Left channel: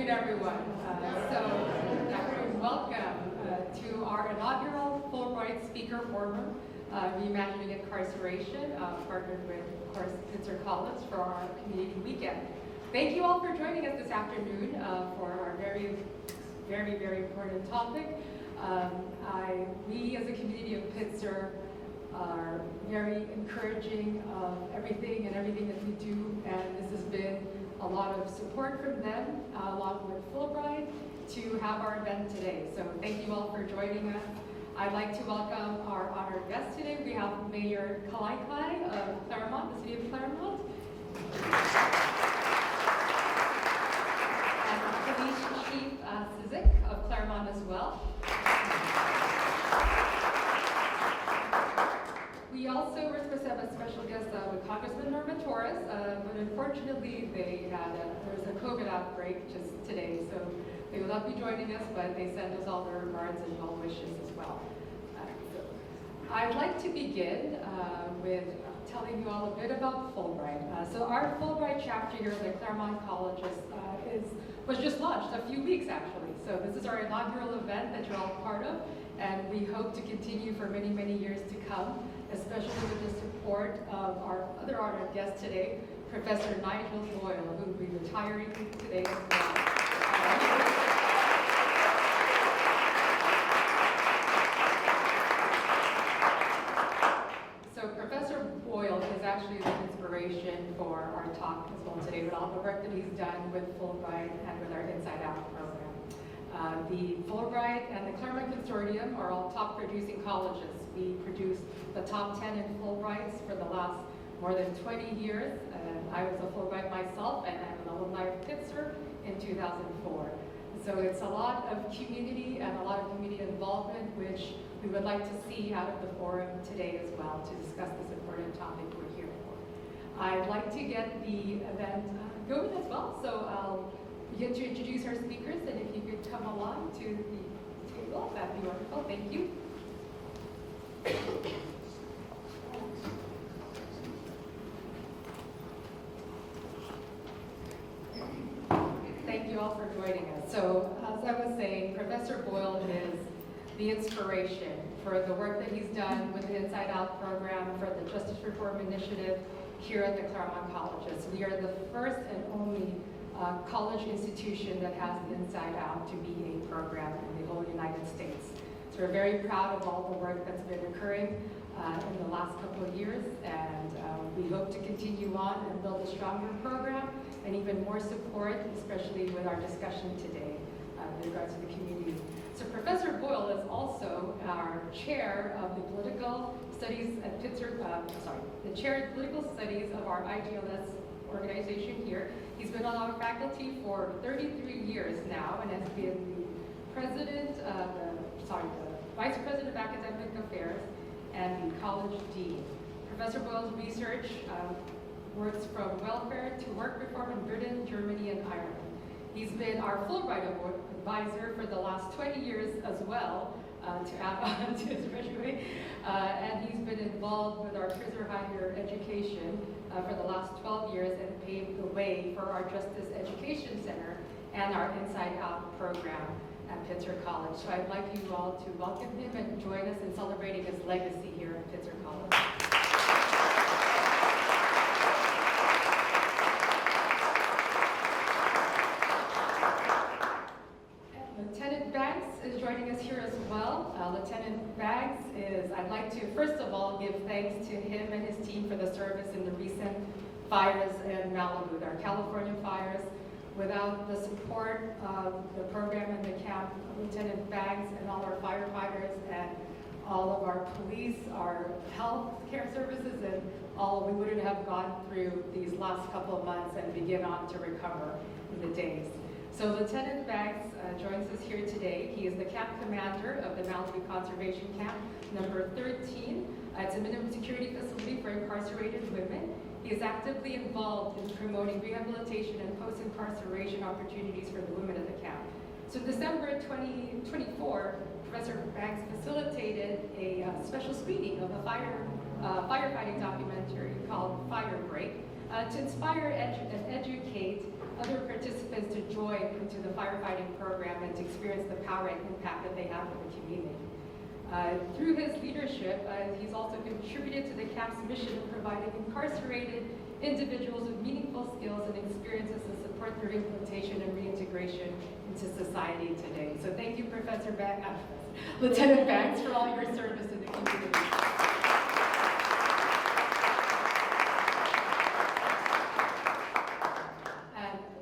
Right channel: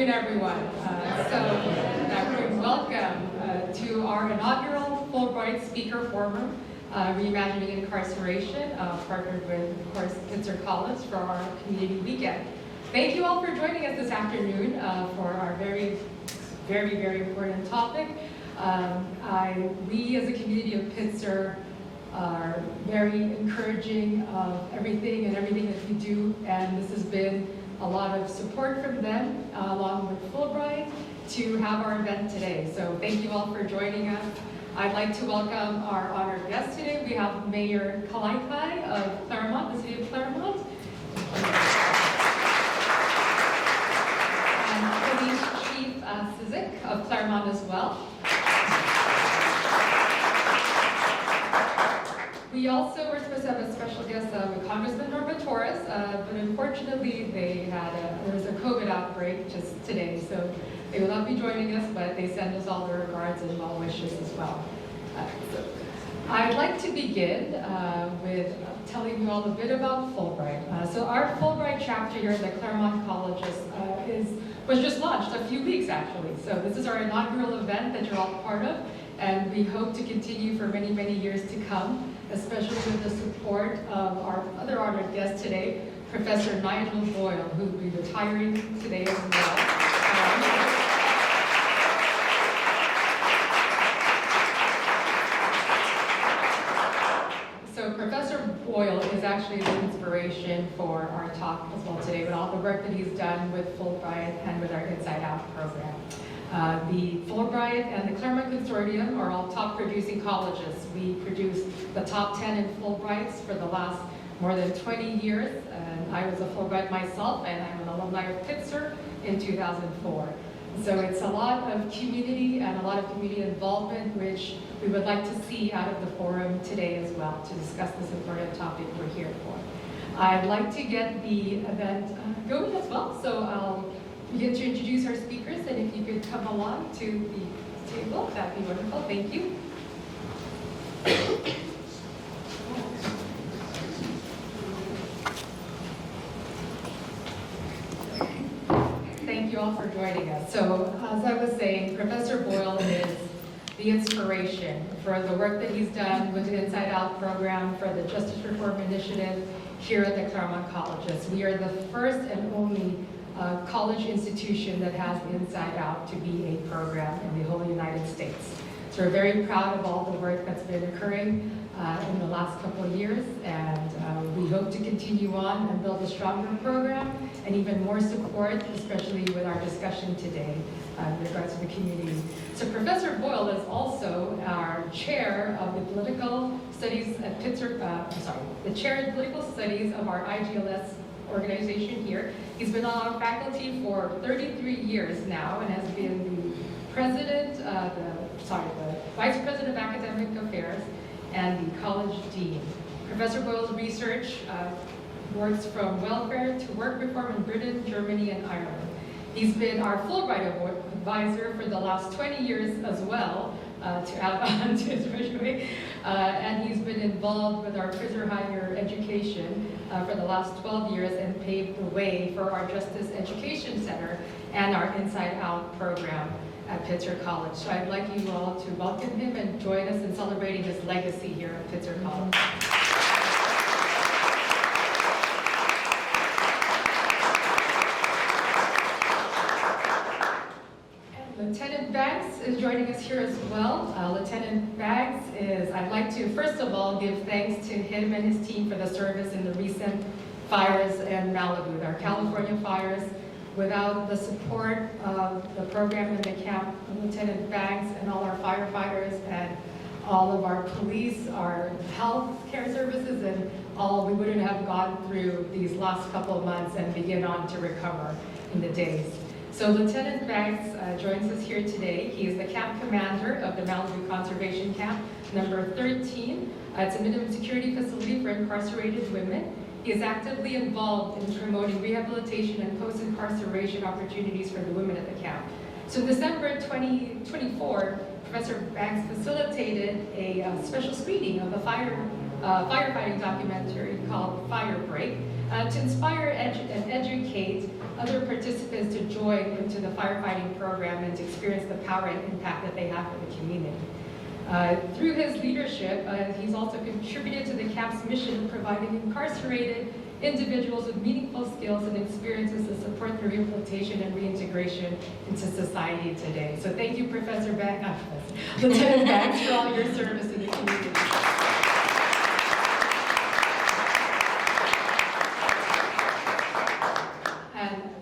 afternoon, everyone. Welcome to our inaugural Fulbright Speaker Forum, Reimagining Incarceration, partnered with, of course, Pitzer College for our community weekend. Thank you all for joining us this afternoon for our very important topic. We as a community of Pitzer are very encouraging of everything that we do, and this has been a lot of support from them, along with Fulbright, to have our event today. So thank you all for joining us. I'd like to welcome our honored guests today. We have Mayor Kalaikai of Claremont, the city of Claremont, and Police Chief Cizik of Claremont as well. We also were supposed to have a special guest with Congressman Norma Torres, but unfortunately there was a COVID outbreak just today, so they will not be joining us, but they send us all their regards and well wishes as well. I'd like to begin with telling you all a bit about Fulbright. So our Fulbright chapter here at the Claremont Colleges was just launched a few weeks actually. So this is our inaugural event that you're all part of, and we hope to continue for many years to come, especially with the support of our other honored guest today, Professor Nigel Boyle, who will be retiring today as well. So Professor Boyle is actually the inspiration for our talk as well today, with all the work that he's done with Fulbright and with our Inside Out program. The Fulbright and the Claremont Consortium are all top producing colleges. We produced the top 10 in Fulbrights for the last more than 20 years. And I was a Fulbright myself, and I'm an alumni of Pitzer in 2004. So it's a lot of community and a lot of community involvement, which we would like to see out of the forum today as well to discuss this important topic we're here for. I'd like to get the event going as well, so I'll begin to introduce our speakers, and if you could come along to the table, that'd be wonderful. Thank you. Thank you all for joining us. So, as I was saying, Professor Boyle is the inspiration for the work that he's done with the Inside Out program for the Justice Reform Initiative here at the Claremont Colleges. We are the first and only college institution that has the Inside Out to be a program in the whole United States. So we're very proud of all the work that's been occurring in the last couple of years, and we hope to continue on and build a stronger program and even more support, especially with our discussion today in regards to the community. So Professor Boyle is also our chair of the political studies at Pitzer, the chair of political studies of our IGLS organization here. He's been on our faculty for 33 years now and has been the president, the vice president of academic affairs and the college dean. Professor Boyle's research works from welfare to work reform in Britain, Germany, and Ireland. He's been our Fulbright advisor for the last 20 years as well, to add on to his resume, and he's been involved with our prisoner higher education for the last 12 years and paved the way for our Justice Education Center and our Inside Out program at Pitzer College. So I'd like you all to welcome him and join us in celebrating his legacy here at Pitzer College. Lieutenant Banks is joining us here as well. Lieutenant Banks I'd like to first of all give thanks to him and his team for the service in the recent fires in Malibu, our California fires. Without the support of the program in the camp, Lieutenant Banks and all our firefighters and all of our police, our health care services, and all, we wouldn't have gone through these last couple of months and begin on to recover in the days. So Lieutenant Banks joins us here today. He is the camp commander of the Malibu Conservation Camp, number 13. It's a minimum security facility for incarcerated women. He is actively involved in promoting rehabilitation and post-incarceration opportunities for the women at the camp. So in December 2024, Professor Banks facilitated a special screening of a firefighting documentary called Fire Break to inspire and educate other participants to join into the firefighting program and to experience the power and impact that they have for the community. Through his leadership, he's also contributed to the camp's mission of providing incarcerated individuals with meaningful skills and experiences to support their rehabilitation and reintegration into society today. So thank you, Professor Lieutenant Banks, for all your service in the community.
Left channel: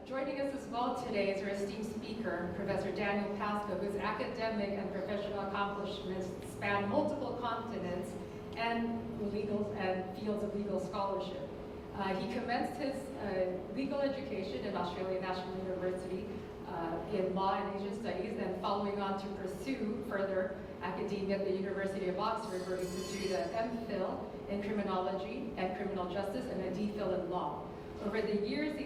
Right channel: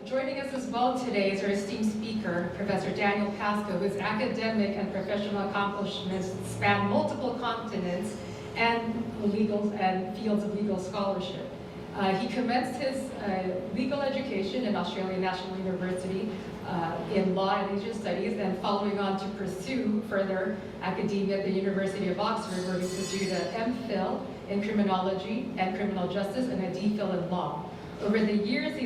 Joining us as well today is our esteemed speaker, Professor Daniel Pascoe, whose academic and professional accomplishments span multiple continents and fields of legal scholarship. He commenced his legal education at Australian National University in Law and Asian Studies, then following on to pursue further academia at the University of Oxford, where he pursued an MPhil in Criminology and Criminal Justice and a DPhil in Law. Over the years,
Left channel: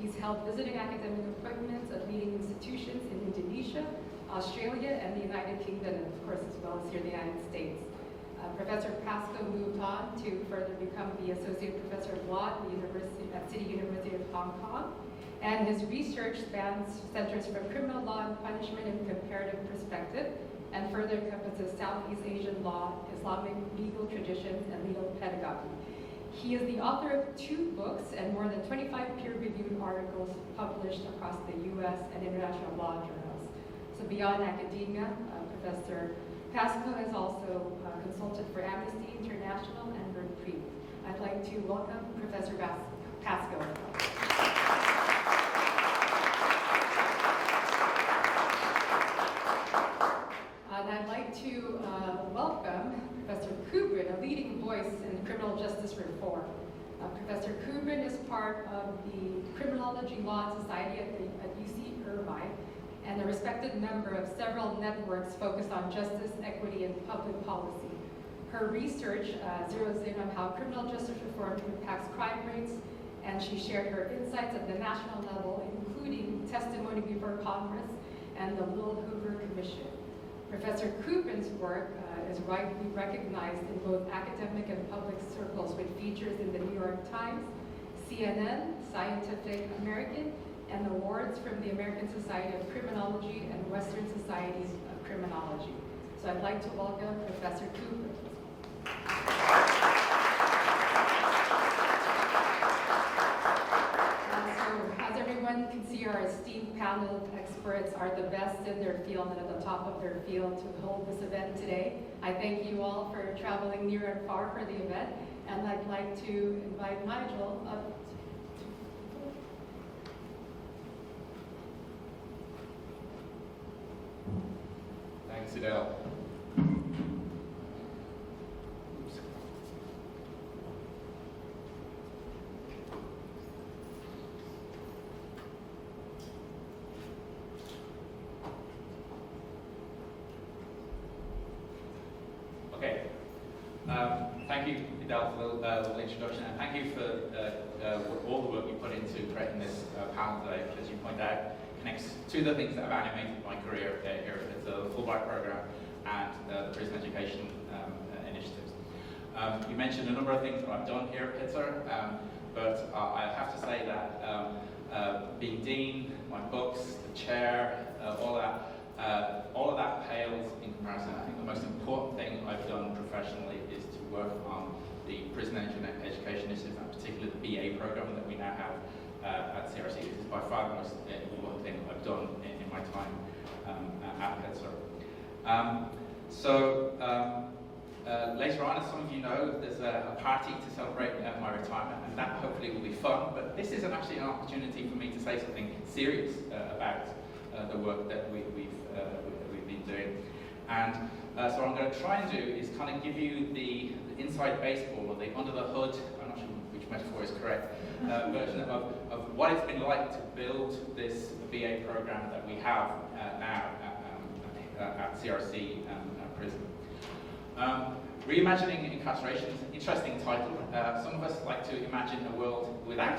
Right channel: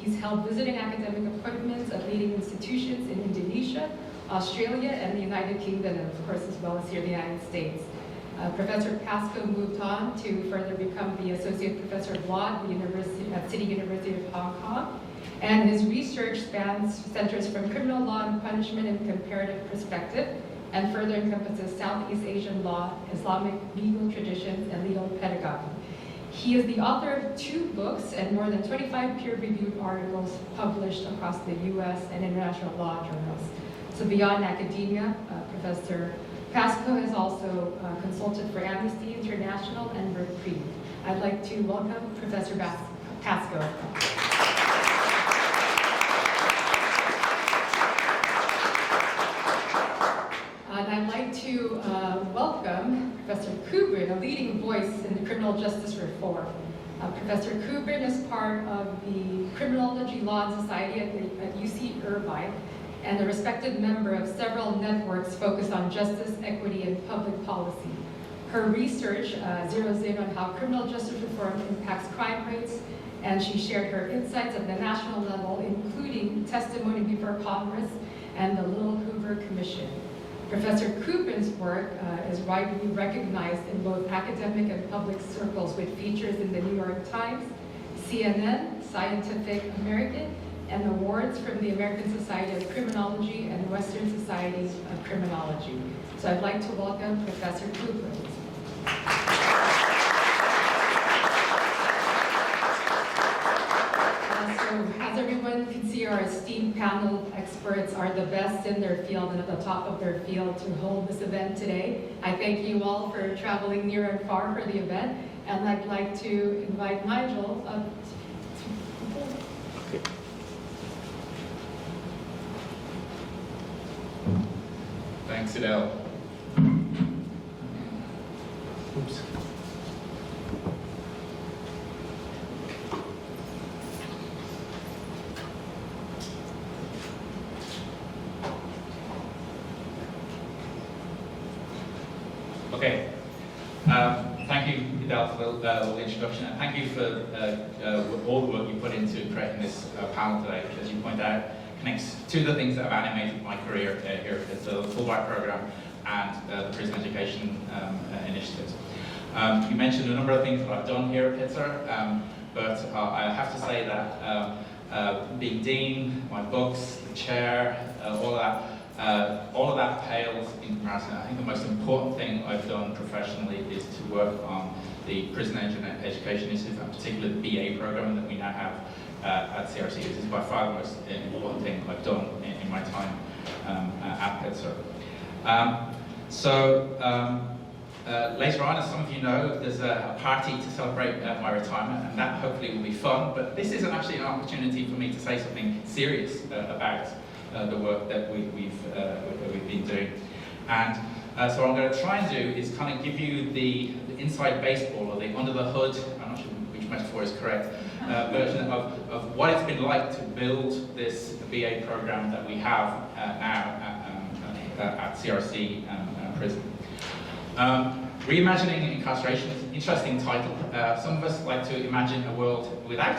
he's held visiting academic appointments at leading institutions in Indonesia, Australia, and the United Kingdom, and of course, as well as here in the United States. Professor Pascoe moved on to further become the Associate Professor of Law at City University of Hong Kong, and his research centers from criminal law and punishment in comparative perspective, and further encompasses Southeast Asian law, Islamic legal traditions, and legal pedagogy. He is the author of 2 books and more than 25 peer-reviewed articles published across the U.S. and international law journals. So beyond academia, Professor Pascoe has also consulted for Amnesty International and Reprieve. I'd like to welcome Professor Pascoe. And I'd like to welcome Professor Kubrin, a leading voice in criminal justice reform. Professor Kubrin is part of the Criminology Law and Society at UC Irvine, and a respected member of several networks focused on justice, equity, and public policy. Her research zeroes in on how criminal justice reform impacts crime rates, and she shared her insights at the national level, including testimony before Congress and the Little Hoover Commission. Professor Kubrin's work is widely recognized in both academic and public circles, with features in the New York Times, CNN, Scientific American, and awards from the American Society of Criminology and Western Societies of Criminology. So I'd like to welcome Professor Kubrin. So as everyone can see, our esteemed panel of experts are the best in their field and at the top of their field to hold this event today. I thank you all for traveling near and far for the event, and I'd like to invite Nigel up. Thanks, Edel. Oops. Okay. Thank you, Edel, for the introduction, and thank you for all the work you put into creating this panel today, which, as you point out, connects to the things that have animated my career here at the Fulbright program and the prison education initiatives. You mentioned a number of things that I've done here at Pitzer, but I have to say that being dean, my books, the chair, all of that pales in comparison. I think the most important thing I've done professionally is to work on the prison education initiative, and particularly the BA program that we now have at CRC. This is by far the most important thing I've done in my time at Pitzer. Later on, as some of you know, there's a party to celebrate my retirement, and that hopefully will be fun. But this isn't actually an opportunity for me to say something serious about the work that we've been doing. And so what I'm going to try and do is kind of give you the inside baseball, or the under the hood, I'm not sure which metaphor is correct, version of what it's been like to build this BA program that we have now at CRC prison. Reimagining Incarceration is an interesting title. Some of us like to imagine a world without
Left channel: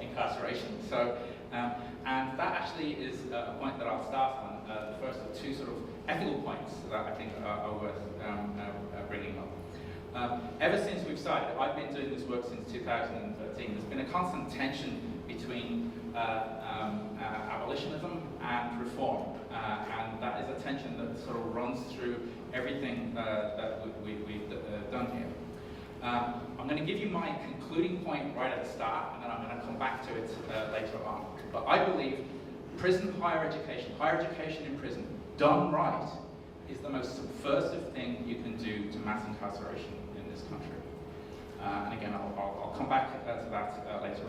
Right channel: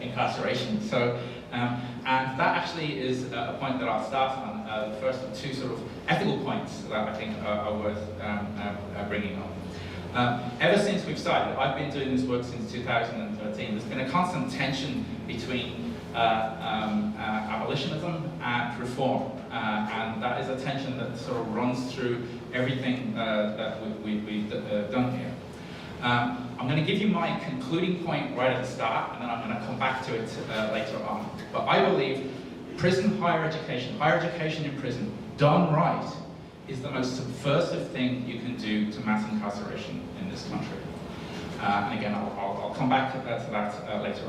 incarceration. So, and that actually is a point that I'll start on, the first of 2 sort of ethical points that I think are worth bringing up. Ever since we've started, I've been doing this work since 2013, there's been a constant tension between abolitionism and reform. And that is a tension that sort of runs through everything that we've done here. I'm going to give you my concluding point right at the start, and then I'm going to come back to it later on. But I believe prison higher education in prison, done right, is the most subversive thing you can do to mass incarceration in this country. And again, I'll come back to that later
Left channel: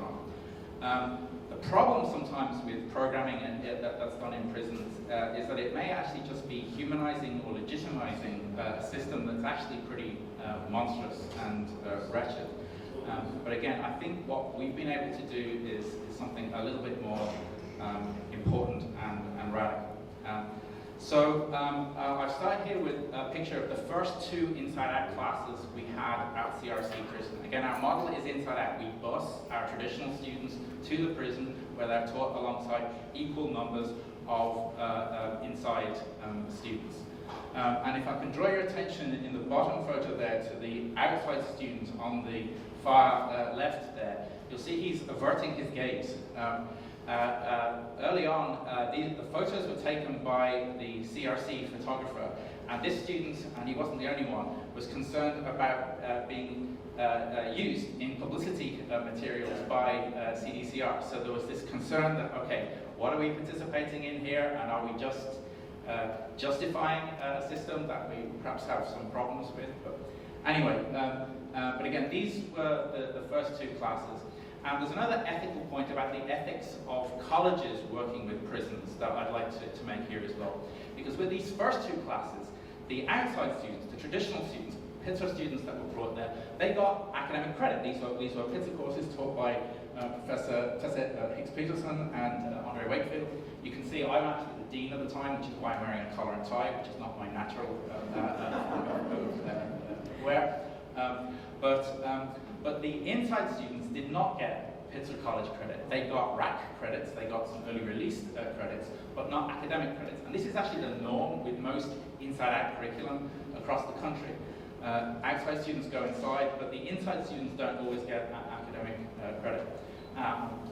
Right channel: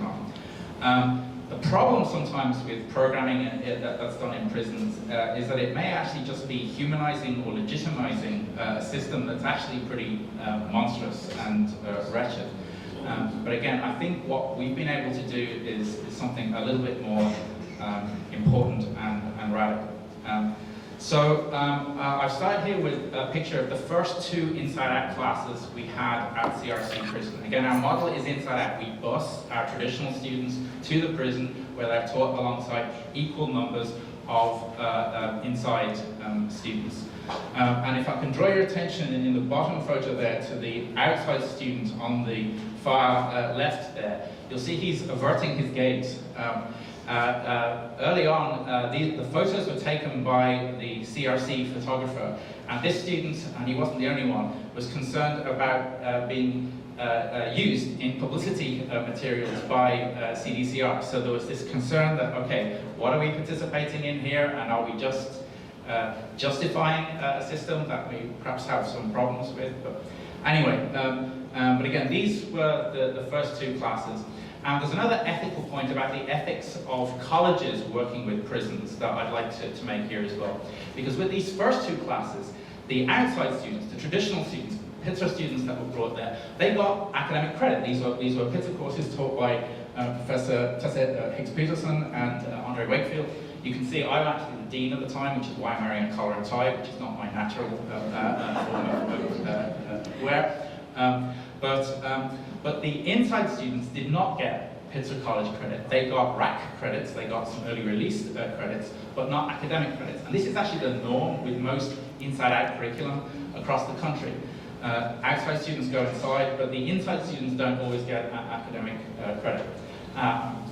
on. The problem sometimes with programming that's done in prisons is that it may actually just be humanizing or legitimizing a system that's actually pretty monstrous and wretched. But again, I think what we've been able to do is something a little bit more important and radical. I've started here with a picture of the first 2 Inside Out classes we had at CRC prison. Again, our model is Inside Out. We bus our traditional students to the prison where they're taught alongside equal numbers of inside students. And if I can draw your attention in the bottom photo there to the outside student on the far left there, you'll see he's averting his gaze. Early on, the photos were taken by the CRC photographer, and this student, and he wasn't the only one, was concerned about being used in publicity materials by CDCR. So there was this concern that, okay, what are we participating in here, and are we just justifying a system that we perhaps have some problems with? But anyway, but again, these were the first 2 classes. And there's another ethical point about the ethics of colleges working with prisons that I'd like to make here as well. Because with these first 2 classes, the outside students, the traditional students, Pitzer students that were brought there, they got academic credit. These were Pitzer courses taught by Professor Higgs-Peterson and Andre Wakefield. You can see I'm actually the dean at the time, which is why I'm wearing a collar and tie, which is not my natural form of wear. But the inside students did not get Pitzer College credit. They got RAC credits, they got some early release credits, but not academic credits. And this is actually the norm with most inside-out curriculum across the country. Outside students go inside, but the inside students don't always get academic credit.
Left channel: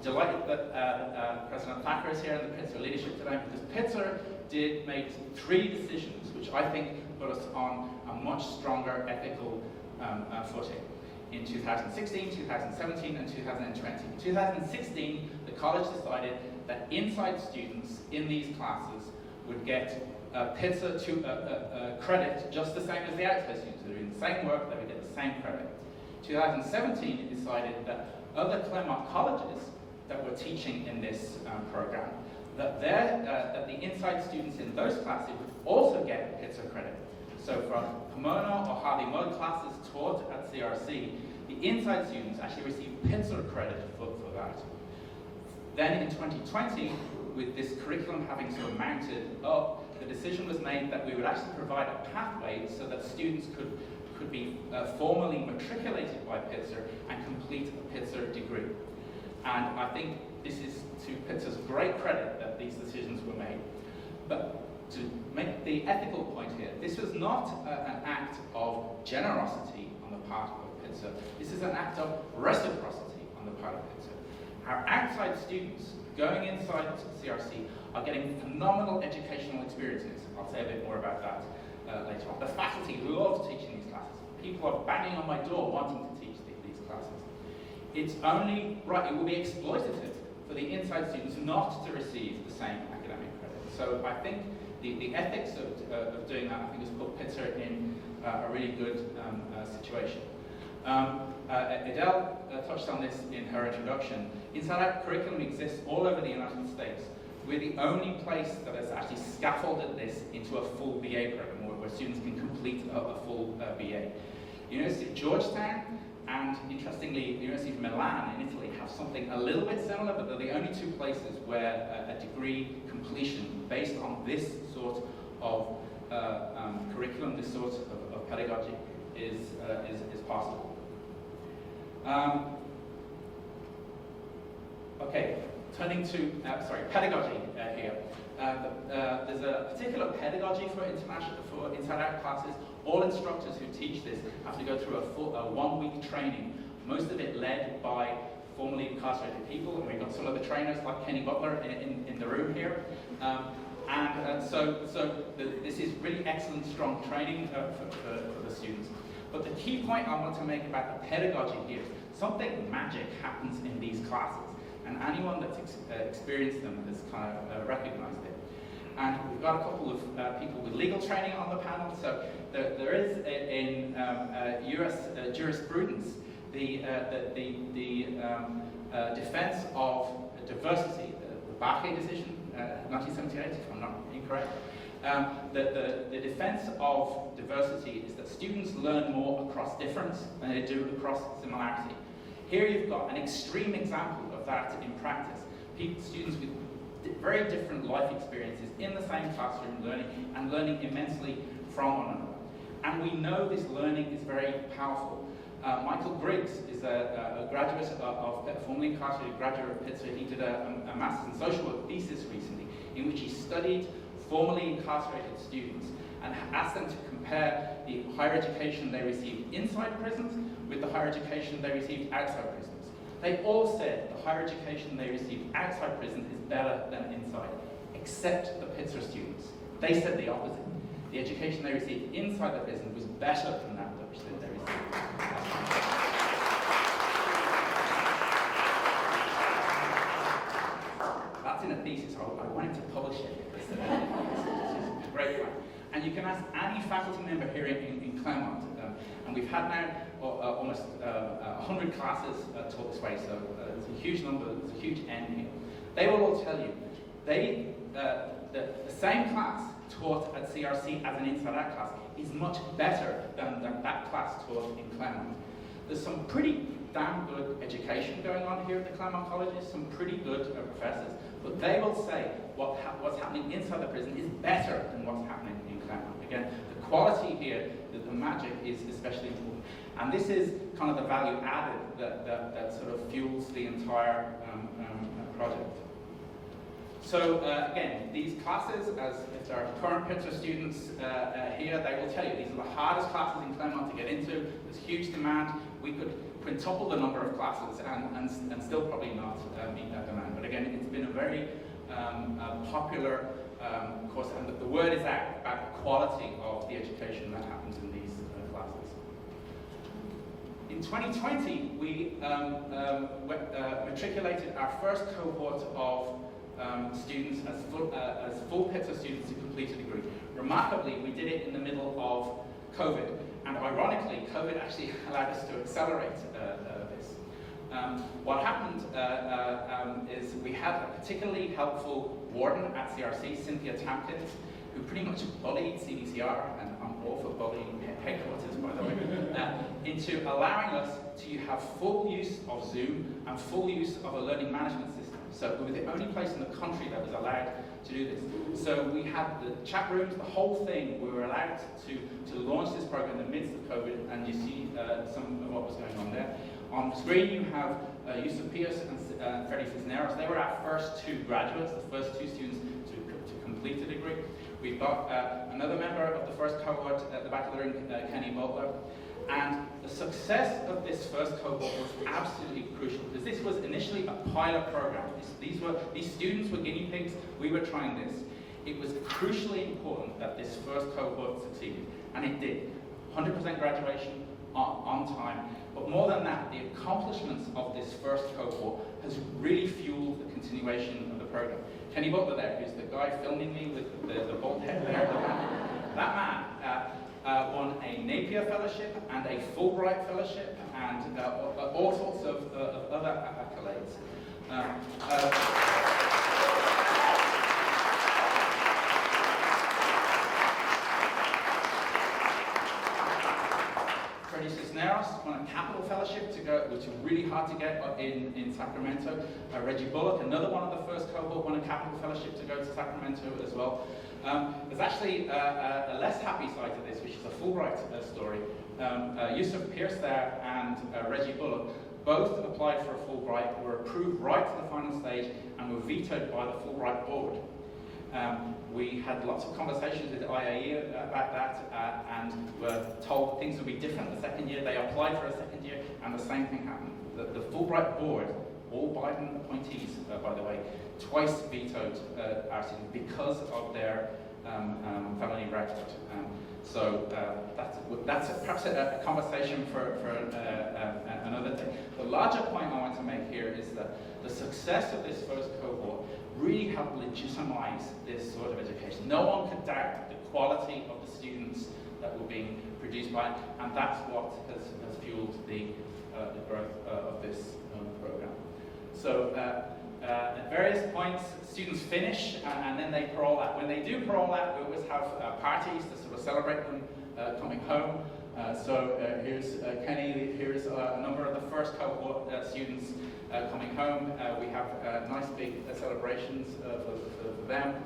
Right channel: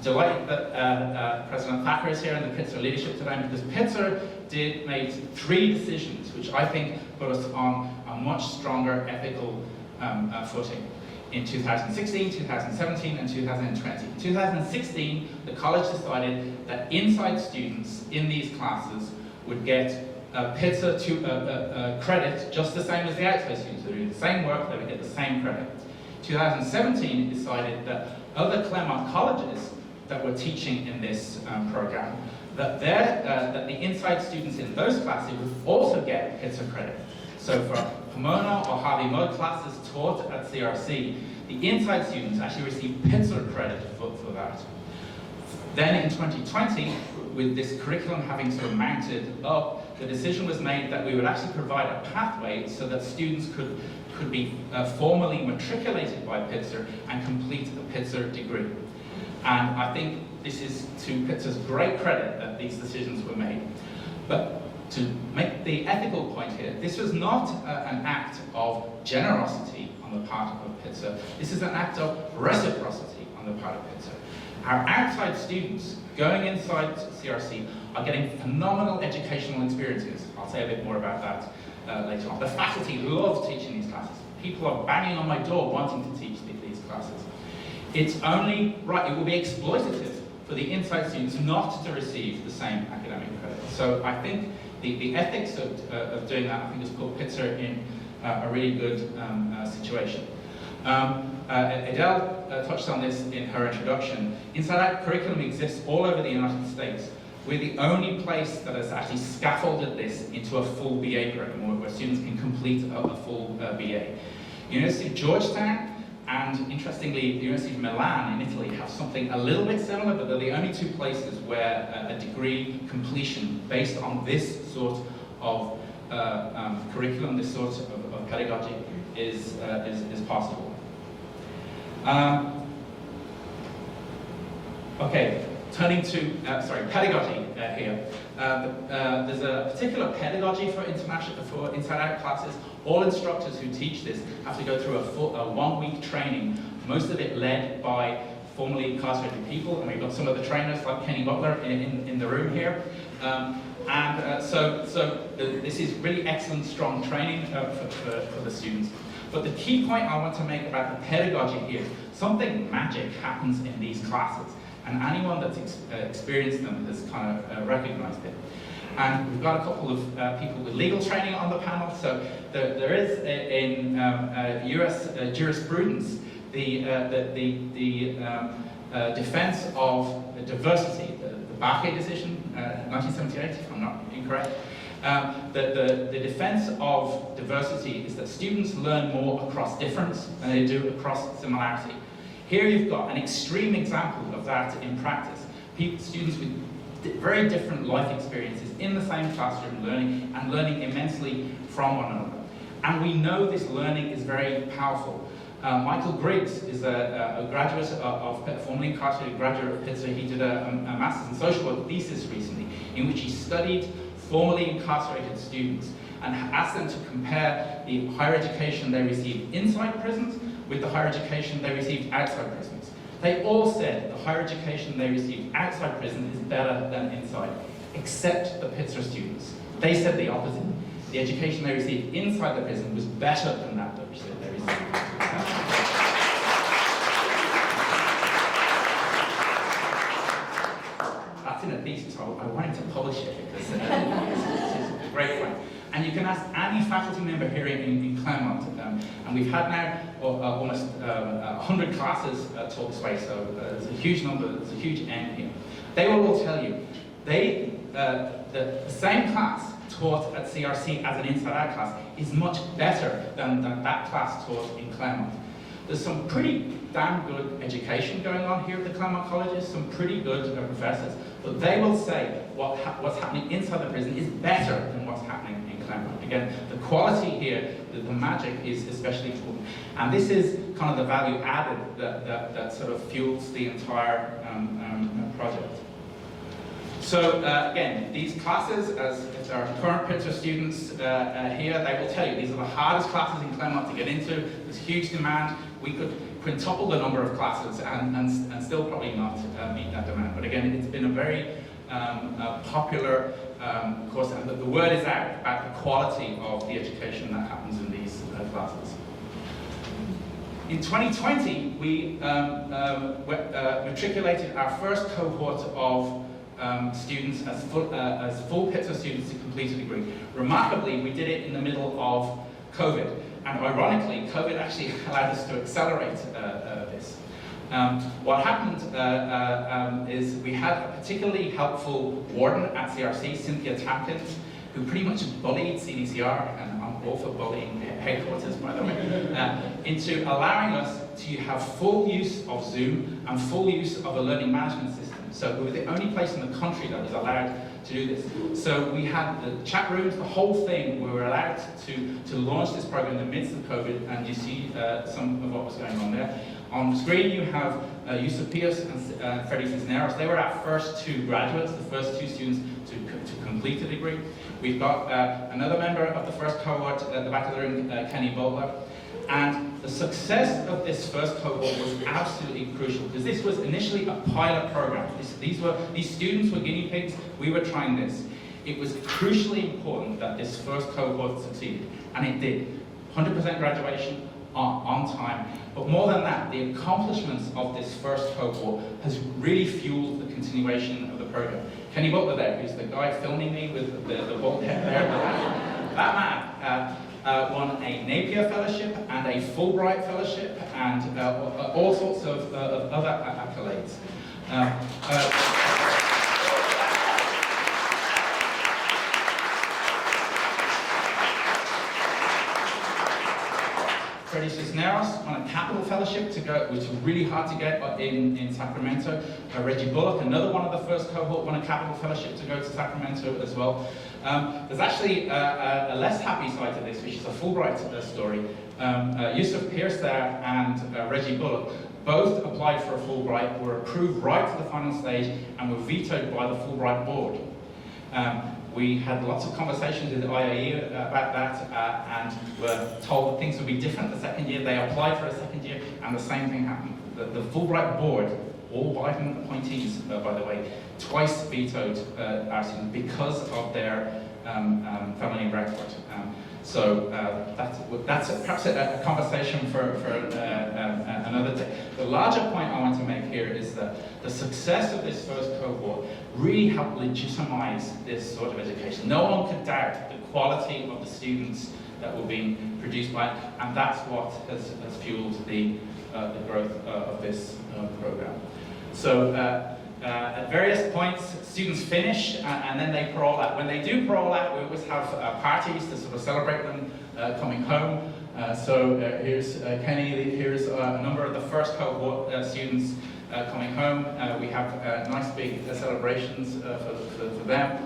Delighted that President Thacker is here in the Pitzer leadership today, because Pitzer made 3 decisions which I think put us on a much stronger ethical footing. In 2016, 2017, and 2020. In 2016, the college decided that inside students in these classes would get Pitzer credit just the same as the outside students. They would do the same work, they would get the same credit. 2017, it decided that other Claremont colleges that were teaching in this program, that the inside students in those classes would also get Pitzer credit. So for Pomona or Harvey Mudd classes taught at CRC, the inside students actually received Pitzer credit for that. Then in 2020, with this curriculum having sort of mounted up, the decision was made that we would actually provide a pathway so that students could be formally matriculated by Pitzer and complete a Pitzer degree. And I think this is to Pitzer's great credit that these decisions were made. But to make the ethical point here, this was not an act of generosity on the part of Pitzer. This is an act of reciprocity on the part of Pitzer. Our outside students going inside CRC are getting phenomenal educational experiences. I'll say a bit more about that later on. The faculty love teaching these classes. People are banging on my door wanting to teach these classes. It's only right, it will be exploitative for the inside students not to receive the same academic credit. So I think the ethics of doing that, I think, has put Pitzer in a really good situation. Edel touched on this in her introduction. Inside-out curriculum exists all over the United States. We're the only place that has actually scaffolded this into a full BA program where students can complete a full BA. University of Georgetown and, interestingly, the University of Milan in Italy have something a little bit similar, but they're the only 2 places where a degree completion based on this sort of curriculum, this sort of pedagogy is possible. Okay, turning to pedagogy here. There's a particular pedagogy for inside-out classes. All instructors who teach this have to go through a 1-week training, most of it led by formerly incarcerated people, and we've got some of the trainers like Kenny Butler in the room here. This is really excellent, strong training for the students. But the key point I want to make about the pedagogy here, something magic happens in these classes, and anyone that's experienced them has kind of recognized it. And we've got a couple of people with legal training on the panel. So there is in US jurisprudence the defense of diversity, the Barclay decision, 1978, if I'm not incorrect. The defense of diversity is that students learn more across difference than they do across similarity. Here you've got an extreme example of that in practice. Students with very different life experiences in the same classroom learning immensely from one another. And we know this learning is very powerful. Michael Griggs is a graduate formerly incarcerated graduate of Pitzer. He did a master's in social work thesis recently in which he studied formerly incarcerated students and asked them to compare the higher education they received inside prisons with the higher education they received outside prisons. They all said the higher education they received outside prison is better than inside, except the Pitzer students. They said the opposite. The education they received inside the prison was better than that which they received. That's in a thesis. I wanted to publish it because it's a great point. And you can ask any faculty member here in Claremont, and we've had now almost 100 classes taught this way, so there's a huge number, there's a huge end here. They will all tell you, the same class taught at CRC as an inside-out class is much better than that class taught in Claremont. There's some pretty damn good education going on here at the Claremont colleges, some pretty good professors, but they will say what's happening inside the prison is better than what's happening in Claremont. Again, the quality here, the magic is especially important. And this is kind of the value added that sort of fuels the entire project. So again, these classes, as our current Pitzer students here, they will tell you these are the hardest classes in Claremont to get into. There's huge demand. We could quintuple the number of classes and still probably not meet that demand. But again, it's been a very popular course. The word is out about the quality of the education that happens in these classes. In 2020, we matriculated our first cohort of students as full Pitzer students to complete a degree. Remarkably, we did it in the middle of COVID, and ironically, COVID actually allowed us to accelerate this. What happened is we had a particularly helpful warden at CRC, Cynthia Tampkins, who pretty much bullied CDCR, and I'm all for bullying headquarters, by the way, into allowing us to have full use of Zoom and full use of a learning management system. So we were the only place in the country that was allowed to do this. So we had the chat rooms, the whole thing. We were allowed to launch this program in the midst of COVID, and you see some of what was going on there. On the screen you have Yusuf Pierce and Freddie Cisneros. They were our first two graduates, the first two students to complete the degree. We've got another member of the first cohort at the back of the room, Kenny Butler. And the success of this first cohort was absolutely crucial, because this was initially a pilot program. These students were guinea pigs. We were trying this. It was crucially important that this first cohort succeeded, and it did. 100% graduation on time. But more than that, the accomplishments of this first cohort has really fueled the continuation of the program. Kenny Butler there, who's the guy filming me with the bald head there, that man won a Napier Fellowship and a Fulbright Fellowship and all sorts of other accolades. Freddie Cisneros won a Capital Fellowship to go, which was really hard to get in Sacramento. Reggie Bullock, another one of the first cohort, won a Capital Fellowship to go to Sacramento as well. There's actually a less happy side to this, which is a Fulbright story. Yusuf Pierce there and Reggie Bullock both applied for a Fulbright, were approved right to the final stage, and were vetoed by the Fulbright board. We had lots of conversations with the IAE about that, and were told that things would be different the second year. They applied for a second year, and the same thing happened. the Fulbright board, all Biden appointees, by the way, twice vetoed our students because of their family record. So that's perhaps a conversation for another day. The larger point I want to make here is that the success of this first cohort really helped legitimize this sort of education. No one could doubt the quality of the students that were being produced by it, and that's what has fueled the growth of this program. So at various points, students finish and then they parole out. When they do parole out, we always have parties to sort of celebrate them coming home. So here's Kenny, here's a number of the first cohort students coming home. We have nice big celebrations for them.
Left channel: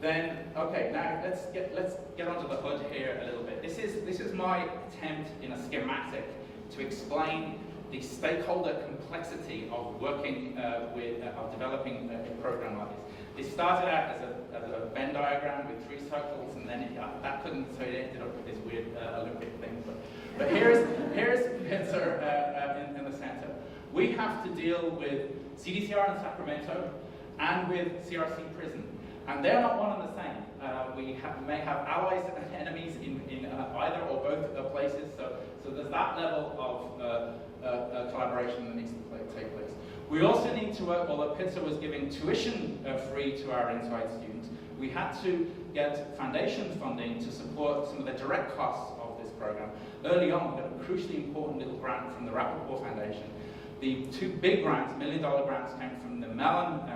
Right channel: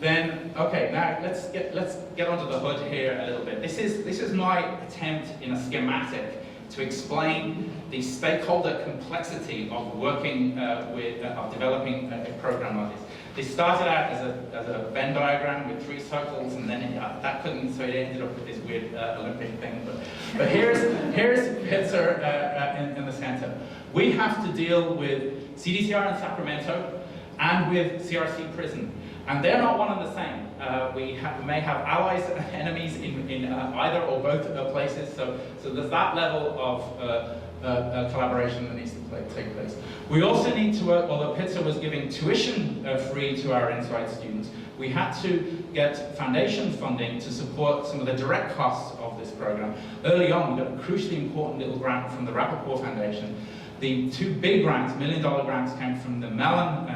Then, okay, now let's get onto the hood here a little bit. This is my attempt in a schematic to explain the stakeholder complexity of working of developing a program like this. This started out as a Venn diagram with 3 circles, and then that couldn't, so it ended up with this weird Olympic thing. But here's Pitzer in the center. We have to deal with CDCR in Sacramento and with CRC prison. And they're not one and the same. We may have allies and enemies in either or both places, so there's that level of collaboration that needs to take place. We also need to work, although Pitzer was giving tuition free to our inside students, we had to get foundation funding to support some of the direct costs of this program. Early on, we got a crucially important little grant from the Rappaport Foundation. The 2 big grants, $1 million grants, came from the Mellon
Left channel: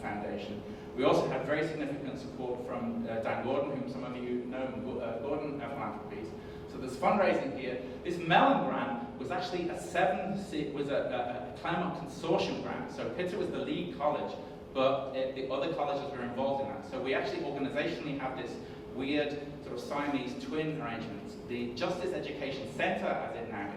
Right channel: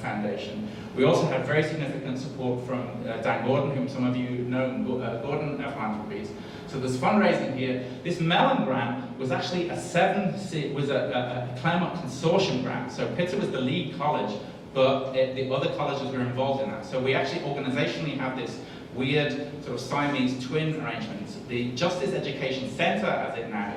Foundation. We also had very significant support from Dan Gordon, whom some of you know, Gordon Philanthropies. So there's fundraising here. This Mellon grant was actually a Claremont Consortium grant. So Pitzer was the lead college, but the other colleges were involved in that. So we actually organizationally have this weird sort of Siamese twin arrangements. The Justice Education Center, as it now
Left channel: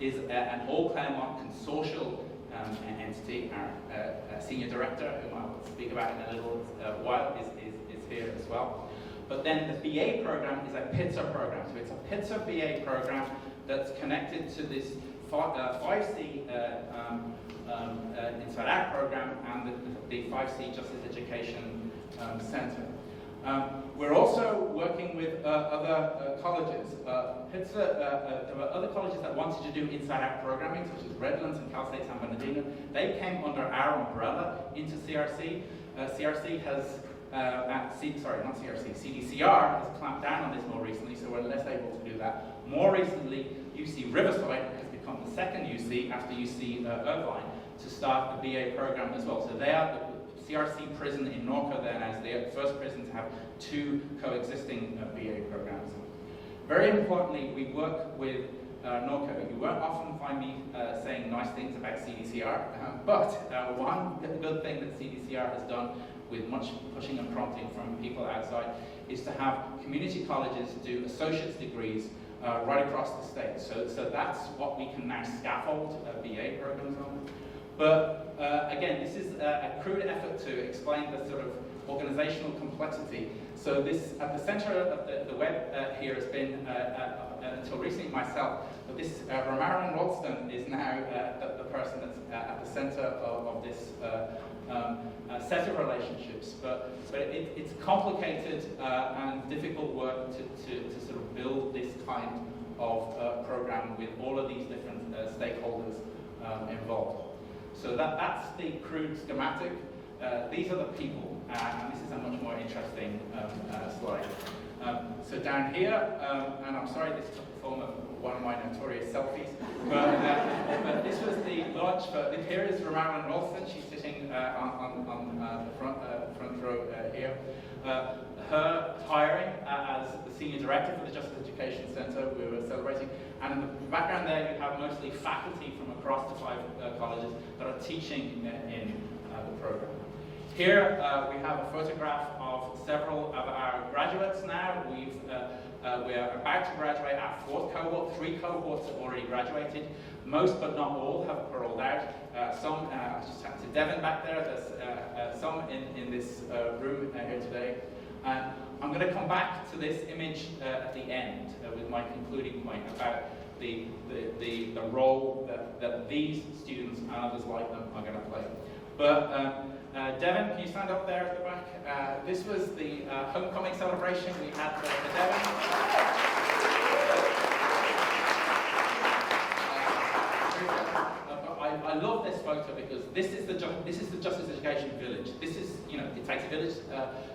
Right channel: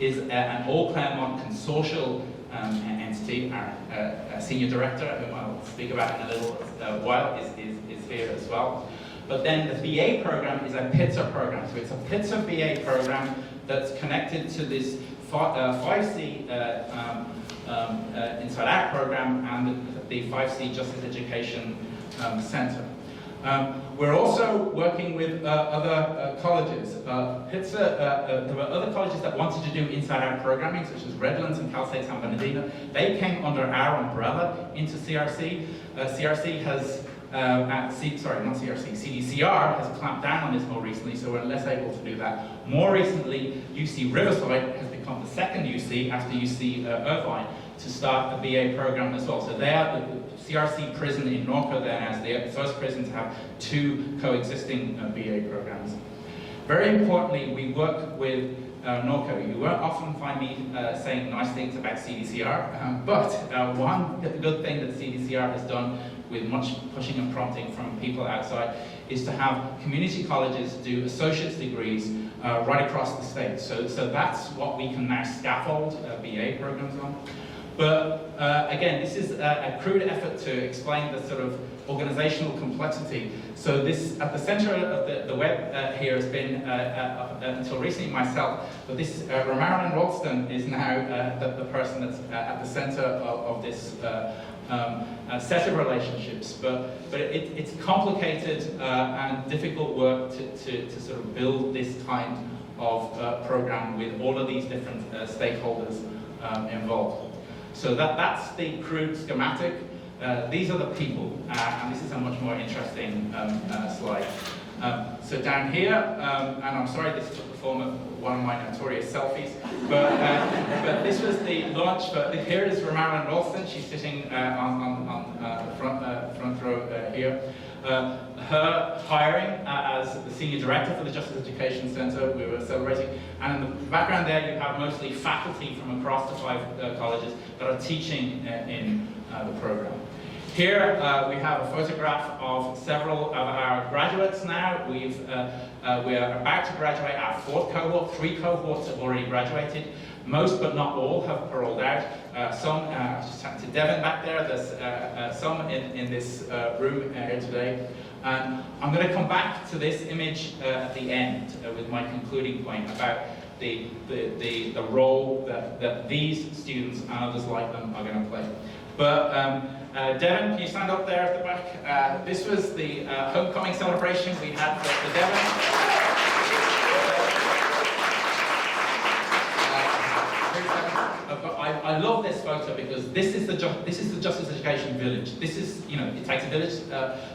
is an all Claremont consortial entity. Our senior director, whom I'll speak about in a little while, is here as well. But then the BA program is a Pitzer program. So it's a Pitzer BA program that's connected to this 5C Inside Out program and the 5C Justice Education Center. We're also working with other colleges. Pitzer, there were other colleges that wanted to do inside-out programming, such as Redlands and Cal State San Bernardino. They came under our umbrella into CRC. CRC has, CDCR has clamped down on this more recently, so we're less able to do that. More recently, UC Riverside has become the second UC after UC Irvine to start a BA program as well. So they are the CRC prison in Norco then as the first prison to have 2 coexisting BA programs. Very importantly, we work with Norco. You won't often find me saying nice things about CDCR, but one good thing that CDCR has done with much pushing and prompting from people outside is to have community colleges do associate's degrees right across the state. So that's what we can now scaffold BA programs on. But again, this is a crude effort to explain the sort of organizational complexity. So this, at the center of the web here has been, until recently, myself, but this, Romarin Ralston is now the person that's at the center of this set of relationships. But it's complicated and difficult work to sort of build this kind of program with all of these different stakeholders involved. So that's the crude schematic. These are the people, and this is a much more interesting slide. So down here, and I'm sorry this took the form of one of my notorious selfies, but this was the launch. But here is Romarin Ralston. She's sitting on the front row here. Her hiring as the Senior Director for the Justice Education Center, we were celebrating. And in the background there, you have mostly faculty from across the 5 colleges that are teaching in the program. Here we have a photograph of several of our graduates now. We're about to graduate our 4th cohort. 3 cohorts have already graduated. Most, but not all, have paroled out. Some, just to Devin back there, there's some in this room here today. And I'm going to come back to this image at the end with my concluding point about the role that these students and others like them are going to play. But Devon, can you stand up there at the back? This was the homecoming celebration we had for Devon. I love this photo because this is the Justice Education Village. This is, it takes a village.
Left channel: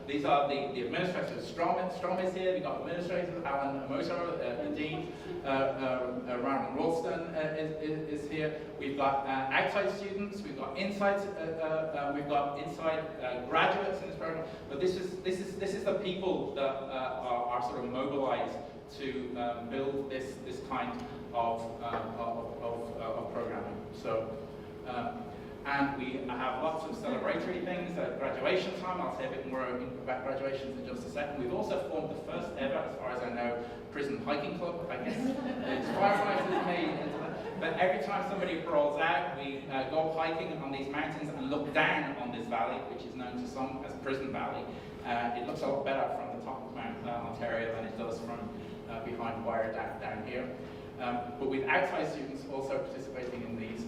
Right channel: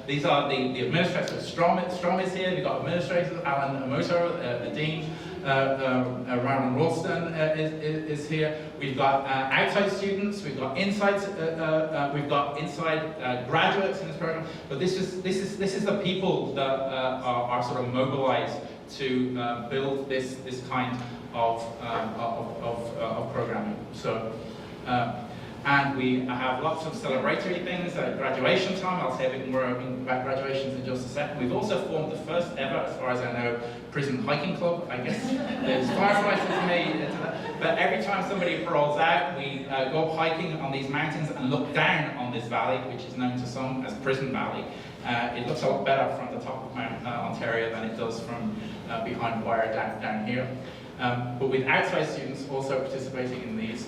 These are the administrators. Strom is here. We've got administrators, Alan Amoto, the dean. Marilyn Ralston is here. We've got outside students. We've got inside. Graduates in this program. But this is the people that are sort of mobilized to build this kind of programming. So, and we have lots of celebratory things at graduation time. I'll say a bit more about graduations in just a second. We've also formed the first ever, as far as I know, prison hiking club. I guess there's firefighters for me into that. But every time somebody rolls out, we go hiking on these mountains and look down on this valley, which is known to some as Prison Valley. It looks a lot better from the top of Mount Ontario than it does from behind wire down here. But with outside students also participating in these.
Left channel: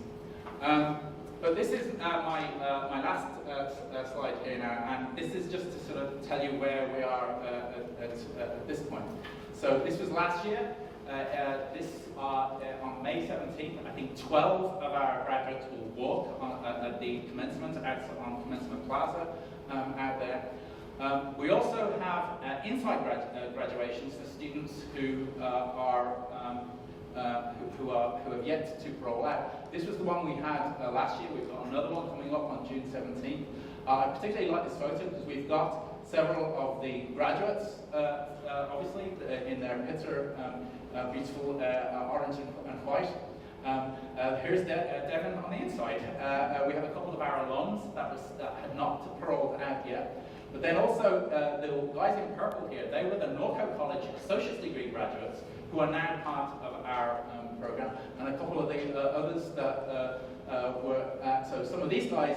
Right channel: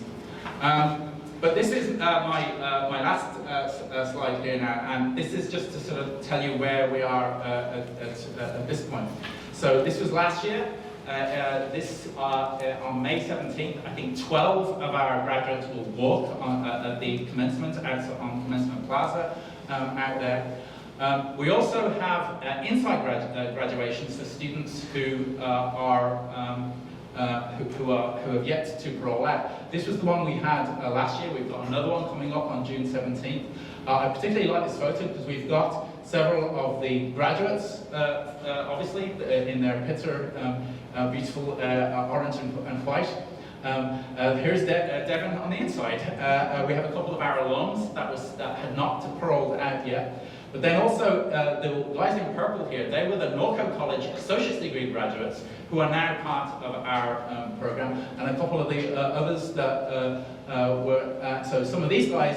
But this is my last slide here now, and this is just to sort of tell you where we are at this point. So this was last year. On May 17th, I think 12 of our graduates will walk at the commencement on Commencement Plaza out there. We also have inside graduations for students who have yet to roll out. This was the one we had last year. We've got another one coming up on June 17th. I particularly like this photo because we've got several of the graduates, obviously, in their Pitzer beautiful orange and white. Here's Devon on the inside. We have a couple of our alums that had not paroled out yet. But then also, the guys in purple here, they were the Norco College Associate's Degree graduates who are now part of our program, and a couple of the others that so some of these guys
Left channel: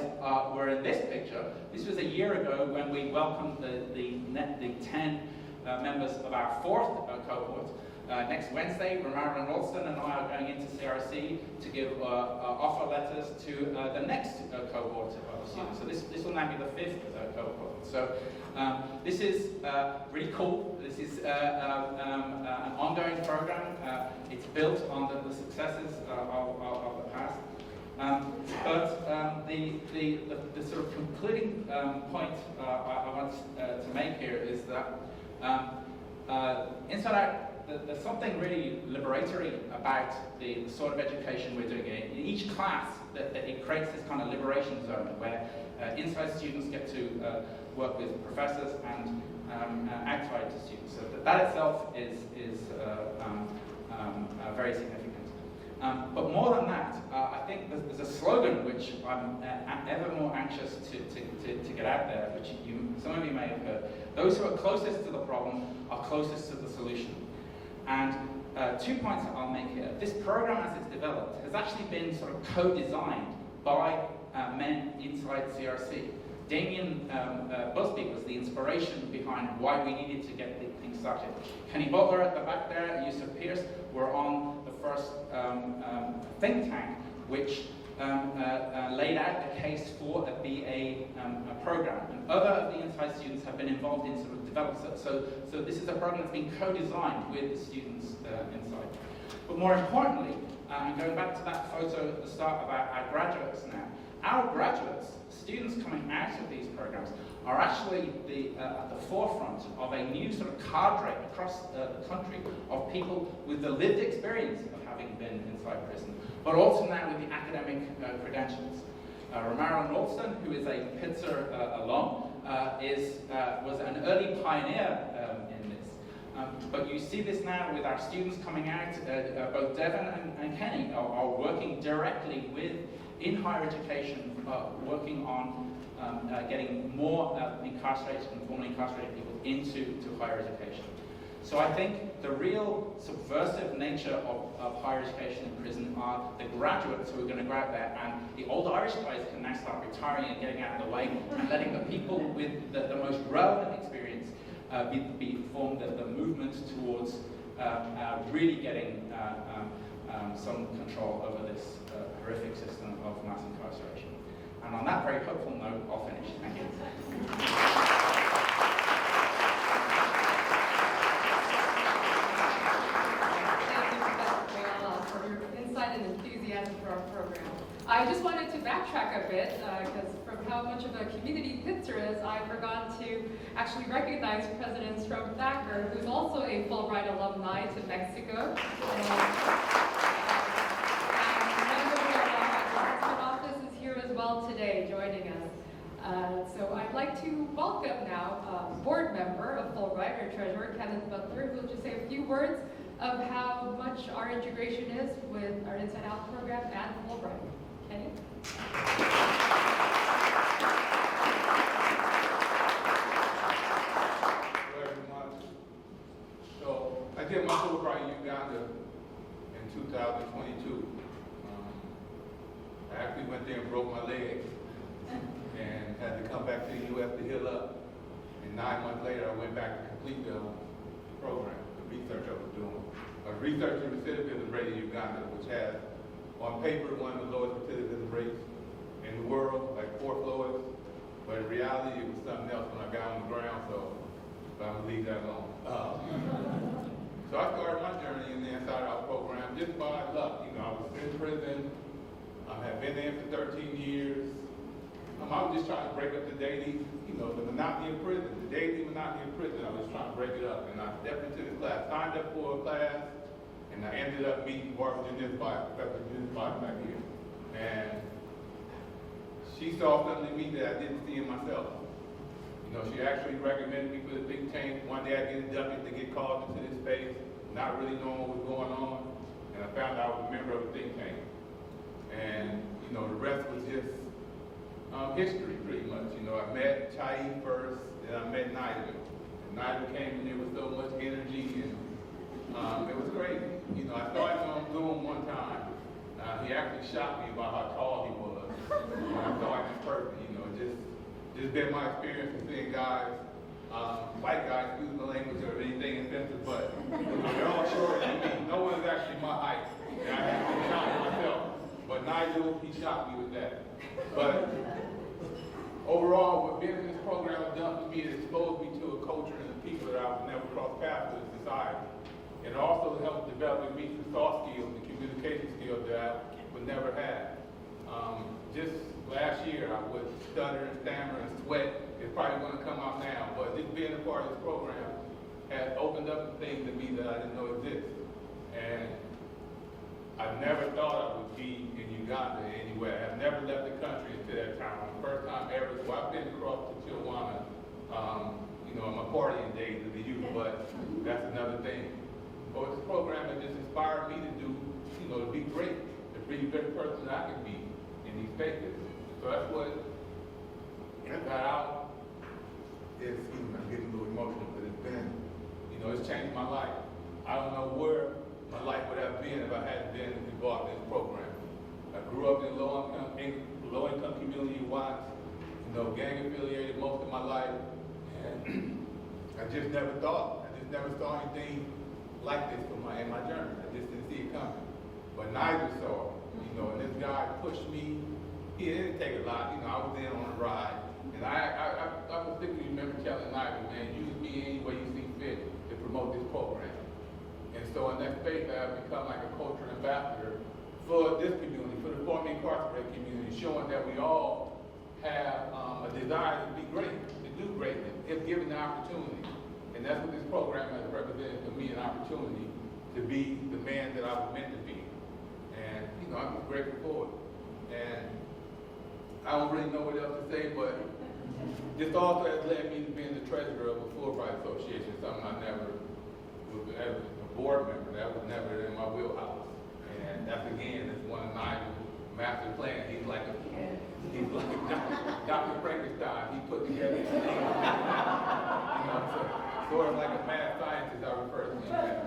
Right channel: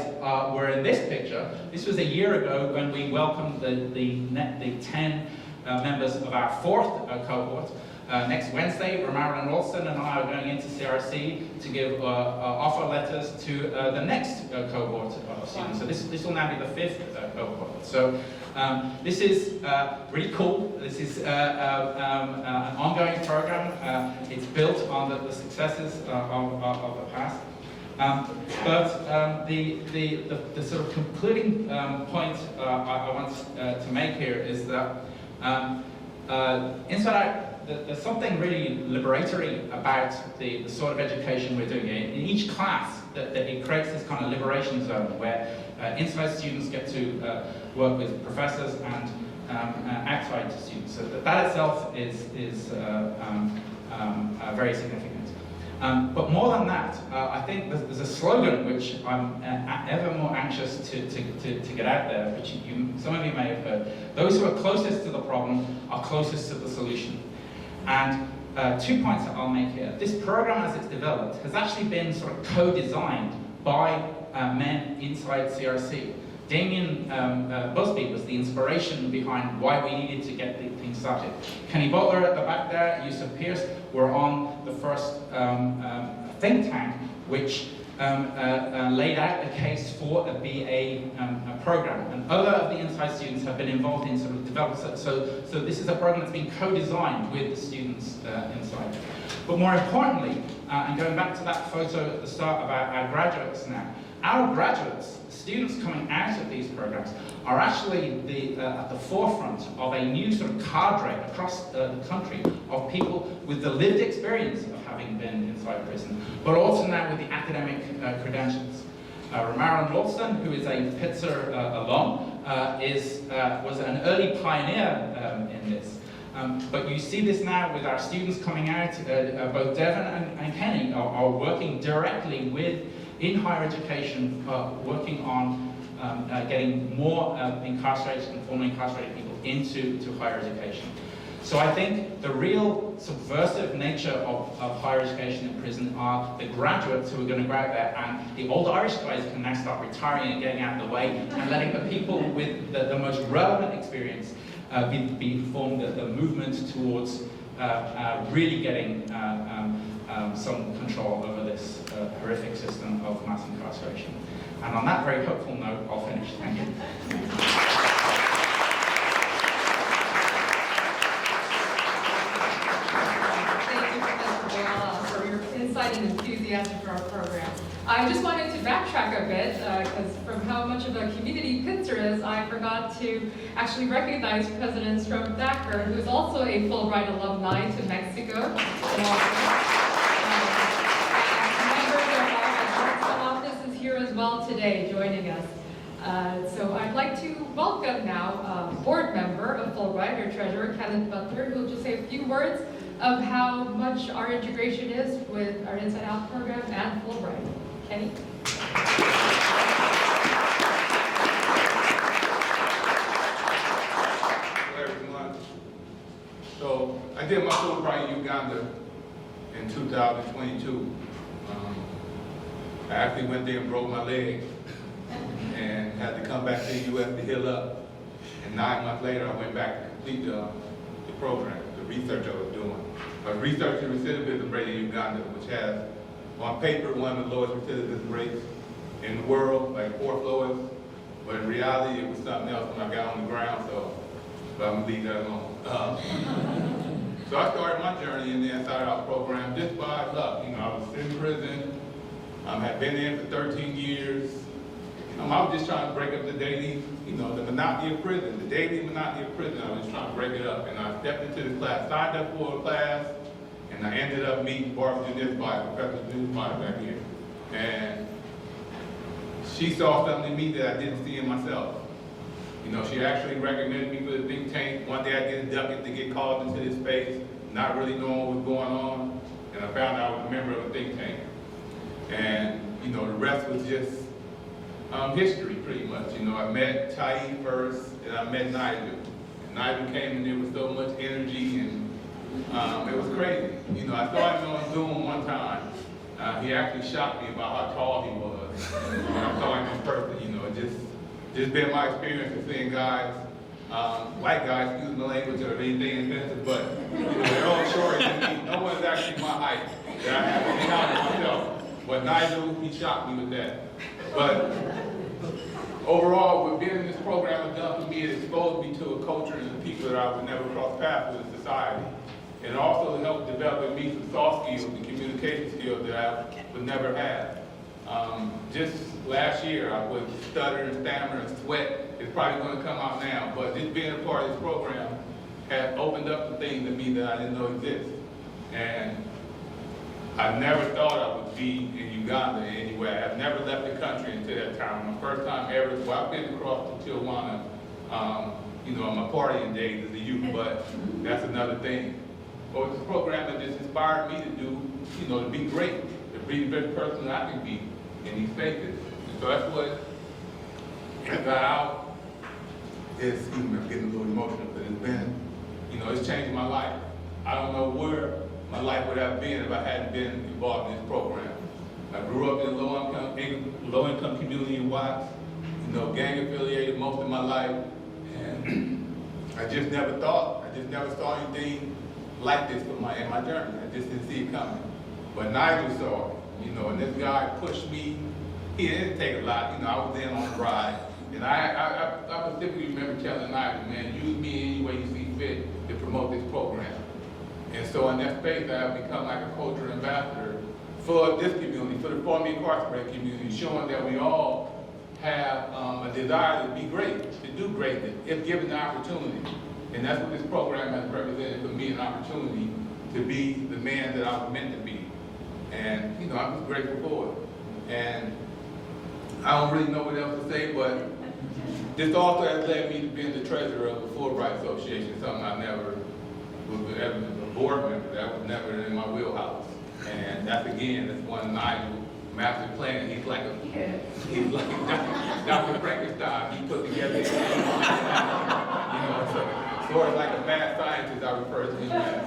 were in this picture. This was a year ago when we welcomed the 10 members of our fourth cohort. Next Wednesday, Marilyn Ralston and I are going into CRC to give offer letters to the next cohort of students. So this will now be the fifth cohort. So this is really cool. This is an ongoing program. It's built on the successes of the past. But the sort of concluding point I want to make here is that inside out, there's something really liberatory about the sort of education we're doing. In each class, that it creates this kind of liberation zone where inside students get to work with professors and outside students. So that itself is very significant. But more than that, I think there's a slogan which I'm ever more anxious to get out there, which some of you may have heard. Those who are closest to the problem are closest to the solution. And 2 points that I'll make here. This program, as it's developed, has actually been sort of co-designed by men inside CRC. Damien Busby was the inspiration behind why we needed to get things started. Kenny Butler at the back there, and Yusuf Pierce were on the first think tank, which laid out a case for a BA program. And other of the inside students have been involved in sort of development. So this is a program that's been co-designed with the students inside. But more importantly, and going back to that photo at the start about our graduates now, our graduates, students coming out of these programs, are actually at the forefront of a new sort of cadre across the country of people with the lived experience of having been inside prison, but also now with the academic credentials. Marilyn Ralston, who is a Pitzer alum, was an early pioneer in this. But you see this now with our students coming out. Both Devon and Kenny are working directly in higher education, working on getting more incarcerated and formerly incarcerated people into higher education. So I think the real subversive nature of higher education in prison are the graduates who are going to go out there, and the old Irish guys can now start retiring and getting out of the way, and letting the people with the most relevant experience be formed the movement towards really getting some control over this horrific system of mass incarceration. And on that very hopeful note, I'll finish. Thank you. Thank you, Professor Boyle, for your insight and enthusiasm for our program. I just wanted to backtrack a bit, because from how much of a community Pitzer is, I forgot to actually recognize President Strom Thacker, who's also a Fulbright alumni to Mexico. Members of our office is here as well today, joining us. So I'd like to welcome now a board member of Fulbright, our treasurer, Kenneth Butler, who will just say a few words of how much our integration is with our Inside Out program and Fulbright. Kenny? Hello, everyone. So I did my Fulbright in Uganda in 2022. I actually went there and broke my leg and had to come back to the U.S. to heal up. And 9 months later, I went back to complete the program, the research I was doing. I was researching recidivism rate in Uganda, which has, on paper, one of the lowest recidivism rates in the world, like 4th lowest. But in reality, it was something else when I got on the ground, but I'm gonna leave that alone. So I started my journey in the Inside Out program just by luck. You know, I was in prison. I had been there for 13 years. I was just trying to break up the daily, the monotony of prison, the daily monotony of prison. I was just trying to break it up. And I stepped into this class, signed up for a class, and I ended up meeting Barbara Janisby, Professor Janisby back here. And she saw something in me that I didn't see in myself. She actually recommended me for the think tank. One day I get inducted to get called into this space, not really knowing what was going on, and I found out I was a member of a think tank. And, the rest was just history, pretty much. I met Charis first, and I met Nigel. Nigel came in there with so much energy, and it was crazy. I saw him on Zoom one time. He actually shocked me about how tall he was. I saw him in person, just been my experience of seeing guys, white guys, excuse my language or anything offensive, but they're all short than me. No one's actually my height. I have to count myself. But Nigel, he shocked me with that. But overall, what being in this program has done for me, it exposed me to a culture and the people that I would never cross paths with in society. It also helped develop in me some soft skills and communication skills that I would never have. Just last year, I would stutter and stammer and sweat. It's probably going to come out now, but just being a part of this program has opened up some things in me that I didn't know exist. And I never thought I would be in Uganda anyway. I've never left the country until that time. My first time ever, I've been across to Tijuana, in my partying days as a youth, but that's another thing. But this program has just inspired me to do, to be great, to be the best person that I can be in these spaces. And so that's what I got out. I'm getting a little emotional, but it's been, it's changed my life. I don't know where my life would have been if I hadn't been involved in this program. I grew up in a low-income community in Watts, gang affiliated most of my life, and I just never saw anything like this in my journey. I just didn't see it coming. But Nigel saw it, and this guy pushed me. He didn't take a lot, I was in on the ride. And I specifically remember telling Nigel, man, use me any way you see fit to promote this program. And so in that space, I have become like a cultural ambassador for this community, for the formerly incarcerated community, showing that we all have a desire to be great, to do greatness, if given the opportunity. And that's what this program has represented for me, an opportunity to be the man that I was meant to be. And, I'm just grateful for it. And I don't really know what else to say, but this also has led me to being the treasurer of the Fulbright Association, something I never was ever a board member. That was never in my wheelhouse. And that's one of Nigel's master plan. He's like Dr. Frankenstein. He put together, sort of like a mad scientist, I refer to him as.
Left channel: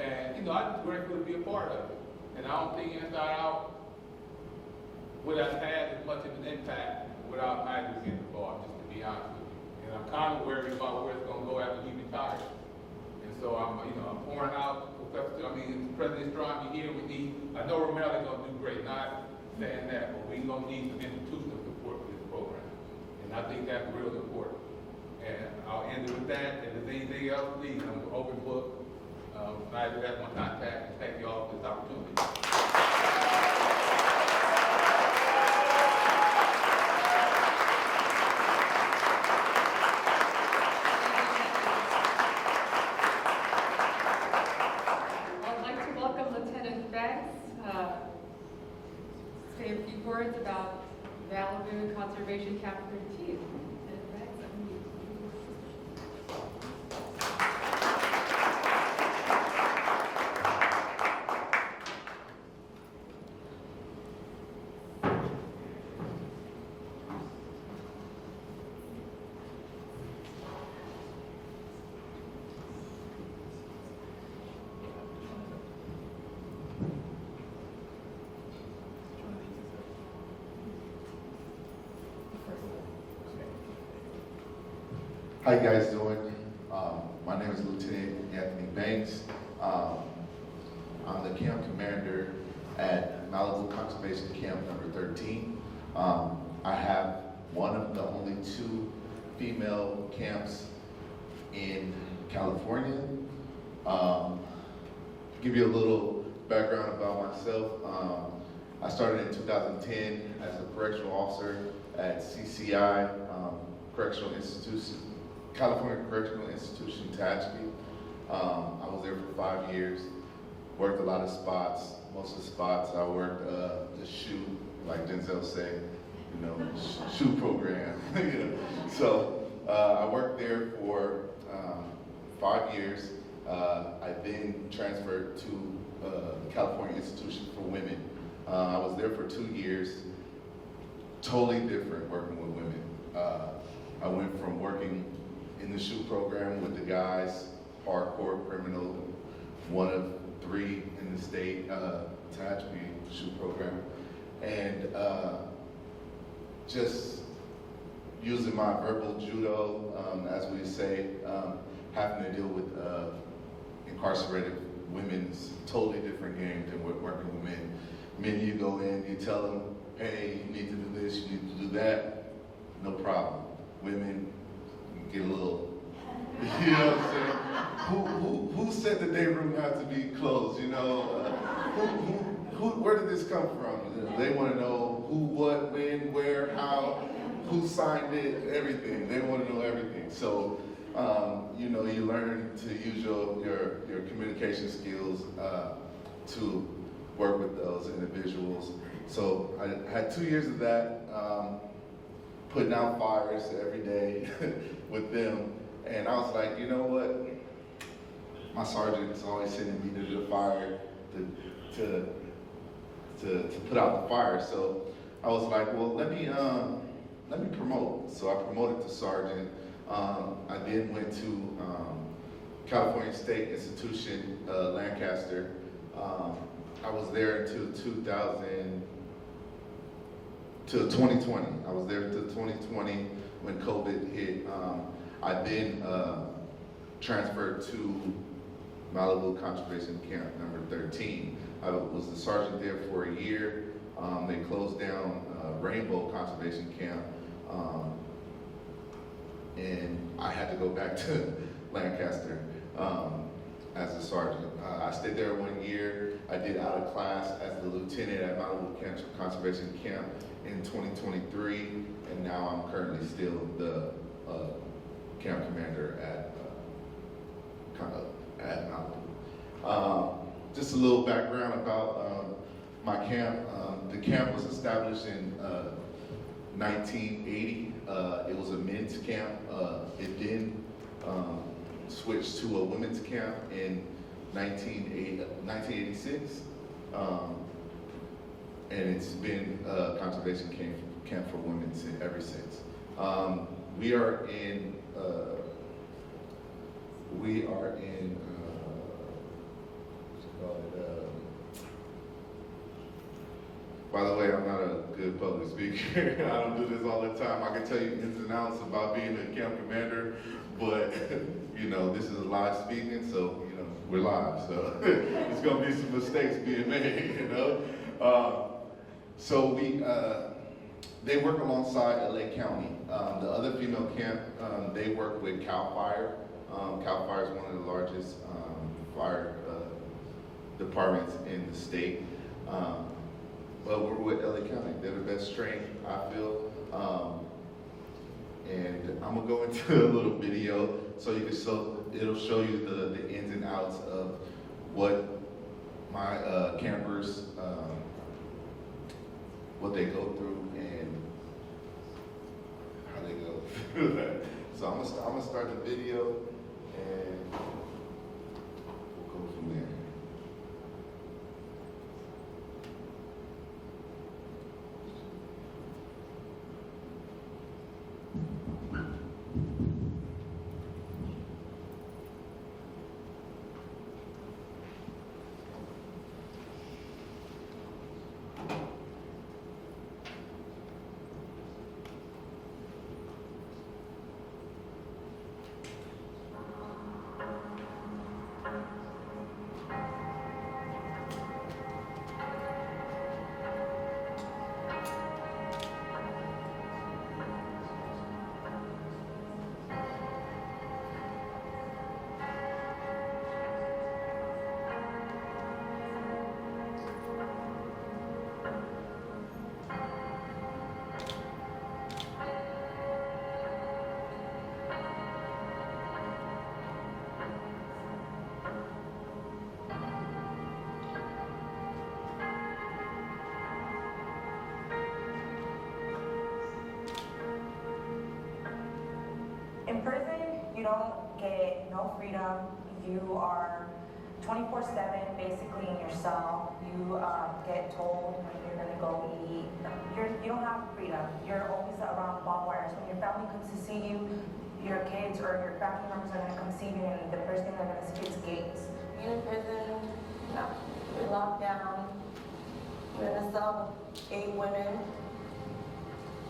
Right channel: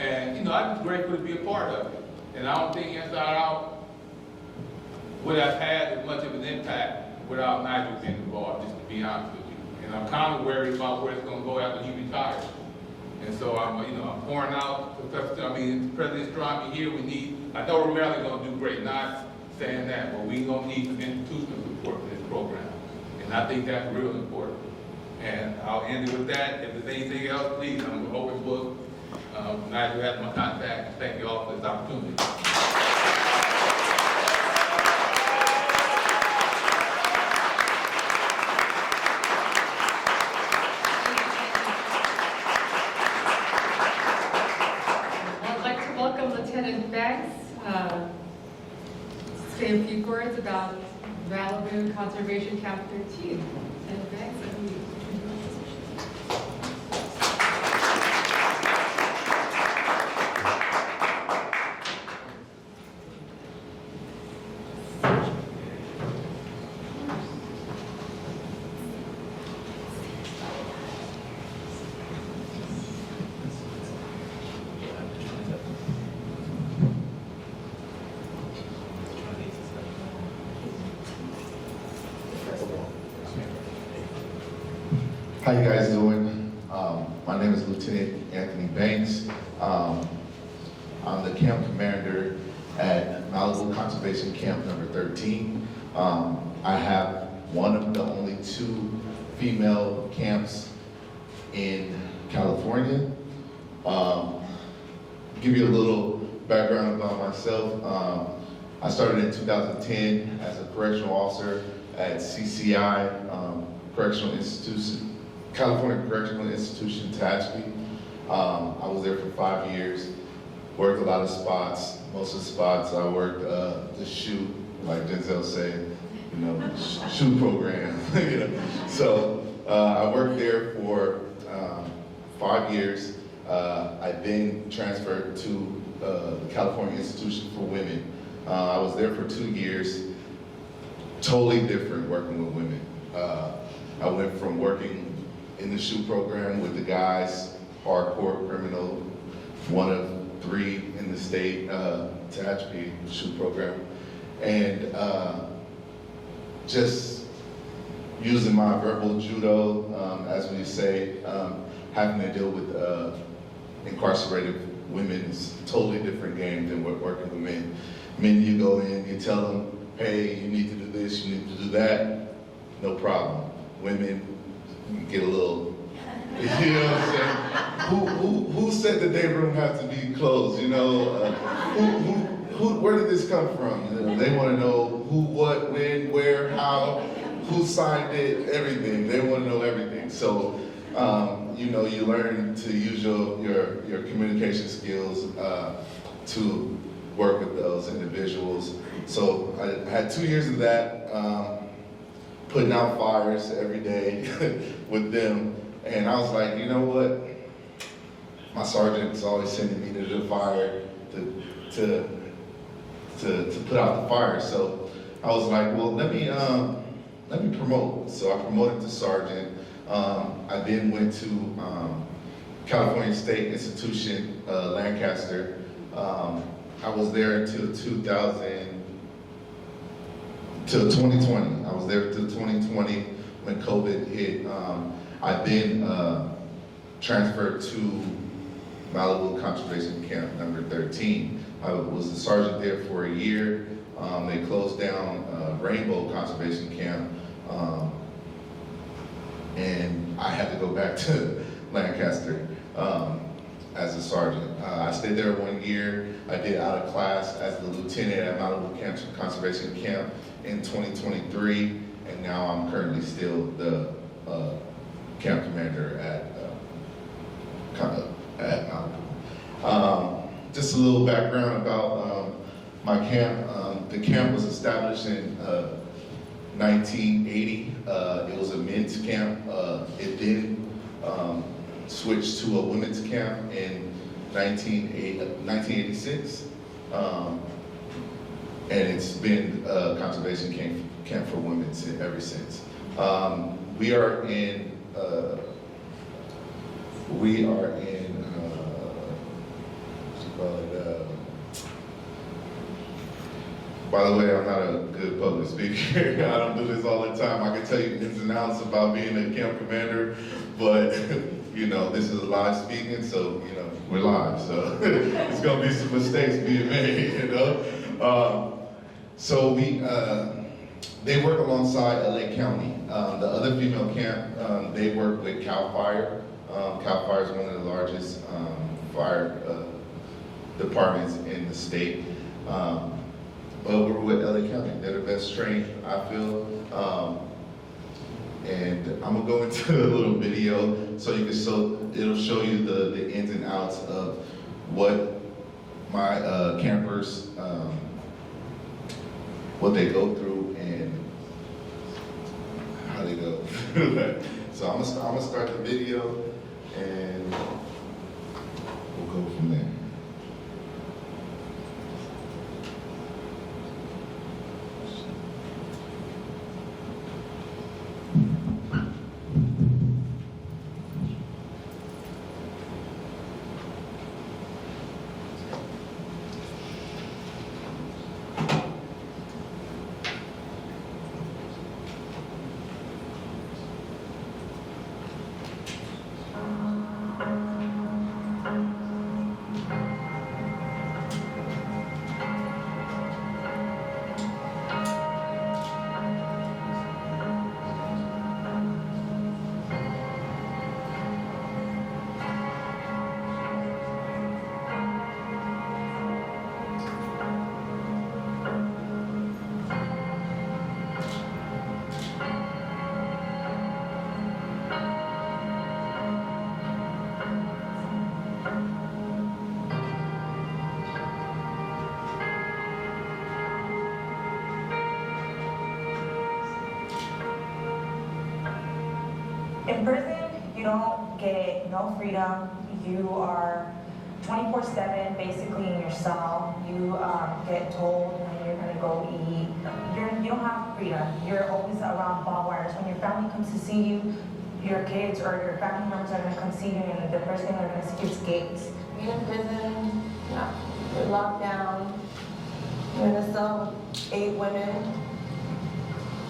And I'm just grateful to be a part of it. And I don't think Inside Out would have had as much of an impact without Nigel being involved, just to be honest with you. And I'm kind of worried about where it's going to go after he retires. And so I'm pouring out President Strong here. I know we're really gonna do great, not saying that, but we gonna need some institutional support for this program. And I think that's real important. And I'll end it with that. If there's anything else, please, I'm an open book. Nigel has my contact. Thank you all for this opportunity. I'd like to welcome Lieutenant Banks. Say a few words about Malibu Conservation Camp 13. Lieutenant Banks, How you guys doing? My name is Lieutenant Anthony Banks. I'm the camp commander at Malibu Conservation Camp number 13. I have one of the only 2 female camps in California. Give you a little background about myself. I started in 2010 as a correctional officer at CCI, Correctional Institution, California Correctional Institution, Tehachapi. I was there for 5 years, worked a lot of spots. Most of the spots I worked the shoot, like Denzel said, shoot program. So I worked there for 5 years. I then transferred to the California Institution for Women. I was there for 2 years, totally different working with women. I went from working in the shoot program with the guys, hardcore criminal, one of 3 in the state, Tehachapi shoot program, and just using my verbal judo, as we say, having to deal with incarcerated women is a totally different game than working with men. Men, you go in, you tell them, hey, you need to do this, you need to do that, no problem. Women, you get a little, you know what I'm saying? Who said the day room has to be closed, where did this come from? They want to know who, what, when, where, how, who signed it, everything. They want to know everything. So, you learn to use your communication skills to work with those individuals. So I had 2 years of that, putting out fires every day with them. And I was like, you know what? My sergeant's always sending me to the fire to put out the fire. So I was like, well, let me promote. So I promoted to sergeant. I then went to California State Institution, Lancaster. I was there until 2020. I was there until 2020 when COVID hit. I then transferred to Malibu Conservation Camp number 13. I was a sergeant there for a year. They closed down Rainbow Conservation Camp, and I had to go back to Lancaster as a sergeant. I stayed there 1 year. I did out of class as the lieutenant at Malibu Conservation Camp in 2023, and now I'm currently still the camp commander at Malibu. Just a little background about my camp. The camp was established in 1980. It was a men's camp. It then switched to a women's camp in 1986. And it's been a conservation camp for women ever since. We are in By the way, I'm not a good public speaker. I don't do this all the time. I can tell you ins and outs about being a camp commander, but you know, this is live speaking, so you know, we're live, so there's gonna be some mistakes being made, you know. So they work alongside LA County. The other female camp, they work with CAL FIRE. CAL FIRE is one of the largest fire departments in the state. But we're with LA County. They're the best trained, I feel. And I'm gonna go into a little video so you can it'll show you the ins and outs of what my campers, what they go through and how they go through that. So I'm gonna start the video and we'll go from there. In prison, you don't get no freedom. You are 24/7 basically in your cell. You get told when you're gonna go eat. You don't have freedom. You're always around barbed wires. When your family comes to see you, your kids or your family members are gonna come see you, and the first thing they're gonna see is gates. You're in prison, you're locked down. You're in a cell with 8 women,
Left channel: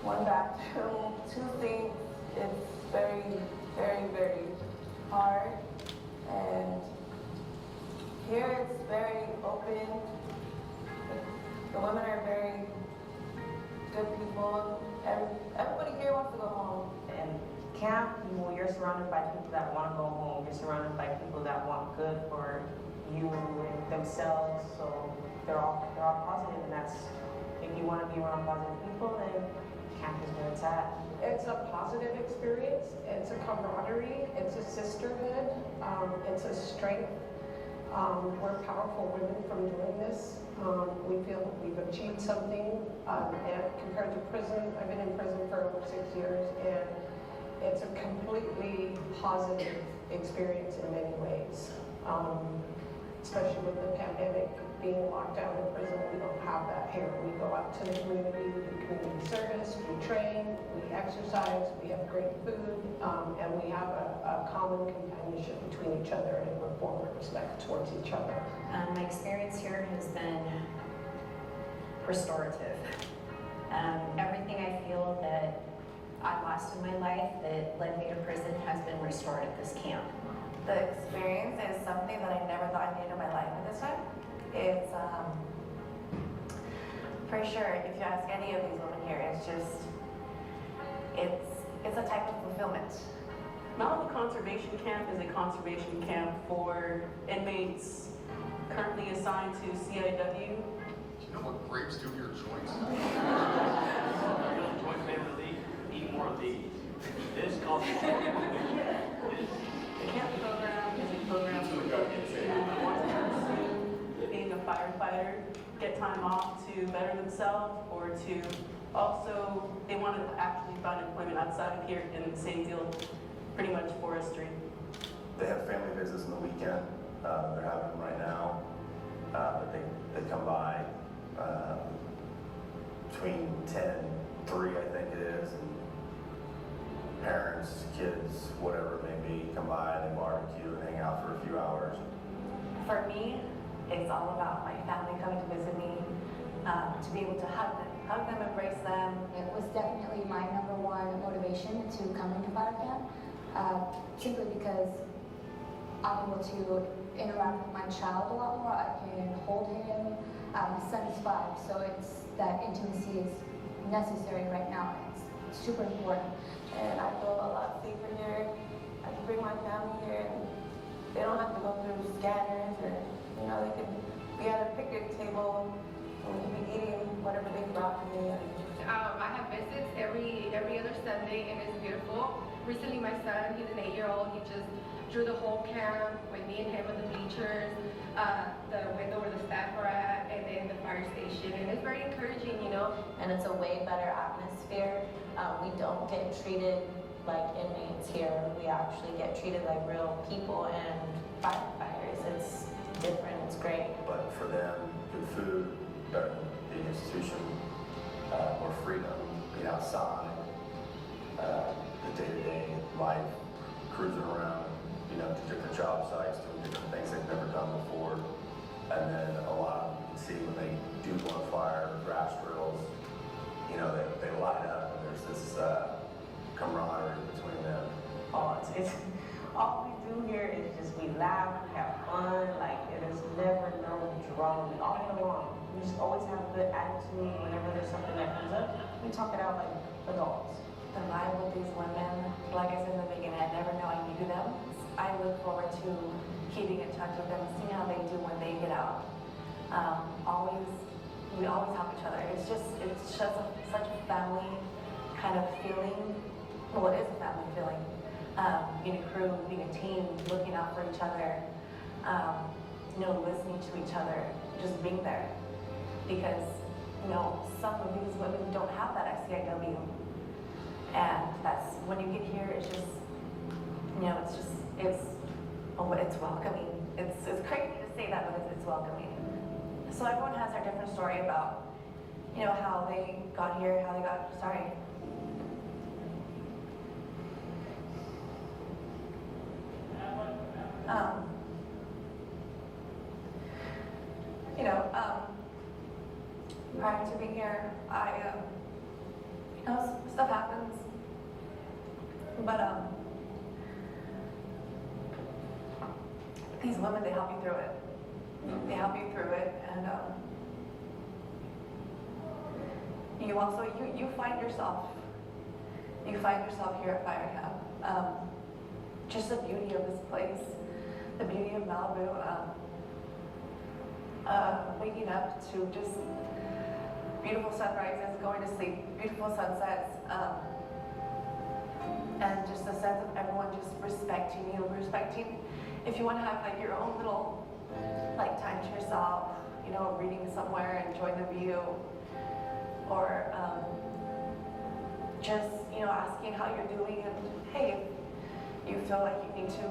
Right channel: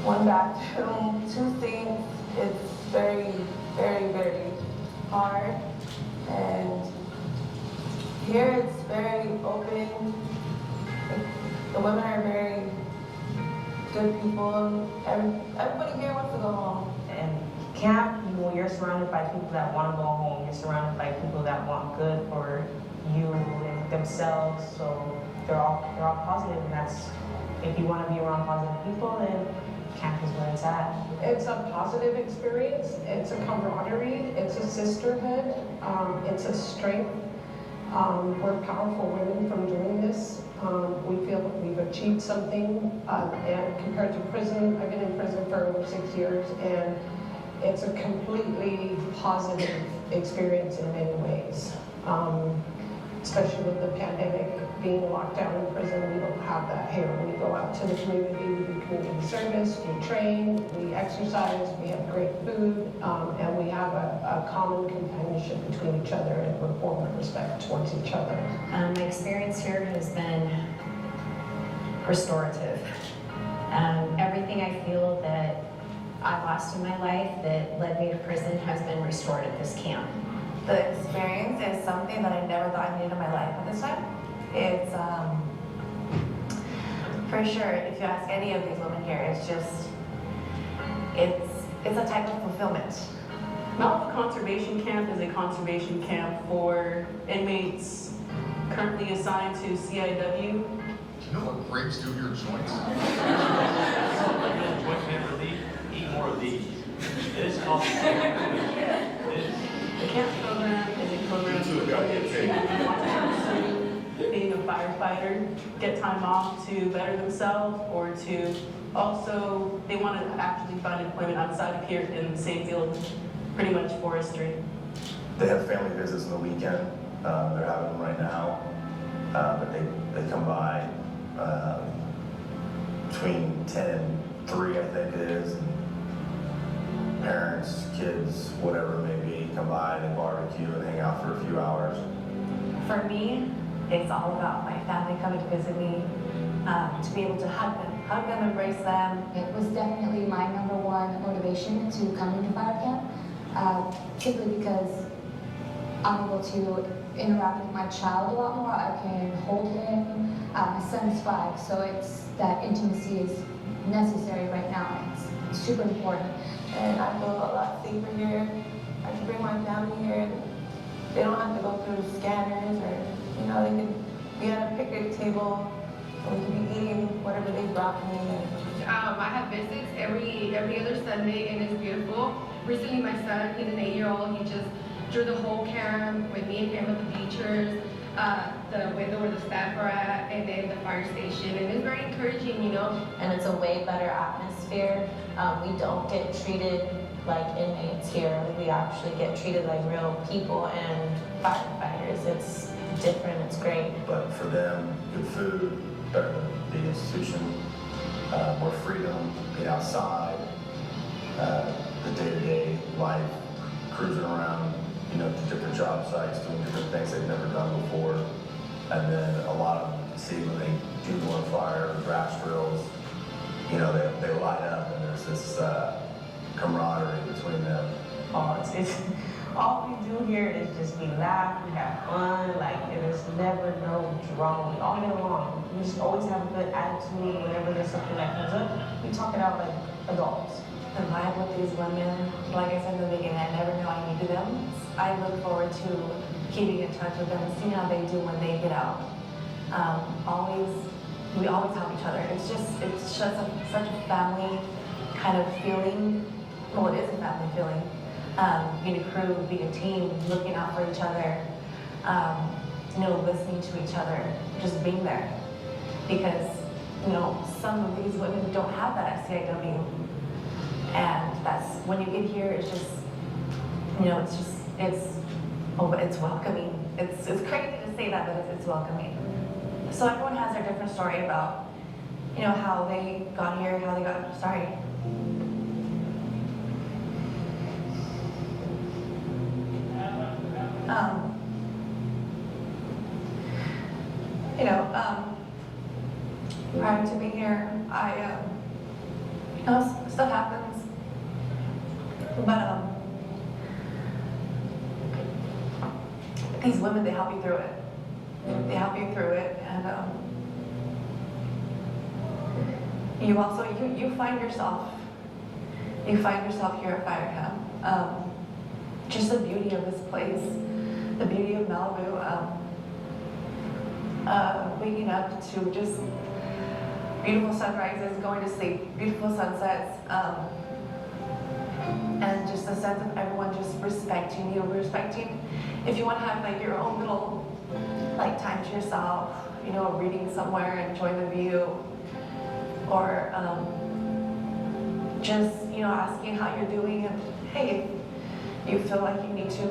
1 bathroom, 2 sinks. It's very, very, very hard. And here it's very open. The women are very good people. Everybody here wants to go home. And camp, you're surrounded by people that want to go home. You're surrounded by people that want good for you and themselves. So they're all positive, and that's, if you want to be around positive people, then camp is where it's at. It's a positive experience, it's a camaraderie, it's a sisterhood, it's a strength. We're powerful women from doing this. We feel that we've achieved something, and compared to prison, I've been in prison for over 6 years, and it's a completely positive experience in many ways. Especially with the pandemic, being locked down in prison, we don't have that here. We go out to the community, we do community service, we train, we exercise, we have great food, and we have a common companionship between each other and rapport and respect towards each other. My experience here has been restorative. Everything I feel that I lost in my life that led me to prison has been restored at this camp. The experience is something that I never thought I needed in my life at this time. It's, for sure, if you ask any of these women here, it's just, it's a type of fulfillment. Malibu Conservation Camp is a conservation camp for inmates currently assigned to CIW. Do you know what grapes do to your joints? Joint pain relief, eat more of these. It is called The camp program is a program for inmates who want to pursue being a firefighter, get time off to better themselves, or to also, they want to actually find employment outside of here in the same field, pretty much forestry. They have family visits on the weekend. They're having them right now, but they come by between 10 and 3, I think it is. And parents, kids, whatever it may be, come by, they barbecue and hang out for a few hours. For me, it's all about my family coming to visit me. to be able to hug them, embrace them. It was definitely my #1 motivation to come into fire camp, simply because I'm able to interact with my child a lot more. I can hold him. My son's 5, so it's that intimacy is necessary right now. It's super important. And I feel a lot safer here. I can bring my family here, and they don't have to go through scanners, or they can be at a picnic table and we can be eating whatever they brought me. I have visits every other Sunday, and it's beautiful. Recently, my son, he's an 8-year-old, he just drew the whole camp with me and him at the bleachers, the window where the staff are at, and then the fire station, and it's very encouraging, And it's a way better atmosphere. We don't get treated like inmates here. We actually get treated like real people and firefighters. It's different, it's great. But for them, good food, better than the institution, more freedom, being outside, the day-to-day life, cruising around, to different job sites, doing different things they've never done before. And then a lot of them, see when they do go on fire, draft drills, they light up, and there's this camaraderie between them. It's all we do here is just we laugh, we have fun, there's never no drama all day long. We just always have a good attitude whenever there's something that comes up. We talk it out like adults. The vibe with these women, like I said in the beginning, I never know I needed them. I look forward to keeping in touch with them and seeing how they do when they get out. We always help each other. It's just such a family kind of feeling. Well, it is a family feeling. Being a crew, being a team, looking out for each other, listening to each other, just being there. Because, some of these women don't have that at CIW. And that's, when you get here, it's just, it's welcoming. It's crazy to say that, but it's welcoming. So everyone has their different story about, how they got here, how they got, sorry. Prior to being here, stuff happens, but these women, they help you through it. They help you through it, and you also, you find yourself here at fire camp. Just the beauty of this place, the beauty of Malibu, waking up to just beautiful sunrises, going to sleep, beautiful sunsets, and just a sense of everyone just respecting you, if you want to have your own little time to yourself, reading somewhere, enjoying the view, or just asking how you're doing, and hey, if you feel like you need to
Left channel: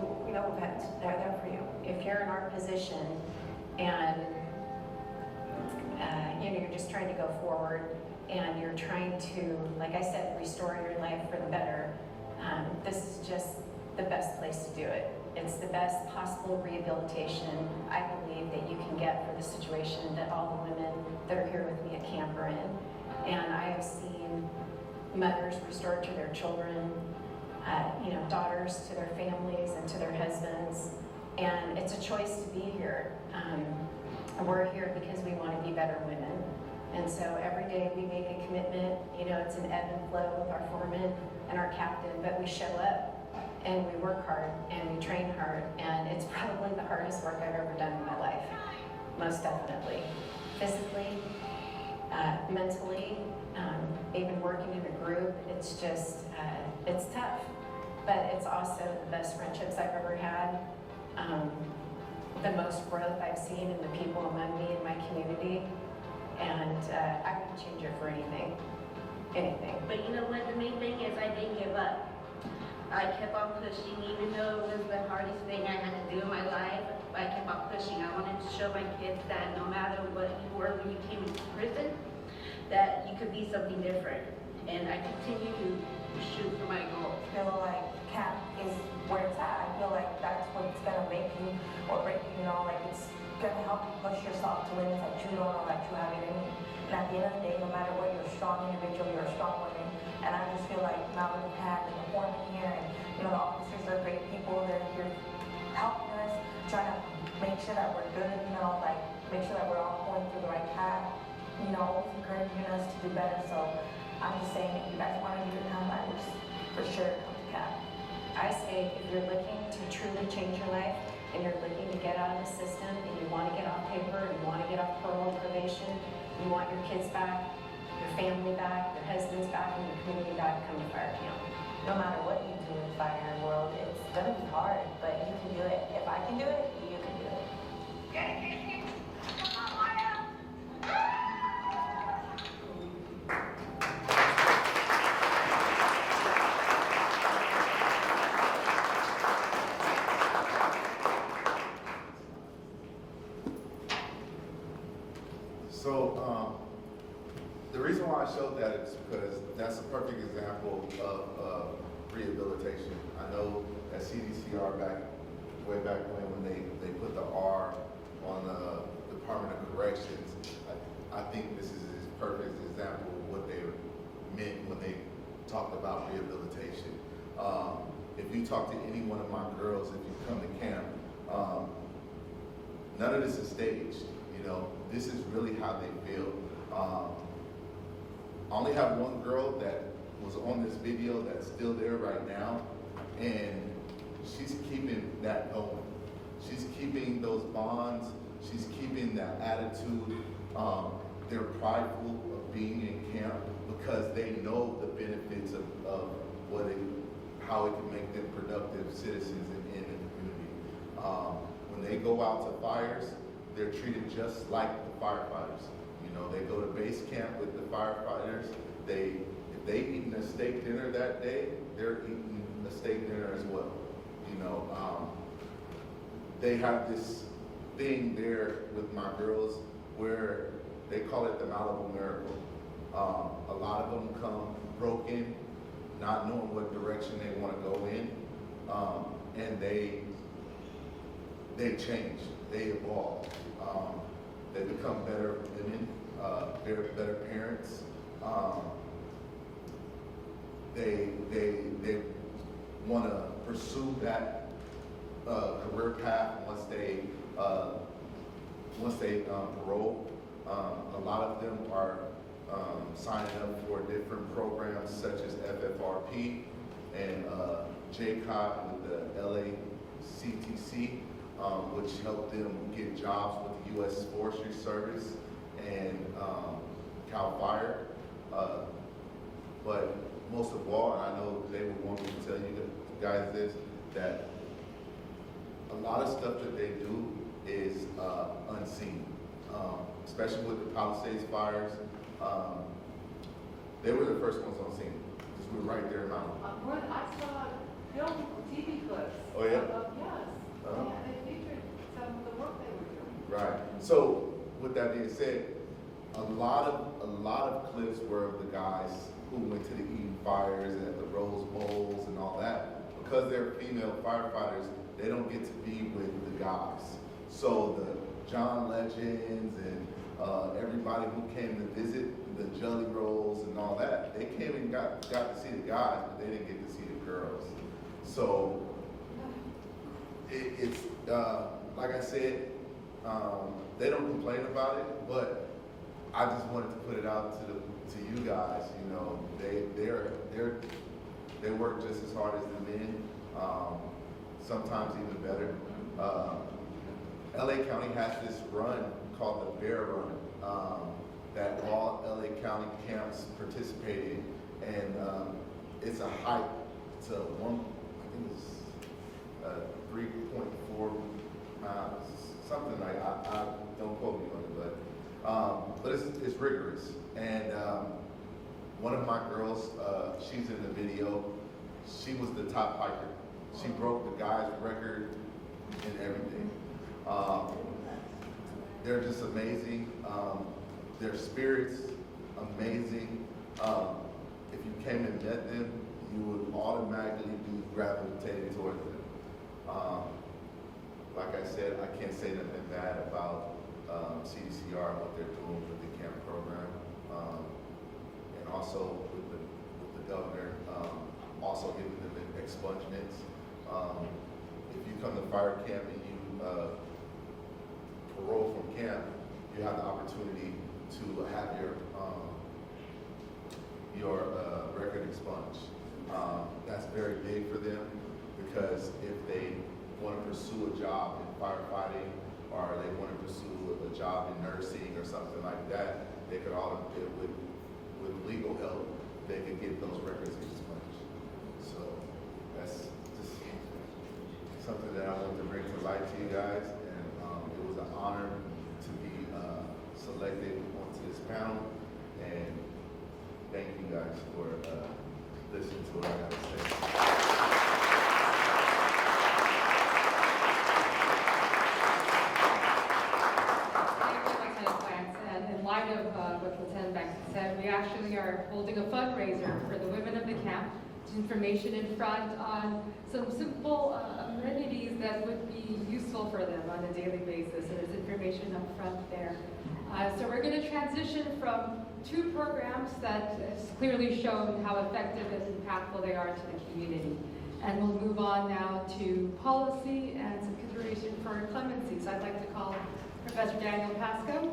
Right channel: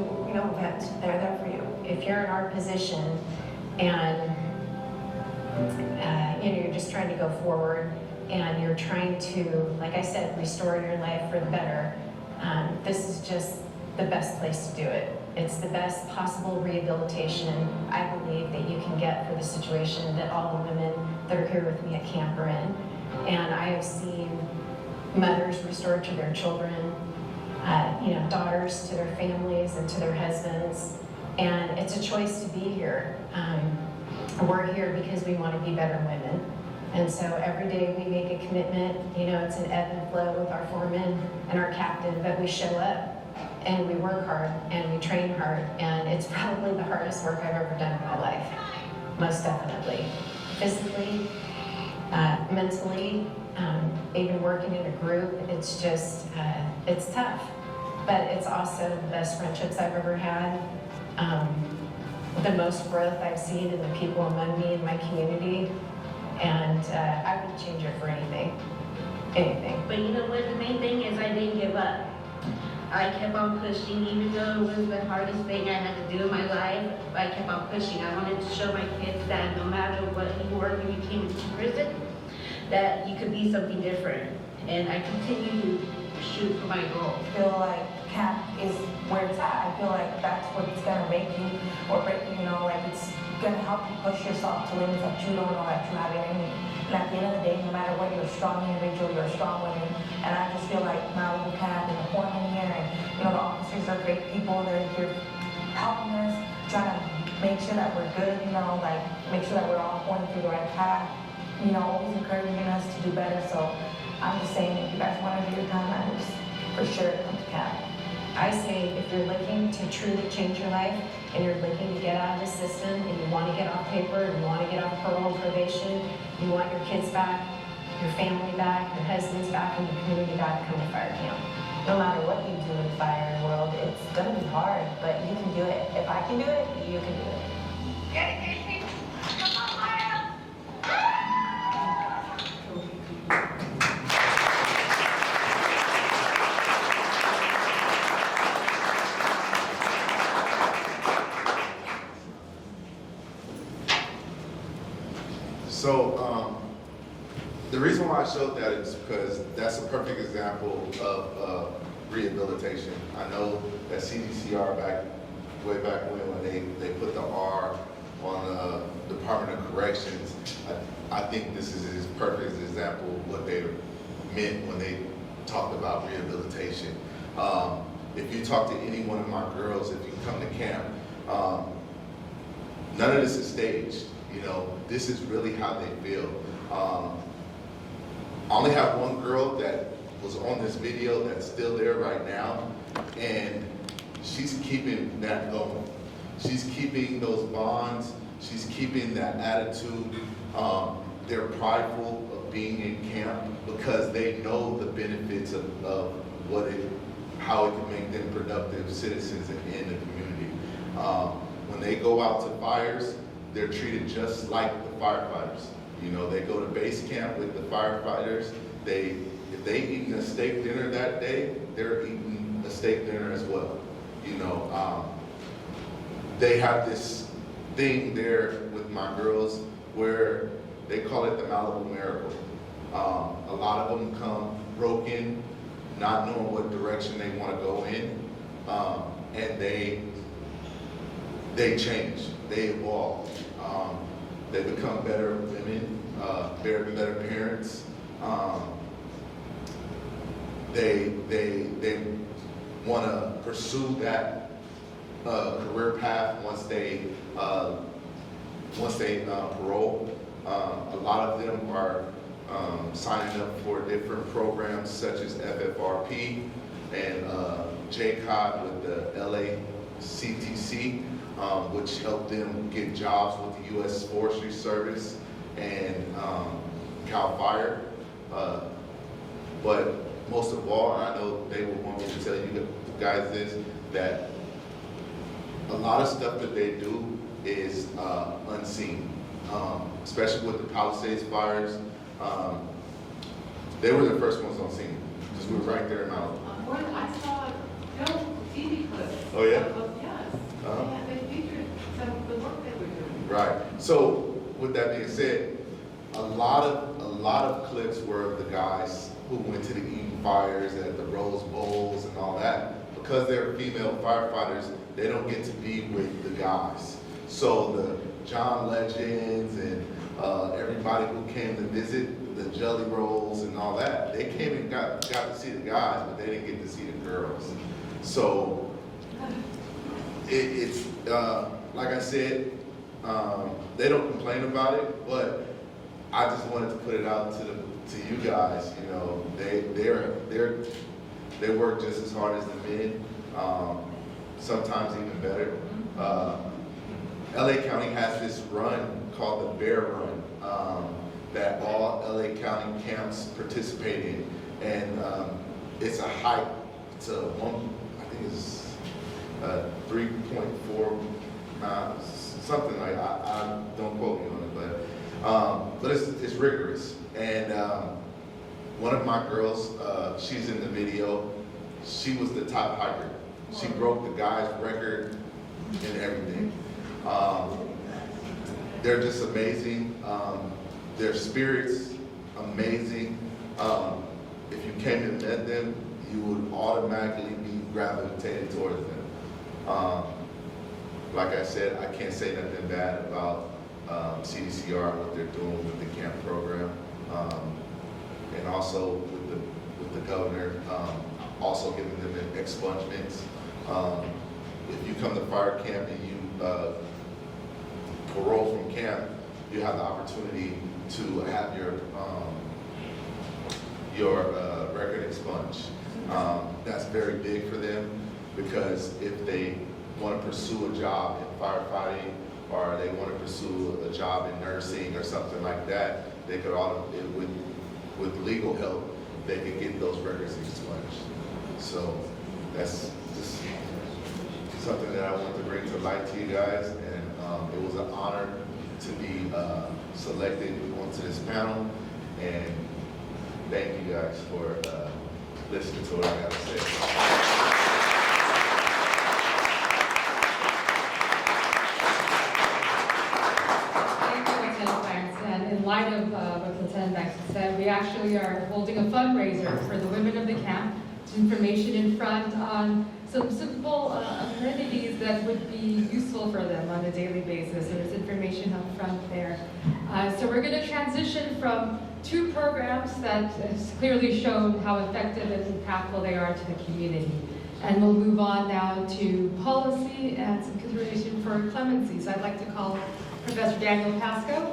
vent, they're there for you. If you're in our position and you're just trying to go forward and you're trying to, like I said, restore your life for the better, this is just the best place to do it. It's the best possible rehabilitation, I believe, that you can get for the situation that all the women that are here with me at camp are in. And I have seen mothers restored to their children, daughters to their families and to their husbands. And it's a choice to be here. We're here because we want to be better women. And so every day we make a commitment, it's an ebb and flow with our foreman and our captain, but we show up and we work hard and we train hard, and it's probably the hardest work I've ever done in my life, most definitely. Physically, mentally, even working in a group, it's just, it's tough, but it's also the best friendships I've ever had. The most growth I've seen in the people among me in my community, and I wouldn't change it for anything. But you know what, the main thing is I didn't give up. I kept on pushing, even though it was the hardest thing I had to do in my life. I kept on pushing. I wanted to show my kids that no matter what you were when you came to prison, that you could be something different. And I continue to shoot for my goal. I feel like camp is where it's at. I feel like that's what's gonna make you or break you, gonna help you push yourself to limits that you don't know that you have in you. And at the end of the day, no matter what, you're a strong individual, you're a strong woman. And I just feel like Malibu Camp and the foreman here, and the officers are great people. They're here helping us, trying to make sure that we're good, like make sure that we're all going through the right path. Always encouraging us to do better. So I'm just saying, if you guys want to do your time, I just for sure come to camp. I say if you're looking to truly change your life and you're looking to get out of the system and you want to get off paper and you want to get off parole and probation, you want your kids back, your family back, your husbands back, and your community back, come to fire camp. No matter what you do in the fire world, it's gonna be hard, but you can do it. If I can do it, you can do it. So the reason why I showed that is because that's a perfect example of rehabilitation. I know that CDCR way back when they put the R on the Department of Corrections, I think this is a perfect example of what they meant when they talked about rehabilitation. If you talk to any one of my girls, if you come to camp, none of this is staged. This is really how they feel. I only have one girl that was on this video that's still there right now, and she's keeping that going. She's keeping those bonds. She's keeping that attitude. They're prideful of being in camp because they know the benefits of how it can make them productive citizens in the community. When they go out to fires, they're treated just like the firefighters. They go to base camp with the firefighters. If they eating a steak dinner that day, they're eating a steak dinner as well. They have this thing there with my girls where they call it the Malibu Miracle. A lot of them come broken, not knowing what direction they want to go in, and they change, they evolve. They become better women, better parents. They want to pursue that career path once they parole. A lot of them are signing up for different programs such as FFRP and JCOT with the LACTC, which help them get jobs with the U.S. Forestry Service and CAL FIRE. But most of all, and I know they would want me to tell you guys this, that a lot of stuff that they do is unseen, especially with the Palisades fires. They were the first ones on scene, because we were right there in Malibu. I saw film TV clips. Oh yeah? Yes. Uh-huh. And they featured some of the work they were doing. Right. So with that being said, a lot of clips were of the guys who went to the Eden fires and the Rose Bowls and all that. Because they're female firefighters, they don't get to be with the guys. So the John Legends and everybody who came to visit, the Jelly Rolls and all that, they came and got to see the guys, but they didn't get to see the girls. So it's like I said, they don't complain about it, but I just wanted to put it out to you guys. They work just as hard as the men, sometimes even better. LA County has this run called the Bear Run that all LA County camps participate in, and it's a hike to I think it's 3.4 miles, something like that. I don't quote me on it, but it's rigorous. And one of my girls, she's in the video. She was the top hiker. She broke the guy's record and everything. They're just amazing. Their spirits, amazing. If you came and met them, you would automatically be gravitated towards them. like I said, I can't say nothing bad about CDCR, what they're doing with the camp program, and also with the governor, also giving them expungements. If you come to fire camp and you parole from camp, you have the opportunity to have your record expunged. That's very big for them, because if they want to pursue a job in firefighting, or they want to pursue a job in nursing or something like that, they could with legal help, they could get those records expunged. So that's just something that I want to bring to light to you guys, and it was an honor to be selected onto this panel, and thank you guys for listening to what I have to say. In light of what Lieutenant Banks said, we actually are holding a fundraiser for the women of the camp. There's information in front on some simple amenities that would be useful for them on a daily basis. There's information up front there. So we're going to transition from two programs that has clearly shown how effective and impactful they are to the community. And we'll move on now to policy and some consideration for clemency. So I'd like to call Professor Daniel Pascoe.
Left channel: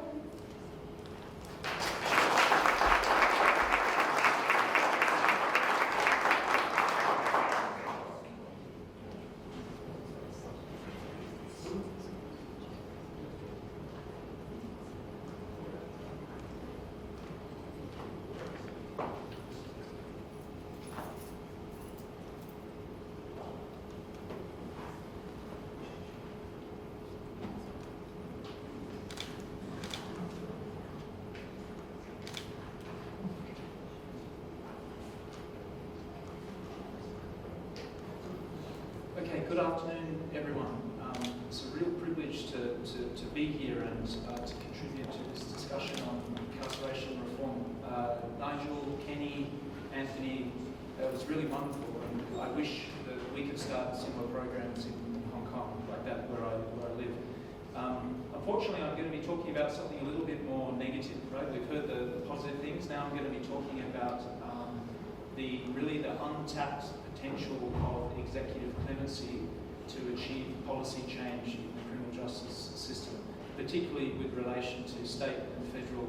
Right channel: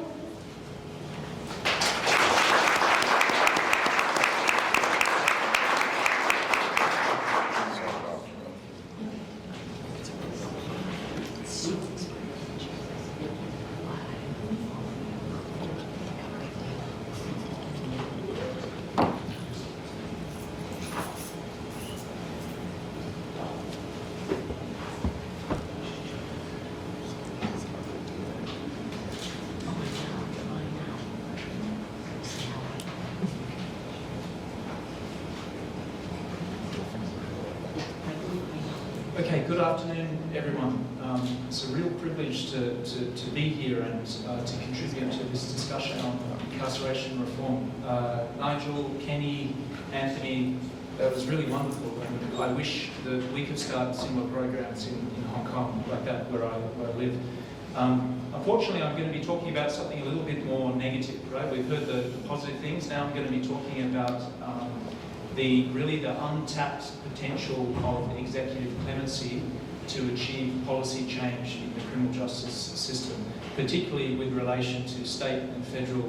Okay, good afternoon, everyone. It's a real privilege to be here and to contribute to this discussion on incarceration reform. Nigel, Kenny, Anthony, that was really wonderful, and I wish that we could start similar programs in Hong Kong like that where I live. Unfortunately, I'm going to be talking about something a little bit more negative, right? We've heard the positive things. Now I'm going to be talking about the untapped potential of executive clemency to achieve policy change in the criminal justice system, particularly with relation to state and federal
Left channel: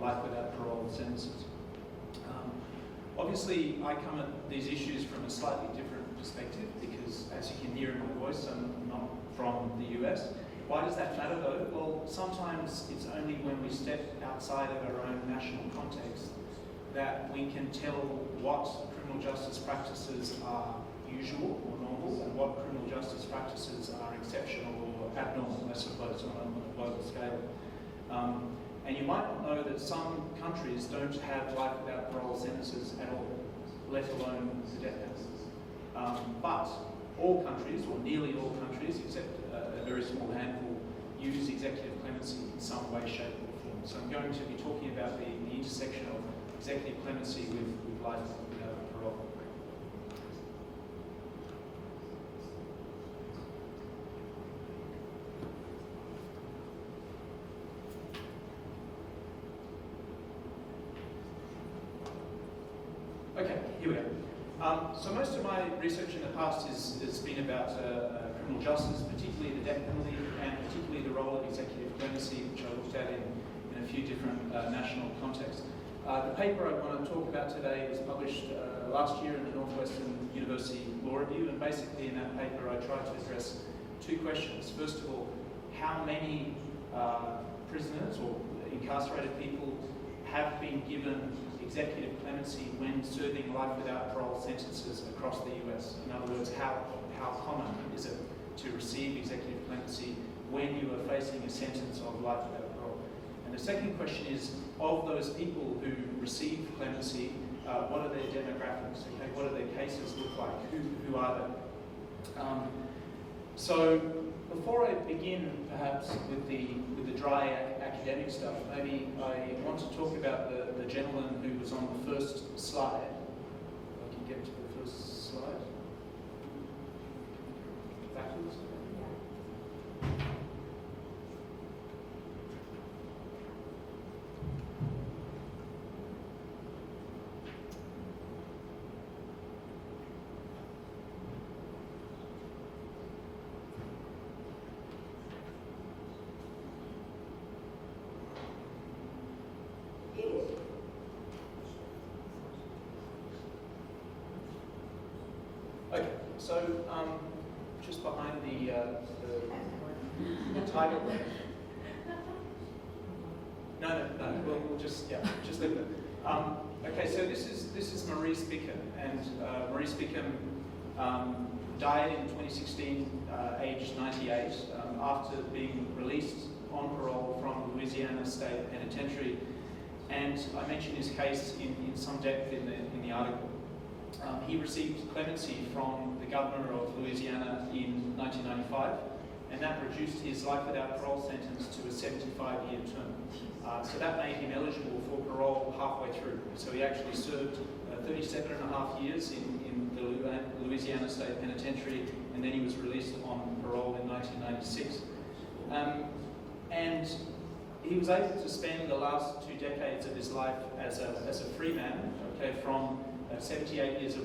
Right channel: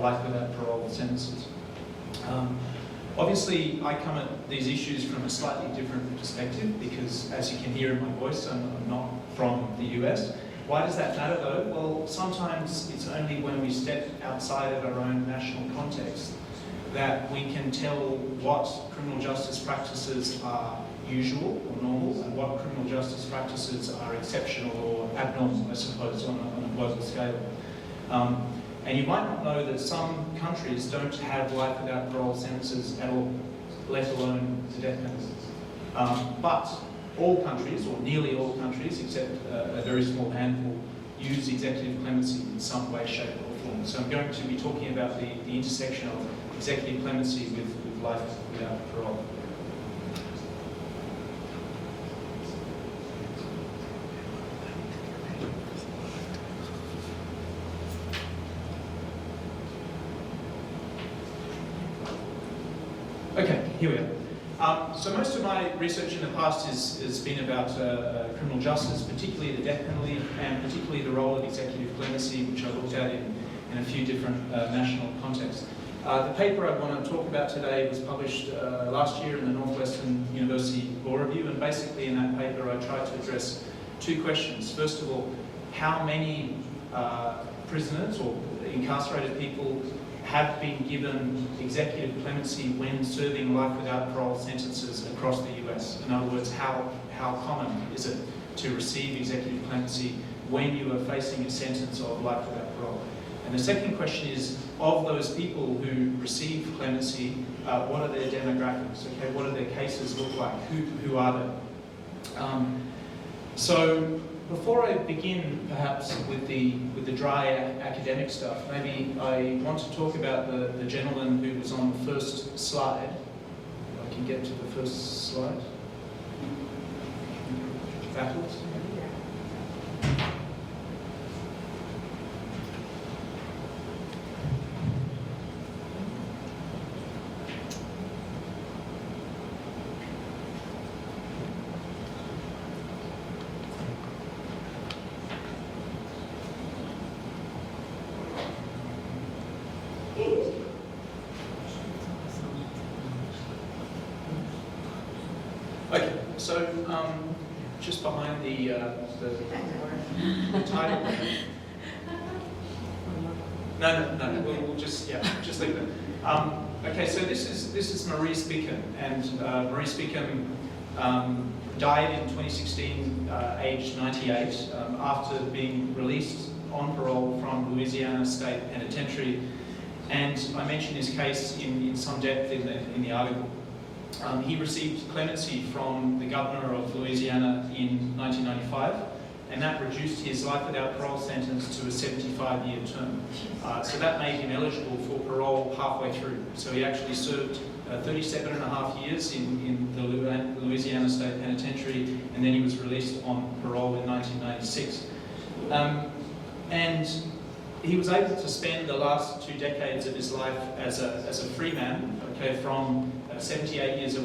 life without parole sentences. Obviously, I come at these issues from a slightly different perspective because, as you can hear in my voice, I'm not from the US. Why does that matter though? Well, sometimes it's only when we step outside of our own national context that we can tell what criminal justice practices are usual or normal and what criminal justice practices are exceptional or abnormal, I suppose, on a global scale. And you might not know that some countries don't have life without parole sentences at all, let alone the death penalty. But all countries, or nearly all countries, except a very small handful, use executive clemency in some way, shape or form. So I'm going to be talking about the intersection of executive clemency with life without parole. Okay, here we go. So most of my research in the past has been about criminal justice, particularly the death penalty, and particularly the role of executive clemency, which I looked at in a few different national contexts. The paper I want to talk about today was published last year in the Northwestern University Law Review, and basically in that paper I tried to address two questions. First of all, how many prisoners or incarcerated people have been given executive clemency when serving life without parole sentences across the US? In other words, how common is it to receive executive clemency when you are facing a sentence of life without parole? And the second question is, of those people who receive clemency, what are their demographics? Okay, what do their cases look like? Who are they? So before I begin, perhaps with the dry academic stuff, maybe I want to talk about the gentleman who was on the first slide. If I can get to the first slide. Backwards. So, just behind the title. No, we'll just leave it. Okay, so this is Maurice Beacom, and Maurice Beacom died in 2016, aged 98, after being released on parole from Louisiana State Penitentiary. And I mentioned his case in some depth in the article. He received clemency from the governor of Louisiana in 1995, and that reduced his life without parole sentence to a 75-year term. So that made him eligible for parole halfway through. So he actually served 37 and a half years in the Louisiana State Penitentiary, and then he was released on parole in 1996. And he was able to spend the last 2 decades of his life as a free man, okay, from 78 years of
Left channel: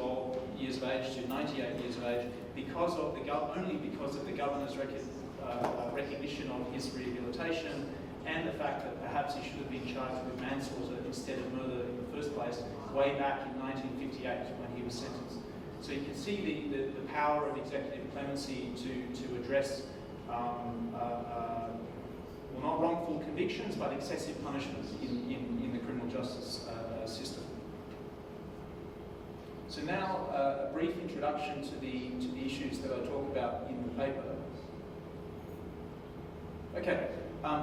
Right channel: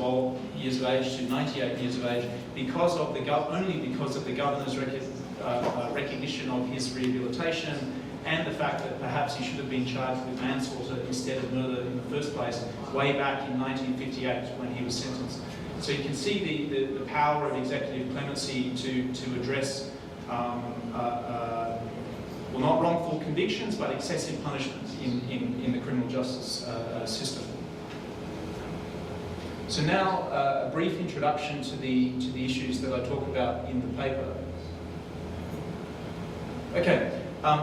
age to 98 years of age, only because of the governor's recognition of his rehabilitation, and the fact that perhaps he should have been charged with manslaughter instead of murder in the first place, way back in 1958 when he was sentenced. So you can see the power of executive clemency to address well, not wrongful convictions, but excessive punishment in the criminal justice system. So now, a brief introduction to the issues that I talk about in the paper. Okay,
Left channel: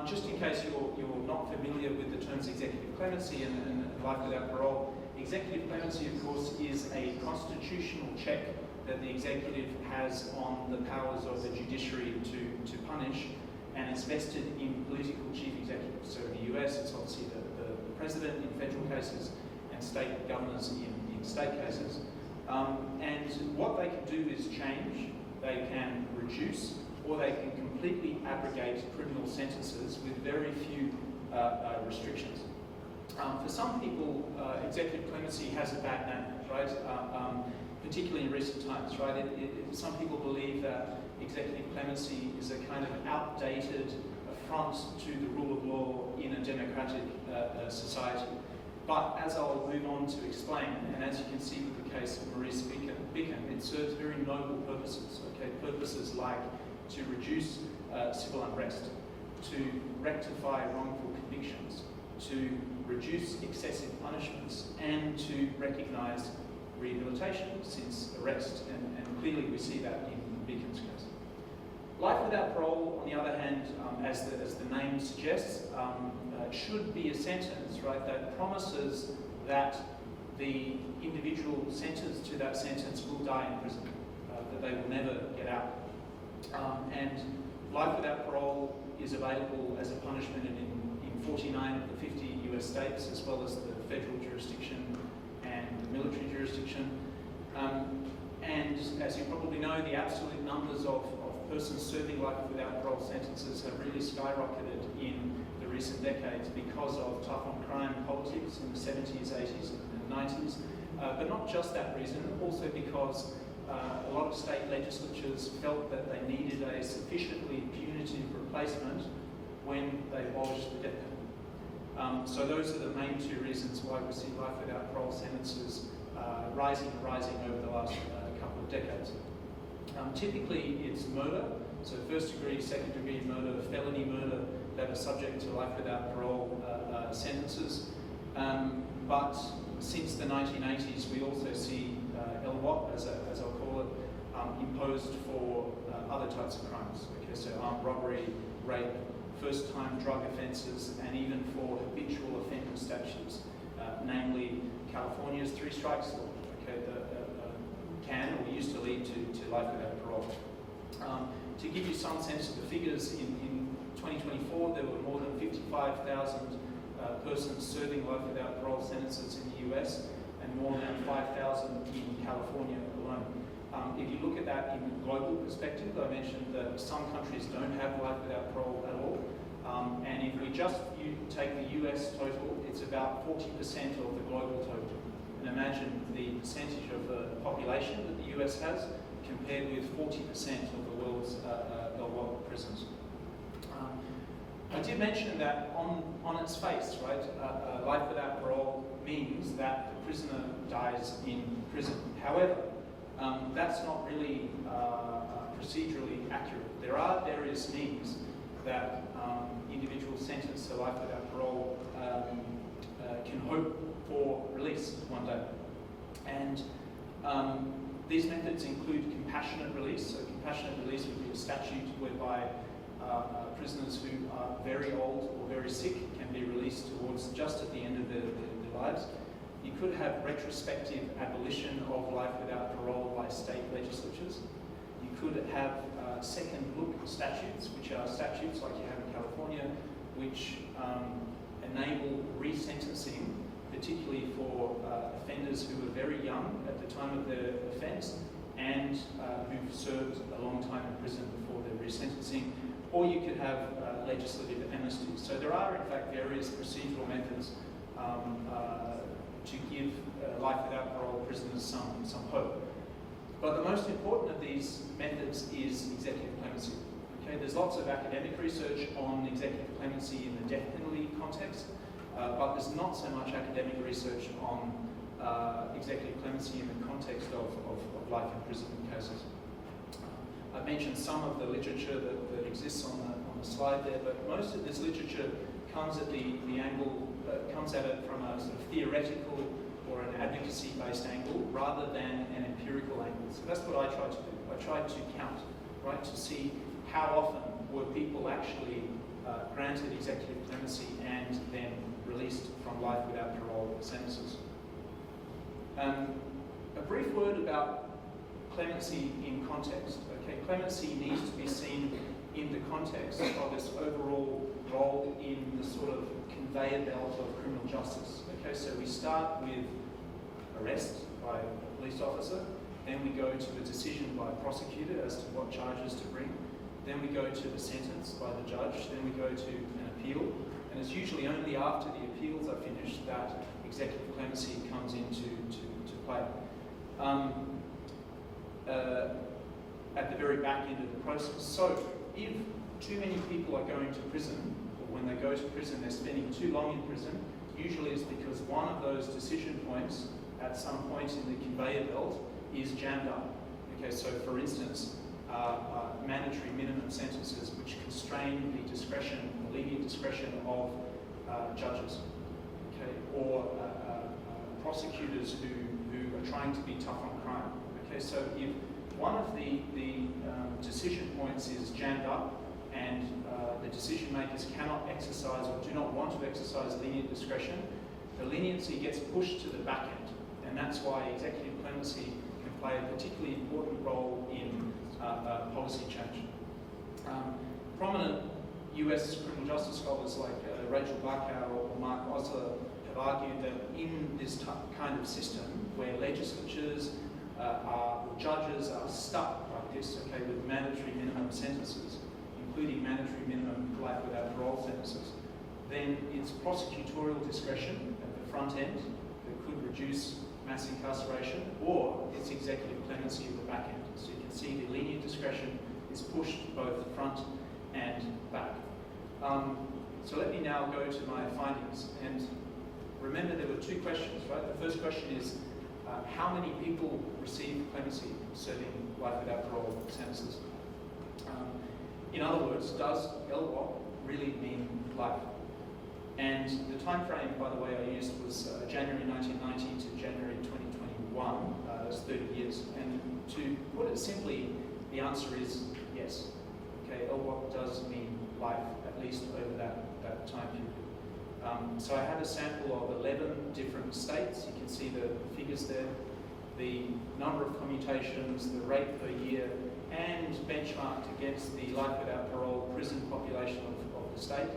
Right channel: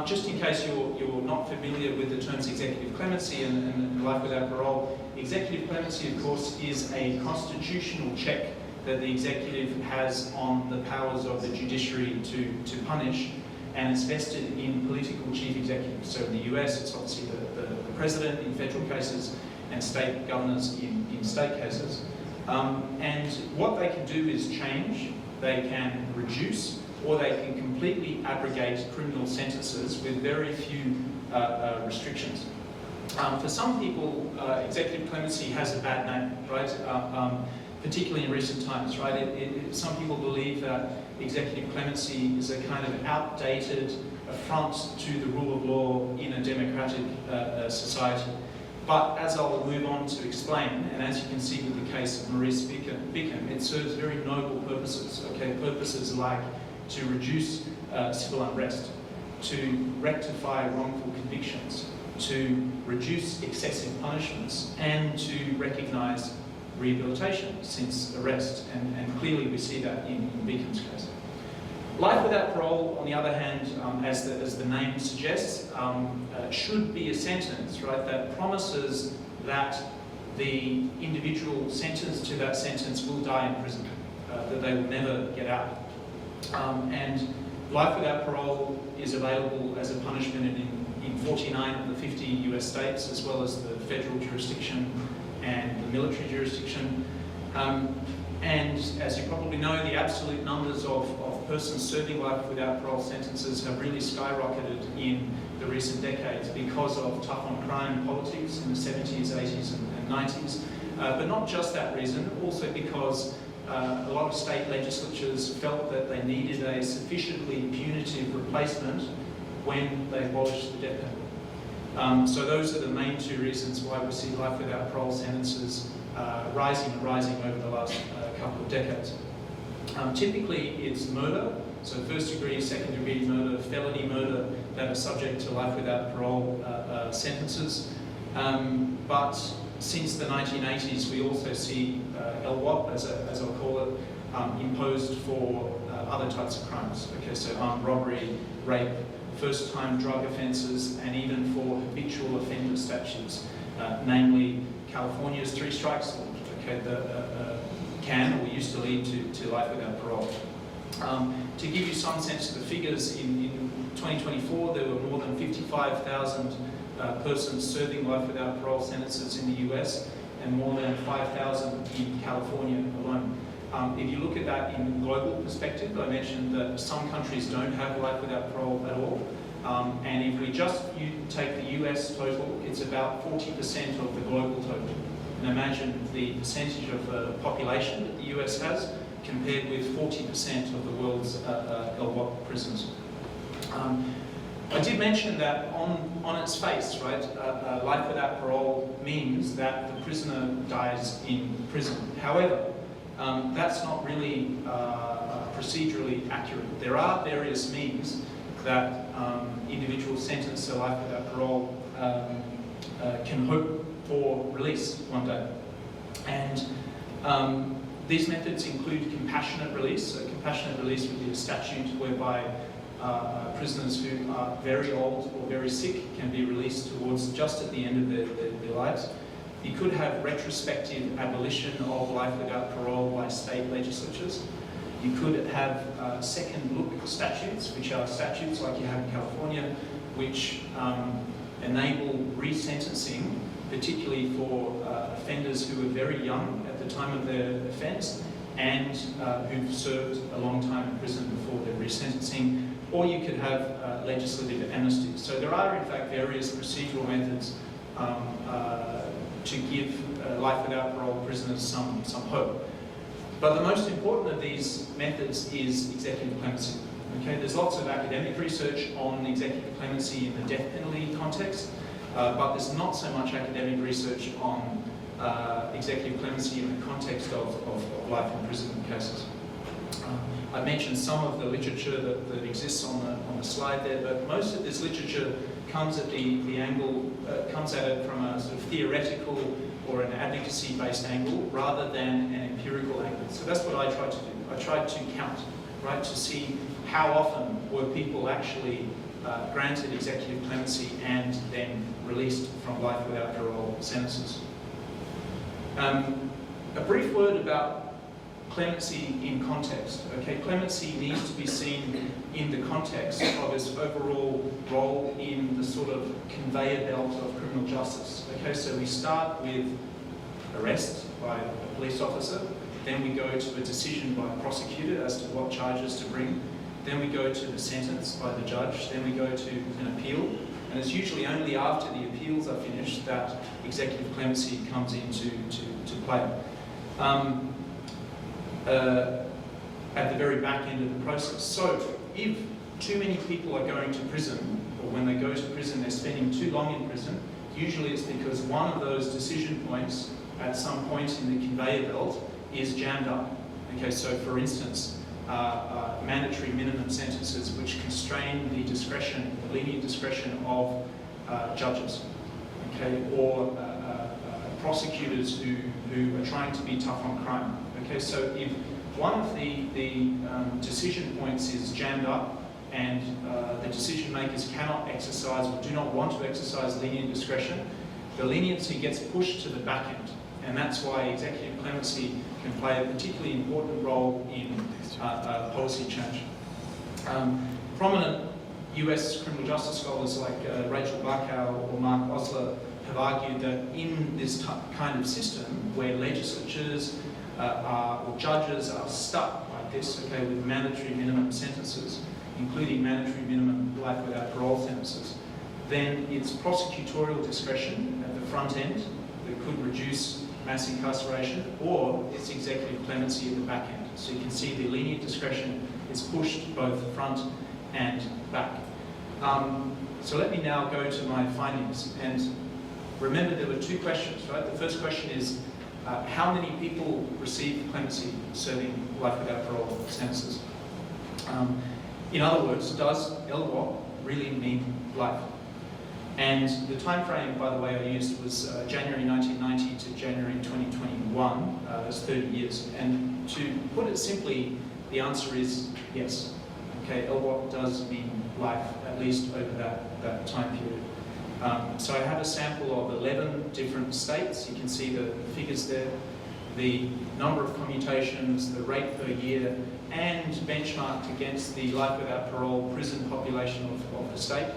just in case you're not familiar with the terms executive clemency and life without parole, executive clemency, of course, is a constitutional check that the executive has on the powers of the judiciary to punish, and it's vested in political chief executives. So in the US, it's obviously the president in federal cases and state governors in state cases. And what they can do is change, they can reduce, or they can completely abrogate criminal sentences with very few restrictions. For some people, executive clemency has a bad name, right? Particularly in recent times, right? Some people believe that executive clemency is a kind of outdated affront to the rule of law in a democratic society. But as I'll move on to explain, and as you can see with the case of Maurice Beacom, it serves very noble purposes, okay? Purposes like to reduce civil unrest, to rectify wrongful convictions, to reduce excessive punishments, and to recognise rehabilitation since arrest, and clearly we see that in Beacom's case. Life without parole, on the other hand, as the name suggests, should be a sentence, right, that promises that the individual sentenced to that sentence will die in prison, that they will never get out. And life without parole is available as a punishment in 49 of the 50 US states, as well as the federal jurisdiction and the military jurisdiction. And as you probably know, the absolute numbers of persons serving life without parole sentences have really skyrocketed in the recent decades because of tough on crime politics in the 70s, 80s and 90s. But not just that reason, also because a lot of state legislatures felt that they needed a sufficiently punitive replacement when they abolished the death penalty. So those are the main 2 reasons why we see life without parole sentences rising over the last couple of decades. Typically it's murder, so first degree, second degree murder, felony murder that are subject to life without parole sentences. But since the 1980s we also see LWOP, as I'll call it, imposed for other types of crimes. Okay, so armed robbery, rape, first-time drug offences, and even for habitual offender statutes, namely California's 3 strikes law, okay, can or used to lead to life without parole. To give you some sense of the figures, in 2024 there were more than 55,000 persons serving life without parole sentences in the US, and more than 5,000 in California alone. If you look at that in global perspective, I mentioned that some countries don't have life without parole at all. And if we just take the US total, it's about 40% of the global total. And imagine the percentage of the population that the US has compared with 40% of the world's LWOP prisons. I did mention that on its face, right, life without parole means that the prisoner dies in prison. However, that's not really procedurally accurate. There are various means that individuals sentenced to life without parole can hope for release one day. And these methods include compassionate release. So compassionate release would be a statute whereby prisoners who are very old or very sick can be released towards just at the end of their lives. You could have retrospective abolition of life without parole by state legislatures. You could have second look statutes, which are statutes like you have in California, which enable resentencing, particularly for offenders who are very young at the time of their offence and who've served a long time in prison before their resentencing. Or you could have legislative amnesty. So there are, in fact, various procedural methods to give life without parole prisoners some hope. But the most important of these methods is executive clemency. Okay, there's lots of academic research on executive clemency in the death penalty context, but there's not so much academic research on executive clemency in the context of life in prison cases. I mentioned some of the literature that exists on the slide there, but most of this literature comes at the angle, comes at it from a sort of theoretical or an advocacy-based angle rather than an empirical angle. So that's what I tried to do. I tried to count, right, to see how often were people actually granted executive clemency and then released from life without parole sentences. A brief word about clemency in context. Okay, clemency needs to be seen in the context of its overall role in the sort of conveyor belt of criminal justice. Okay, so we start with arrest by a police officer, then we go to a decision by a prosecutor as to what charges to bring, then we go to the sentence by the judge, then we go to an appeal, and it's usually only after the appeals are finished that executive clemency comes into play. At the very back end of the process. So if too many people are going to prison, or when they go to prison they're spending too long in prison, usually it's because one of those decision points at some point in the conveyor belt is jammed up. Okay, so for instance, mandatory minimum sentences which constrain the discretion, the lenient discretion of judges, okay, or prosecutors who are trying to be tough on crime. Okay, so if one of the decision points is jammed up and the decision makers cannot exercise or do not want to exercise lenient discretion, the leniency gets pushed to the back end. And that's why executive clemency can play a particularly important role in policy change. Prominent US criminal justice scholars like Rachel Barkow or Mark Osler have argued that in this kind of system where legislatures or judges are stuck like this, okay, with mandatory minimum sentences, including mandatory minimum life without parole sentences, then it's prosecutorial discretion at the front end that could reduce mass incarceration, or it's executive clemency at the back end. So you can see the lenient discretion is pushed both front and back. So let me now go to my findings. And remember, there were two questions, right? The first question is, how many people receive clemency serving life without parole sentences? In other words, does LWOP really mean life? And the time frame, by the way, I used was January 1990 to January 2021. That's 30 years. And to put it simply, the answer is yes. Okay, LWOP does mean life, at least over that time period. So I have a sample of 11 different states. You can see the figures there, the number of commutations, the rate per year, and benchmarked against the life without parole prison population of the state.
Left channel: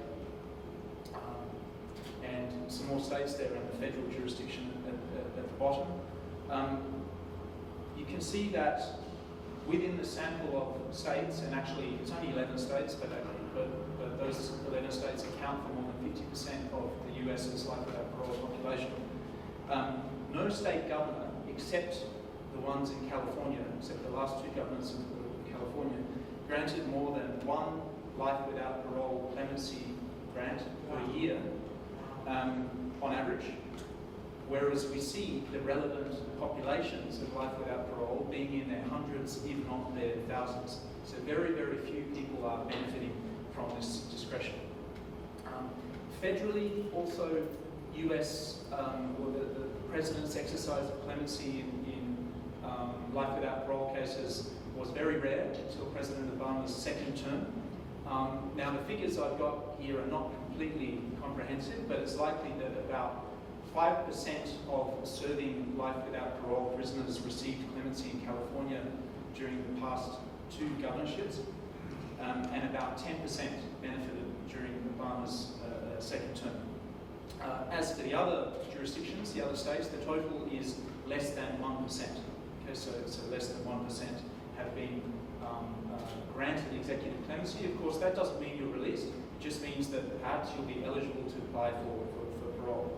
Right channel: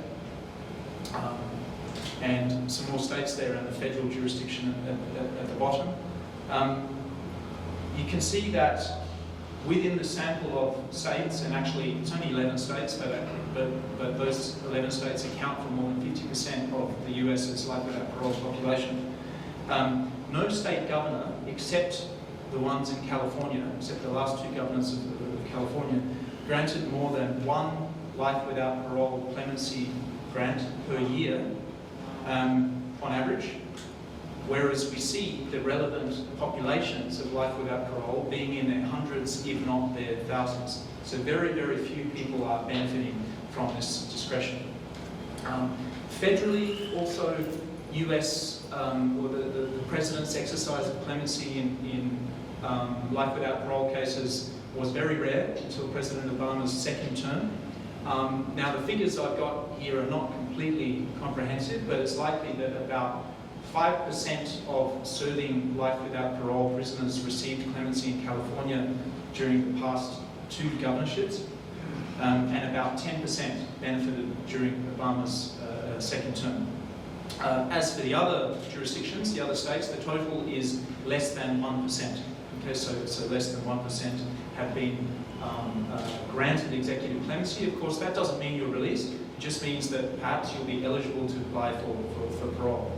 And some more states there and the federal jurisdiction at the bottom. You can see that within the sample of states, and actually it's only 11 states, but those 11 states account for more than 50% of the US's life without parole population. No state governor, except the ones in California, except the last two governors of California, granted more than one life without parole clemency grant per year on average, whereas we see the relevant populations of life without parole being in their hundreds, if not their thousands. So very, very few people are benefiting from this discretion. Federally, also, US, or the President's exercise of clemency in life without parole cases was very rare until President Obama's second term. Now the figures I've got here are not completely comprehensive, but it's likely that about 5% of serving life without parole prisoners received clemency in California during the past 2 governorships, and about 10% benefited during Obama's second term. As for the other jurisdictions, the other states, the total is less than 1%. Okay, so less than 1% have been granted executive clemency. Of course, that doesn't mean you're released. It just means that perhaps you'll be eligible to apply for parole.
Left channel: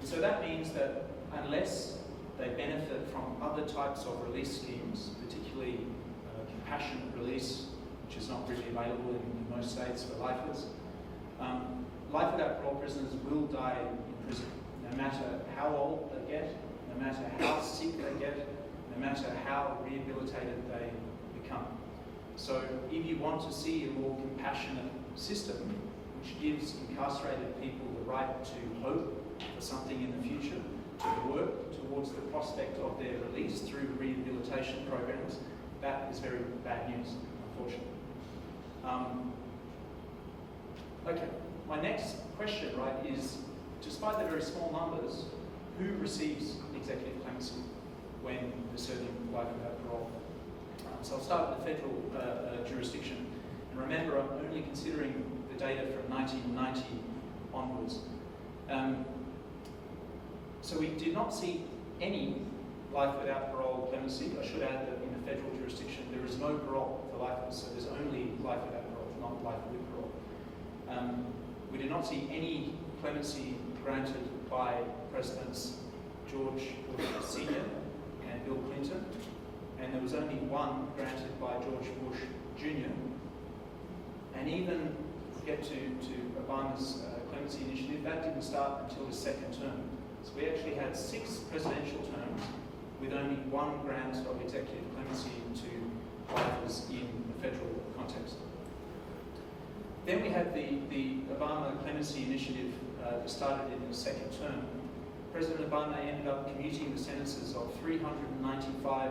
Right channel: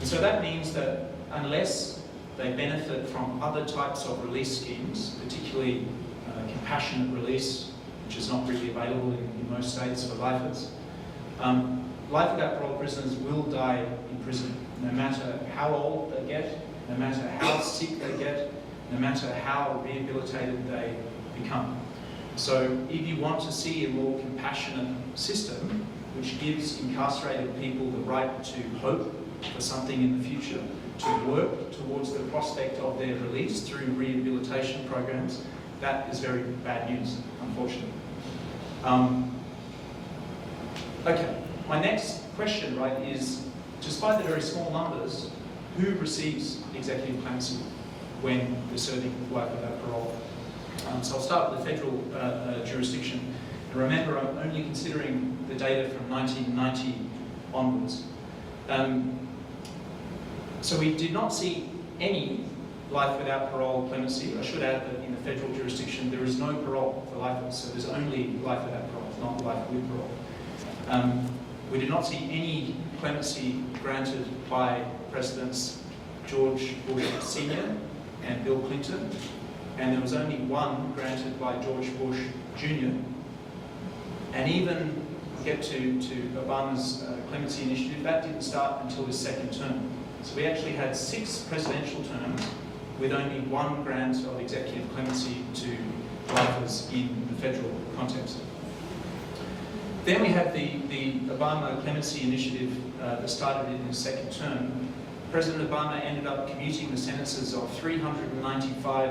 And so that means that unless they benefit from other types of release schemes, particularly compassionate release, which is not really available in most states for lifers, life without parole prisoners will die in prison, no matter how old they get, no matter how sick they get, no matter how rehabilitated they become. So if you want to see a more compassionate system, which gives incarcerated people the right to hope for something in the future, to work towards the prospect of their release through rehabilitation programs, that is very bad news, unfortunately. Okay, my next question, right, is, despite the very small numbers, who receives executive clemency when they're serving life without parole? So I'll start with the federal jurisdiction. And remember, I'm only considering the data from 1990 onwards. So we did not see any life without parole clemency. I should add that in the federal jurisdiction, there is no parole for lifers, so there's only life without parole, not life with parole. We did not see any clemency granted by Presidents George Bush Sr. and Bill Clinton, and there was only one granted by George Bush Jr. And even get to Obama's clemency initiative, that didn't start until his second term. So we actually had 6 presidential terms with only one grant of executive clemency to lifers in the federal context. Then we had the Obama clemency initiative that started in his second term. President Obama ended up commuting the sentences of 395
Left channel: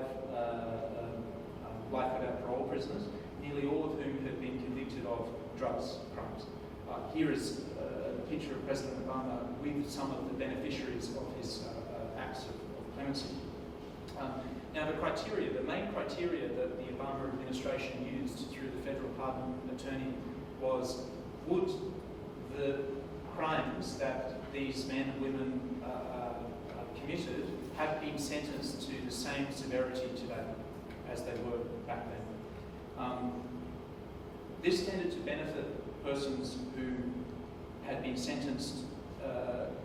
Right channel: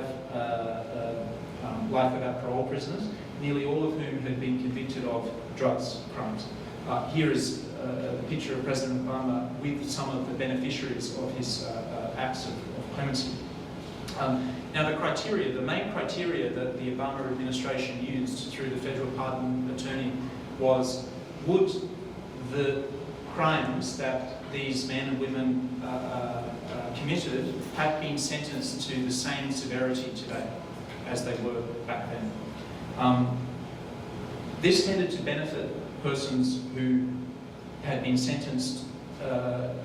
life without parole prisoners, nearly all of whom had been convicted of drugs crimes. Here is a picture of President Obama with some of the beneficiaries of his acts of clemency. Now the main criteria that the Obama administration used through the federal pardon attorney was, would the crimes that these men and women committed have been sentenced to the same severity today as they were back then. This tended to benefit persons who had been sentenced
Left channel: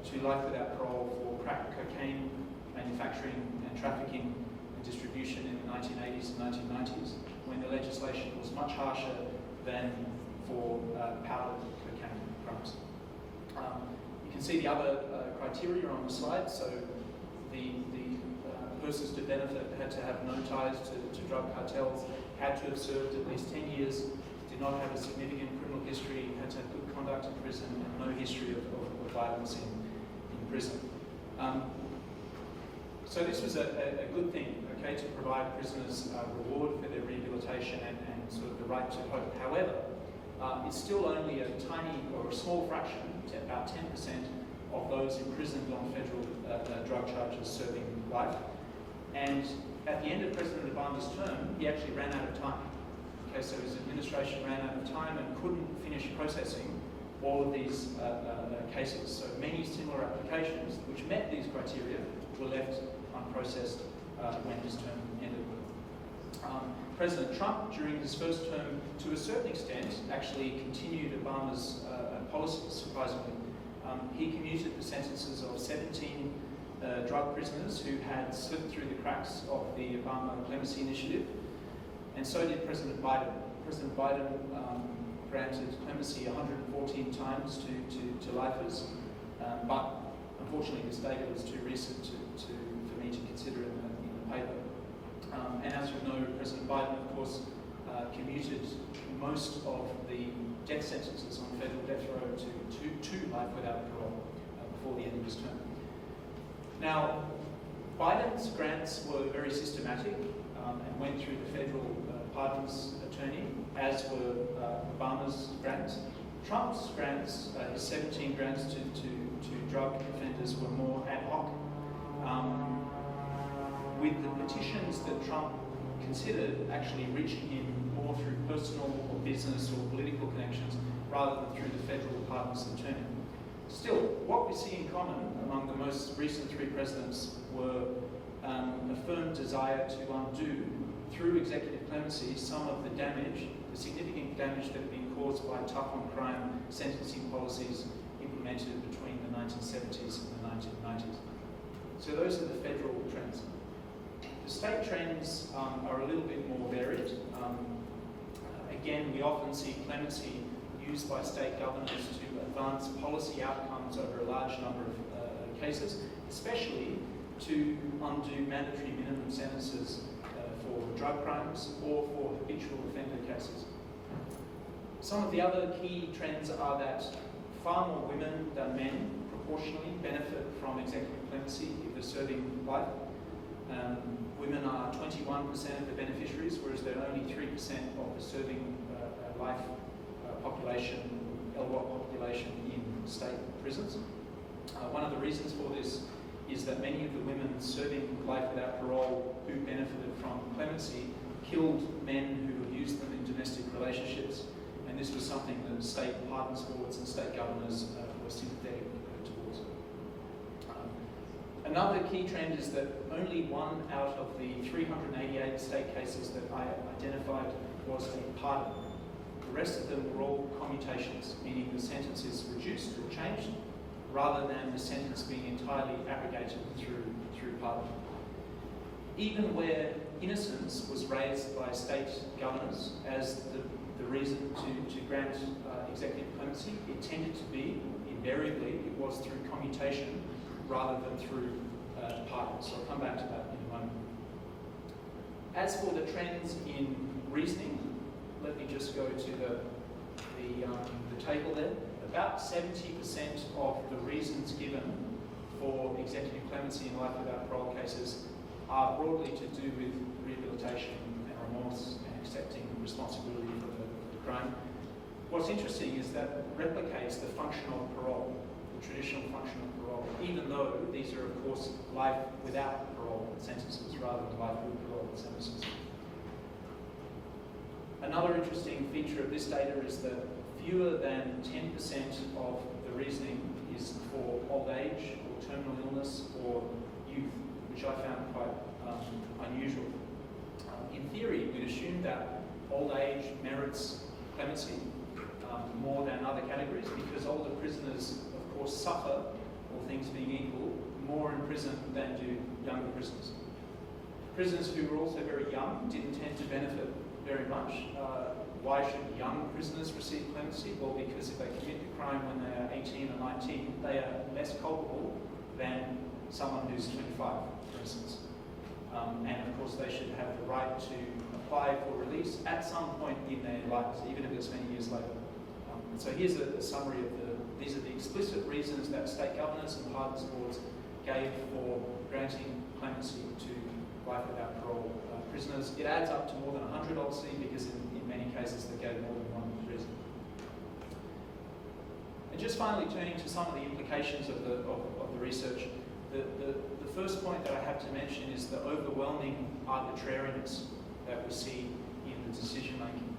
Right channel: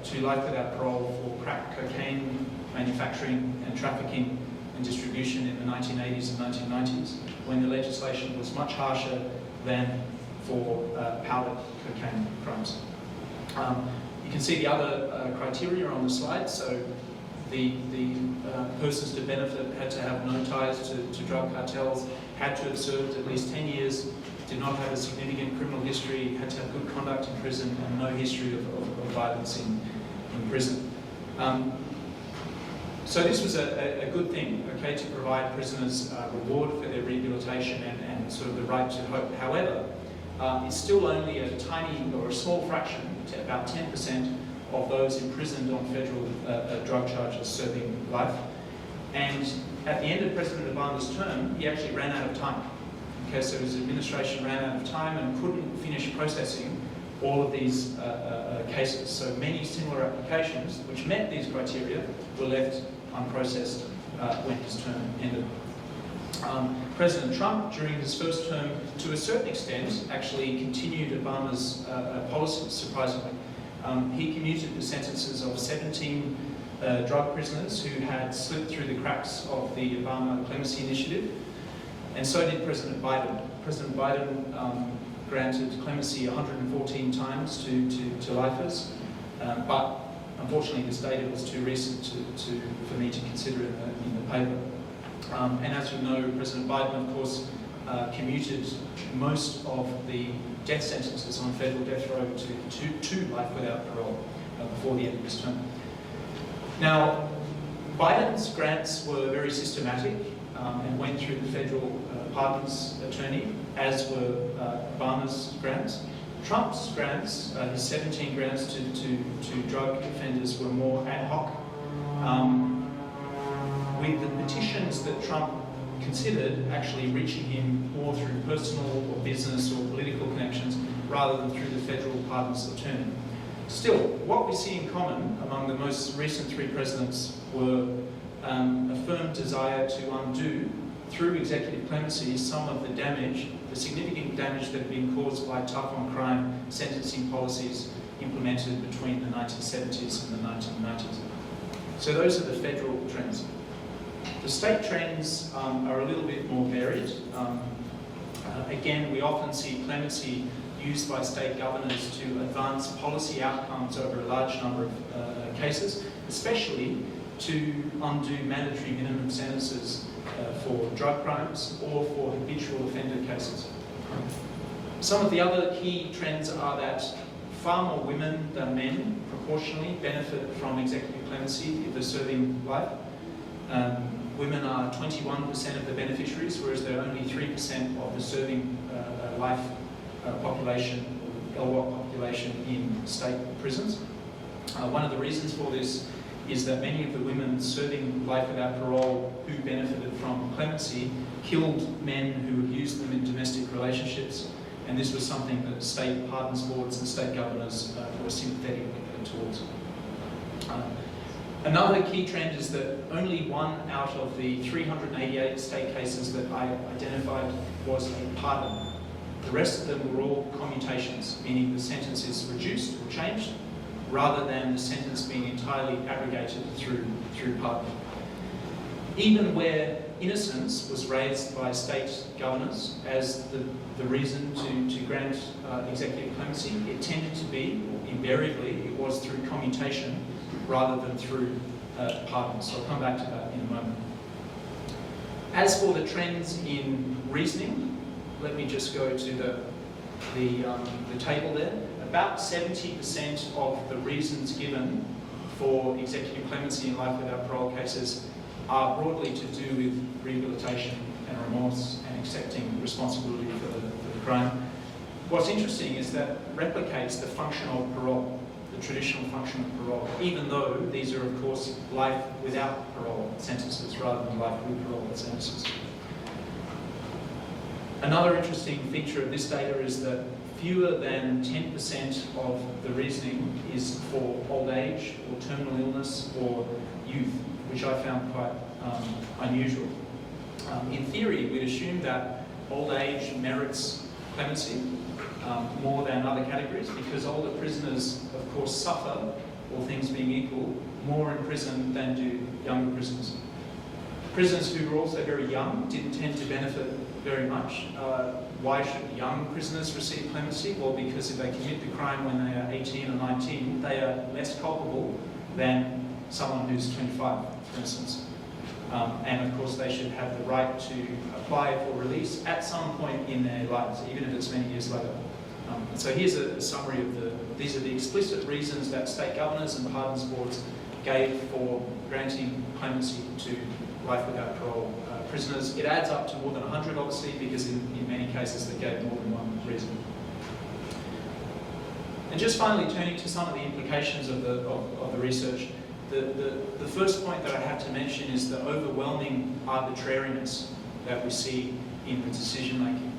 to life without parole for crack cocaine manufacturing and trafficking and distribution in the 1980s and 1990s, when the legislation was much harsher than for powder cocaine crimes. You can see the other criteria on the slide. So the persons to benefit had to have no ties to drug cartels, had to have served at least 10 years, did not have a significant criminal history, had to have good conduct in prison, and no history of violence in prison. So this was a good thing, okay, to provide prisoners reward for their rehabilitation and sort of the right to hope. However, it's still only a tiny or a small fraction, about 10% of those imprisoned on federal drug charges serving life. And at the end of President Obama's term, he actually ran out of time. Okay, so his administration ran out of time and couldn't finish processing all of these cases. So many similar applications which met these criteria were left unprocessed when his term ended. President Trump, during his first term, to a certain extent, actually continued Obama's policies, surprisingly. He commuted the sentences of 17 drug prisoners who had slipped through the cracks of the Obama clemency initiative, and so did President Biden. President Biden granted clemency 114 times to lifers, but Unfortunately, this data was too recent for me to consider in the paper. And as you know, President Biden, of course, commuted most of the death sentences on federal death row to life without parole before the end of this term. Now, Biden's grants were very systematic and went through the federal pardons attorney, as were Obama's grants. Trump's grants, his 17 grants to drug offenders, were more ad hoc, with the petitions that Trump considered actually reaching him more through personal or business or political connections rather than through the federal pardons attorney. Still, what we see in common among the most recent 3 presidents were a firm desire to undo, through executive clemency, some of the damage, the significant damage that had been caused by tough-on-crime sentencing policies implemented between the 1970s and the 1990s. So those are the federal trends. The state trends are a little bit more varied. Again, we often see clemency used by state governors to advance policy outcomes over a large number of cases, especially to undo mandatory minimum sentences for drug crimes or for habitual offender cases. Some of the other key trends are that far more women than men proportionally benefit from executive clemency if they're serving life. Women are 21% of the beneficiaries, whereas they're only 3% of the serving life population, LWOP population in state prisons. One of the reasons for this is that many of the women serving life without parole who benefited from clemency killed men who abused them in domestic relationships, and this was something that state pardons boards and state governors were sympathetic towards. Another key trend is that only 1 out of the 388 state cases that I identified was a pardon. The rest of them were all commutations, meaning the sentence is reduced or changed, rather than the sentence being entirely abrogated through pardon. Even where innocence was raised by state governors as the reason to grant executive clemency, it tended to be, invariably, it was through commutation rather than through pardon. So I'll come back to that in a moment. As for the trends in reasoning, let me just go to the table there. About 70% of the reasons given for executive clemency in life without parole cases are broadly to do with rehabilitation and remorse and accepting responsibility for the crime. What's interesting is that replicates the function of parole, the traditional function of parole, even though these are, of course, life without parole sentences rather than life with parole sentences. Another interesting feature of this data is that fewer than 10% of the reasoning is for old age or terminal illness or youth, which I found quite unusual. In theory, we'd assume that old age merits clemency more than other categories, because older prisoners, of course, suffer, all things being equal, more in prison than do younger prisoners. Prisoners who were also very young didn't tend to benefit very much. Why should young prisoners receive clemency? Well, because if they commit the crime when they are 18 or 19, they are less culpable than someone who's 25, for instance. And of course, they should have the right to apply for release at some point in their lives, even if it's many years later. So here's a summary of these are the explicit reasons that state governors and pardons boards gave for granting clemency to life without parole prisoners. It adds up to more than 100, obviously, because in many cases they gave more than one reason. And just finally, turning to some of the implications of the research, the first point that I have to mention is the overwhelming arbitrariness that we see in the decision making.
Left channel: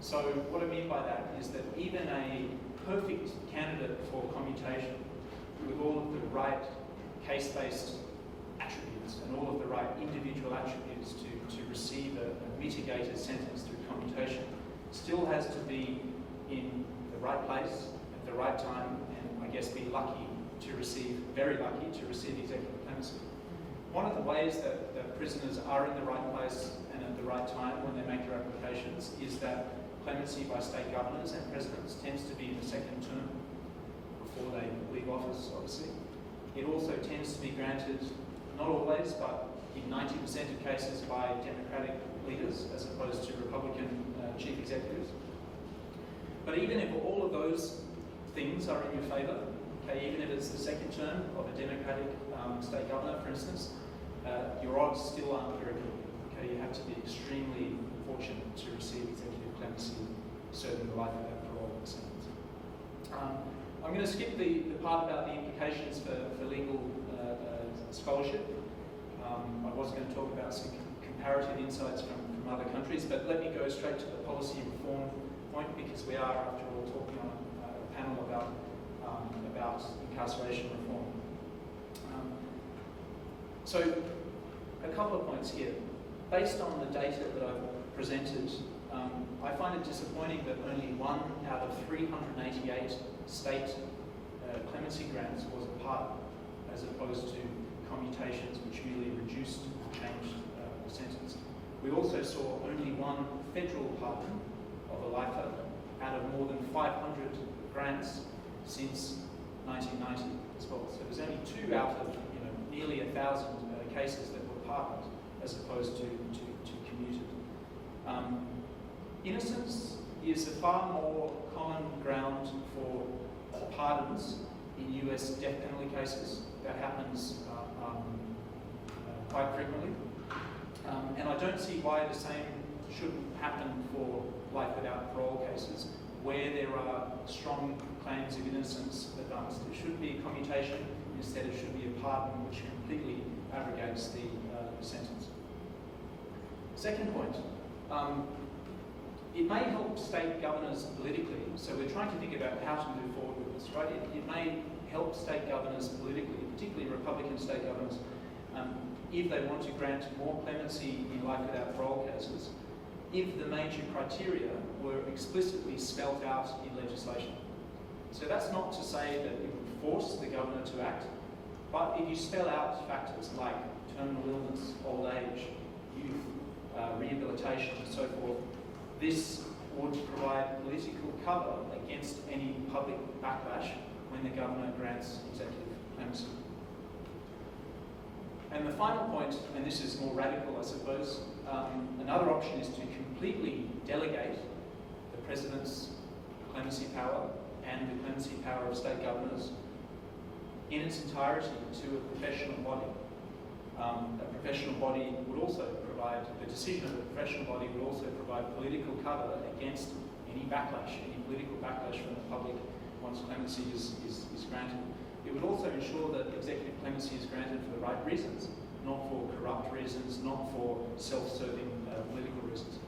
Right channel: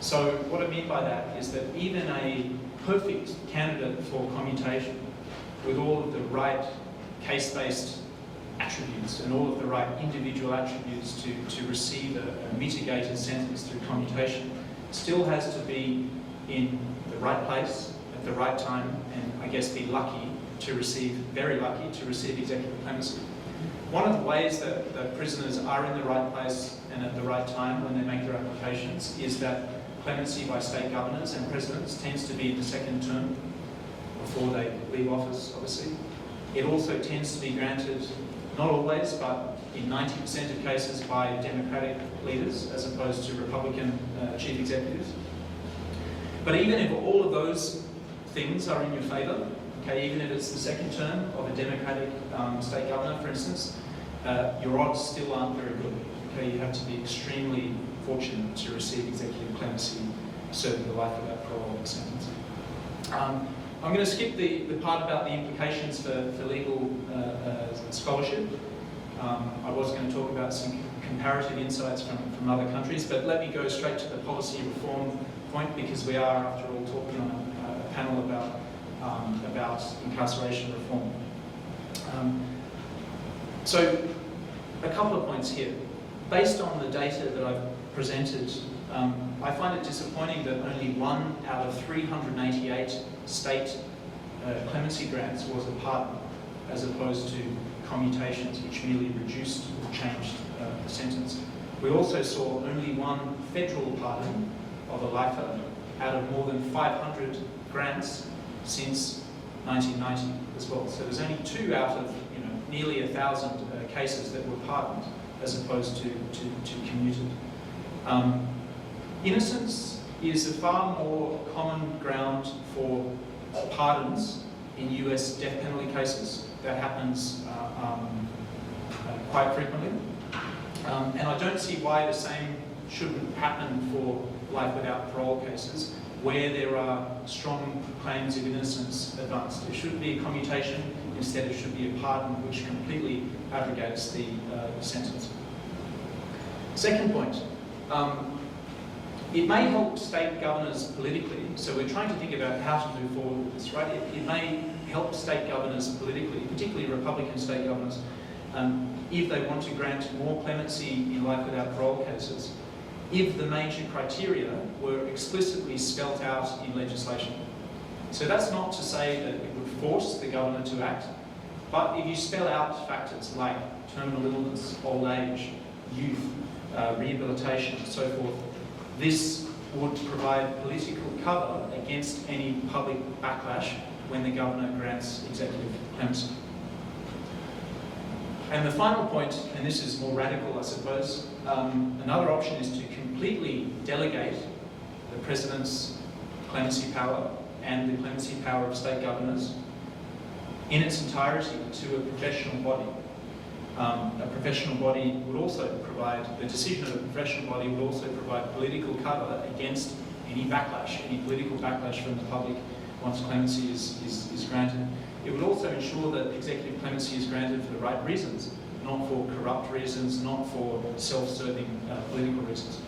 So what I mean by that is that even a perfect candidate for commutation with all of the right case-based attributes and all of the right individual attributes to receive a mitigated sentence through commutation still has to be in the right place at the right time, and I guess be lucky to receive, very lucky to receive executive clemency. One of the ways that prisoners are in the right place and at the right time when they make their applications is that clemency by state governors and presidents tends to be in the second term before they leave office, obviously. It also tends to be granted, not always, but in 90% of cases by Democratic leaders as opposed to Republican chief executives. But even if all of those things are in your favour, okay, even if it's the second term of a Democratic state governor, for instance, your odds still aren't very good. Okay, you have to be extremely fortunate to receive executive clemency, serving the life without parole sentence. I'm going to skip the part about the implications for legal scholarship. I was going to talk about some comparative insights from other countries, but let me go straight to the policy reform point, because we are, after all, talking on a panel about incarceration reform. So, a couple of points here. Based on the data that I've presented, I find it disappointing that only 1 out of 388 state clemency grants was a pardon, as opposed to commutations which merely reduced or changed the sentence. We also saw only 1 federal pardon of a lifer out of more than 500 grants since 1990 as well. So there's only 2 out of nearly 1,000 cases that were pardoned as opposed to commuted. Innocence is a far more common ground for pardons in US death penalty cases. That happens quite frequently. And I don't see why the same shouldn't happen for life without parole cases where there are strong claims of innocence advanced. It shouldn't be a commutation, instead it should be a pardon which completely abrogates the sentence. Second point, it may help state governors politically, so we're trying to think about how to move forward with this, right? It may help state governors politically, particularly Republican state governors, if they want to grant more clemency in life without parole cases, if the major criteria were explicitly spelt out in legislation. So that's not to say that it would force the governor to act, but if you spell out factors like terminal illness, old age, youth, rehabilitation, and so forth, this would provide political cover against any public backlash when the governor grants executive clemency. And the final point, and this is more radical, I suppose, another option is to completely delegate the President's clemency power and the clemency power of state governors in its entirety to a professional body. A professional body would also provide, the decision of a professional body would also provide political cover against any backlash, any political backlash from the public once clemency is granted. It would also ensure that executive clemency is granted for the right reasons, not for corrupt reasons, not for self-serving political reasons.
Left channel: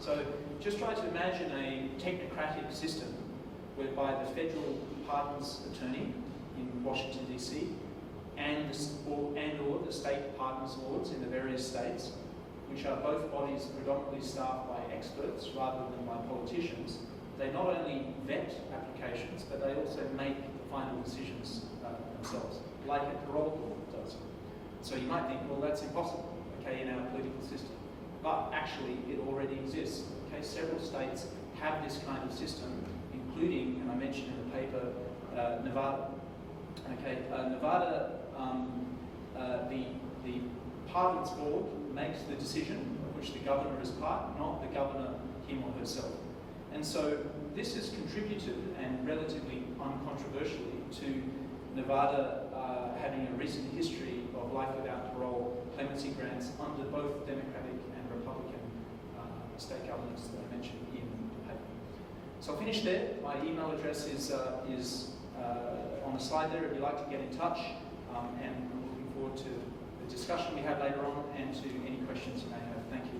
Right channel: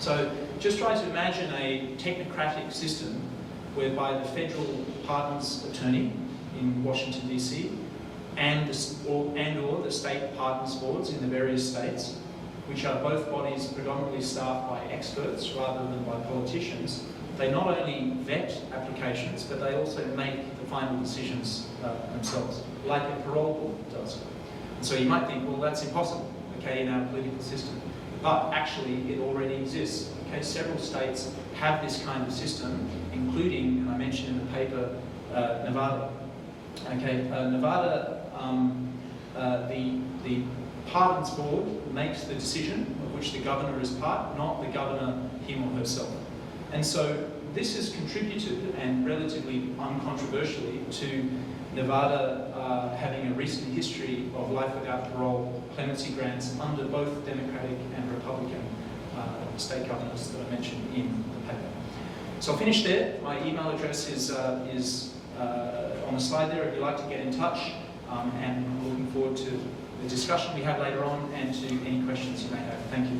So just try to imagine a technocratic system whereby the federal pardons attorney in Washington, D.C., and or the state pardons boards in the various states, which are both bodies predominantly staffed by experts rather than by politicians. They not only vet applications, but they also make the final decisions themselves, like a parole board does. And so you might think, well, that's impossible, okay, in our political system. But actually, it already exists. Okay, several states have this kind of system, including, and I mentioned in the paper, Nevada. Okay, Nevada, the pardons board makes the decision of which the governor is part, not the governor him or herself. And so this has contributed, and relatively uncontroversially, to Nevada having a recent history of life without parole clemency grants under both Democratic and Republican state governors that I mentioned in the paper. So I'll finish there. My email address is on the slide there if you'd like to get in touch, and I'm looking forward to the discussion we have later on and to any questions you may have. Thank you.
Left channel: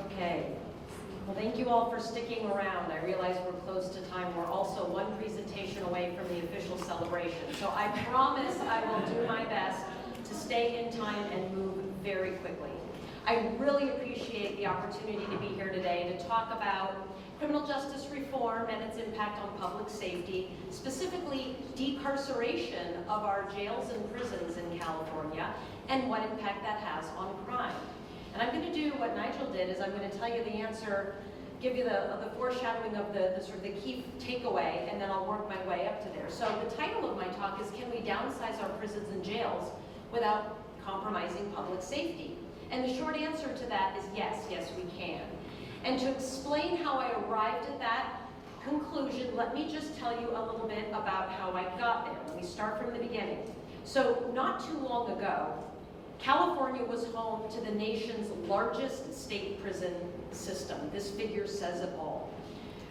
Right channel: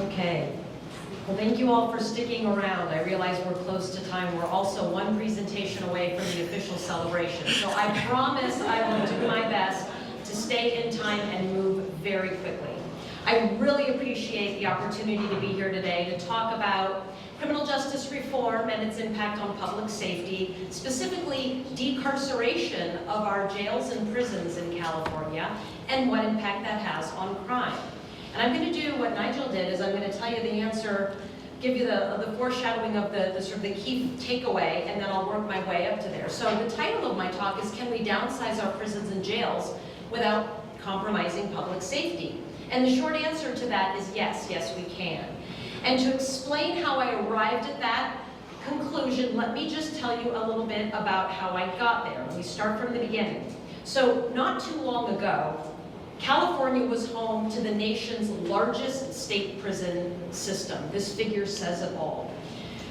Okay. Well, thank you all for sticking around. I realize we're close to time. We're also one presentation away from the official celebration. So I promise I will do my best to stay in time and move very quickly. I really appreciate the opportunity to be here today to talk about criminal justice reform and its impact on public safety, specifically decarceration of our jails and prisons in California, and what impact that has on crime. And I'm going to do what Nigel did, is I'm going to tell you the answer, give you the foreshadowing of the sort of the key takeaway, and then I'll work my way up to there. So the title of my talk is, Can we downsize our prisons and jails without compromising public safety? And the short answer to that is yes, yes we can. And to explain how I arrived at that conclusion, let me just tell you a little bit about how I got there. We start from the beginning. So not too long ago, California was home to the nation's largest state prison system. This figure says it all.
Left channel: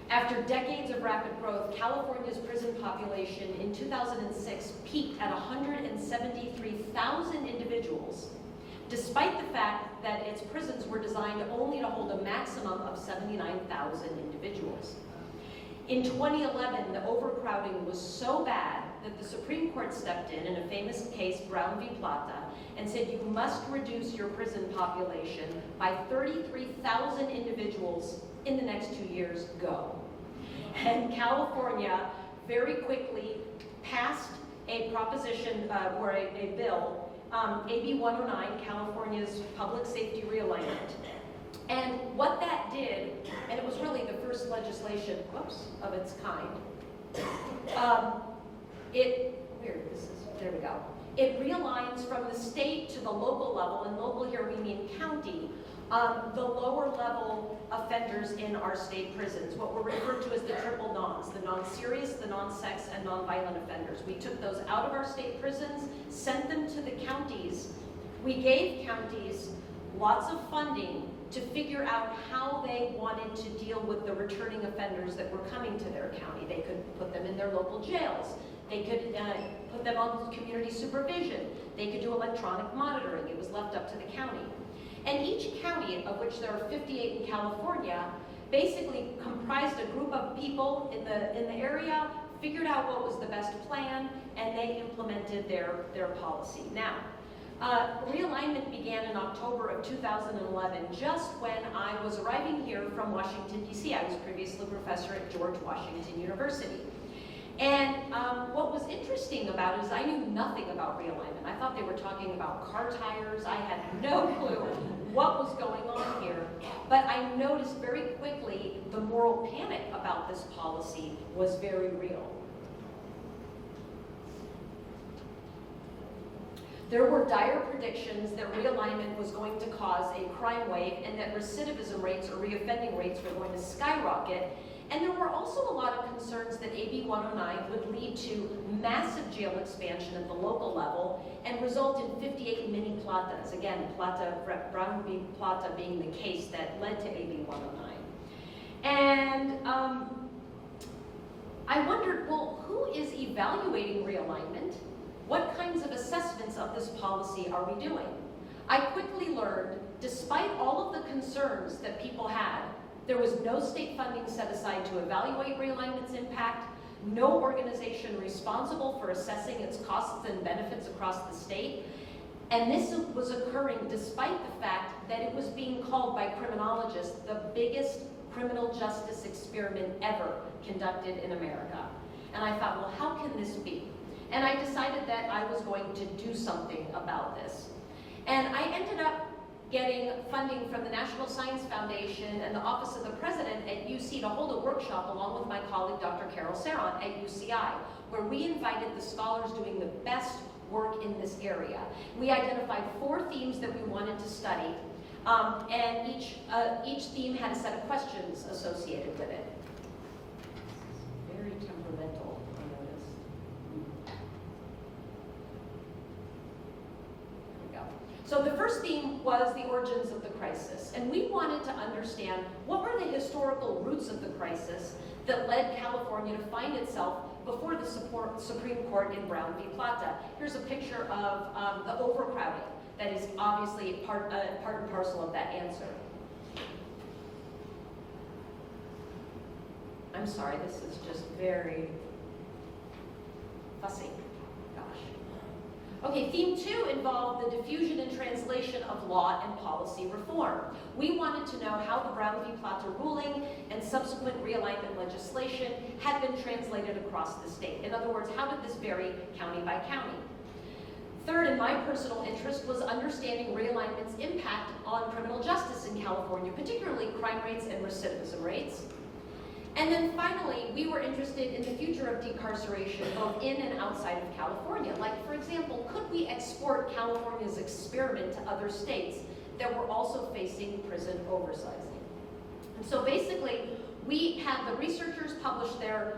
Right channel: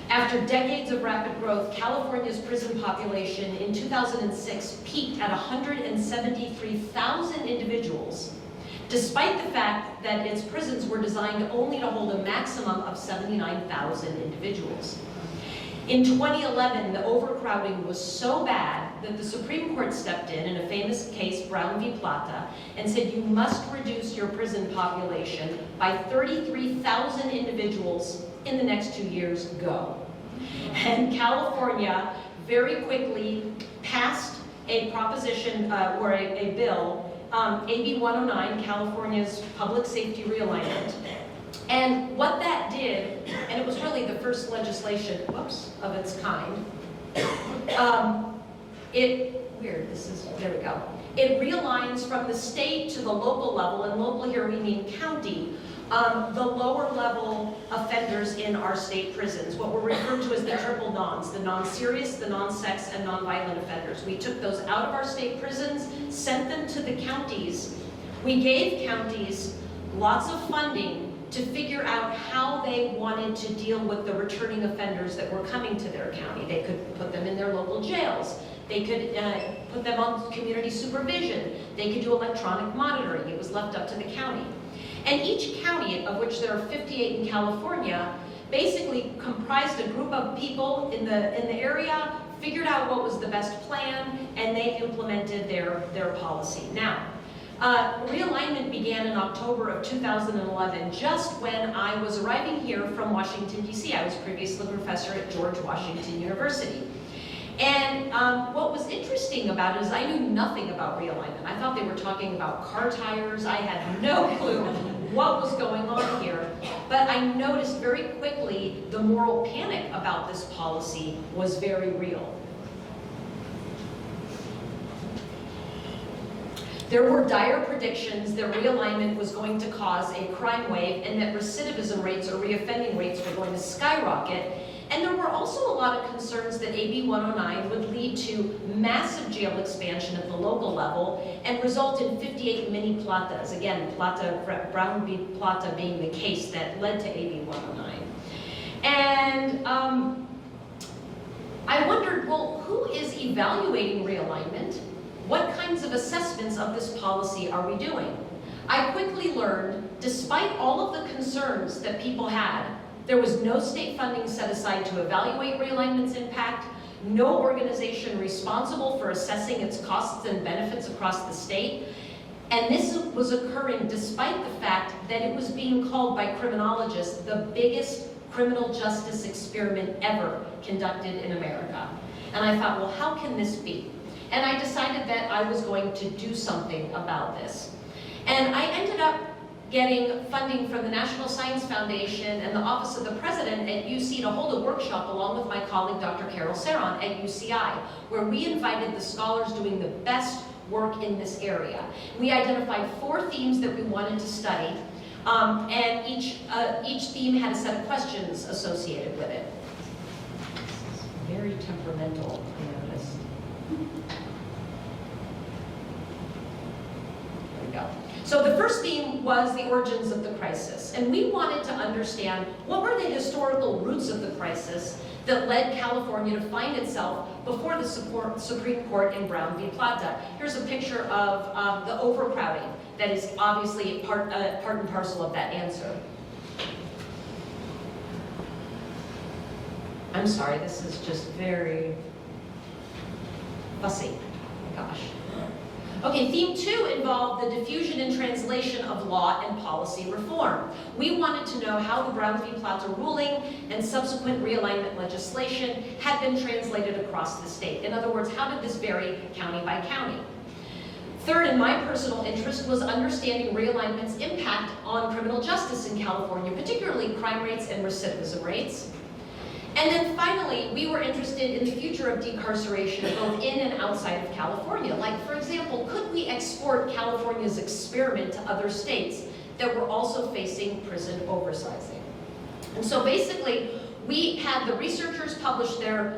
After decades of rapid growth, California's prison population in 2006 peaked at 173,000 individuals, despite the fact that its prisons were designed only to hold a maximum of 79,000 individuals. In 2011, the overcrowding was so bad that the Supreme Court stepped in a famous case, Brown v. Plata, and said you must reduce your prison population by 33,000 individuals in the next 2 years, go. And California very quickly passed a proposition, or a bill, AB 109, California's Public Safety Realignment. And what that did, and it was really the first legislation, of its kind, there we go. It realigns from the state to the local level, and local here we mean county, the lower level offenders in our state prisons, what were referred to as the triple nons, the non-serious, the non-sex, and non-violent offenders. We took those out of our state prisons, sent them to the counties. We gave counties lots of funding to figure out how they wanted to deal with the returning offenders that were coming to their county. They could put them in their local jails. They could put them on community supervision. They could do electronic monitoring. It was left up to the county. And each county, of which there are 58 in California, basically comprised a group of people in the area, figured out what was the best plan, and they implemented their policy. Now, realignment began in October of 2011, just when I was arriving here from Washington, D.C. I was previously a professor at George Washington University. And what was interesting about it is I knew nothing about realignment. I thought they were talking about car tires. I had no clue what was going on here. But I noticed very quickly the moral panic about this policy was very real. There were dire predictions that realignment was going to cause a crime wave and that recidivism rates or reoffending rates were going to skyrocket. And there were also a lot of concerns that AB 109 would lead to massive jail expansion at the local level and result in 58 mini platas. Again, Brown v. Plata being the case that led to AB 109. And I wondered, well, who is evaluating realignment? What kinds of assessments of this policy are we doing? I quickly learned, despite all of the concerns that people had, there was no state funding set aside to evaluate realignment's impact, no organization responsible for assessing its costs and benefits across the state, and this was occurring despite the fact that it was being called by criminologists the biggest criminal justice experiment ever conducted in America. And I thought, well, how can this be? And I decided that I was going to do something about this. And I ended up getting funding from the National Science Foundation and the Office of the President at UC to hold a workshop along with my colleague Dr. Carol Saron at UCI, where we invited the scholars doing the best work in this area. We identified 4 themes that we wanted to study, and each theme had a set of questions associated with it. Very temperamental, I noticed. There we go. So the first theme was the origins of the crisis, and we wanted to understand what were the historical roots of the crisis that led California to find itself before the Supreme Court in Brown v. Plata. Here's a picture of the overcrowding that is obviously part and parcel of that answer. I'm sorry, this is just very fussy. Gosh. Okay, theme 2 involved the diffusion and translation of law and policy reform. We wanted to know how the Brown v. Platter ruling and subsequent realignment legislation had been translated across the state. In other words, how did this vary county by county? Third, and my personal interest, was understanding realignment's impact on criminal justice in California, particularly crime rates and recidivism rates. And then finally, we were interested in the future of decarceration both in and outside of California. Like, for example, could we export California's experiment to other states that were also facing prison oversizing? And so basically, we had the researchers publish their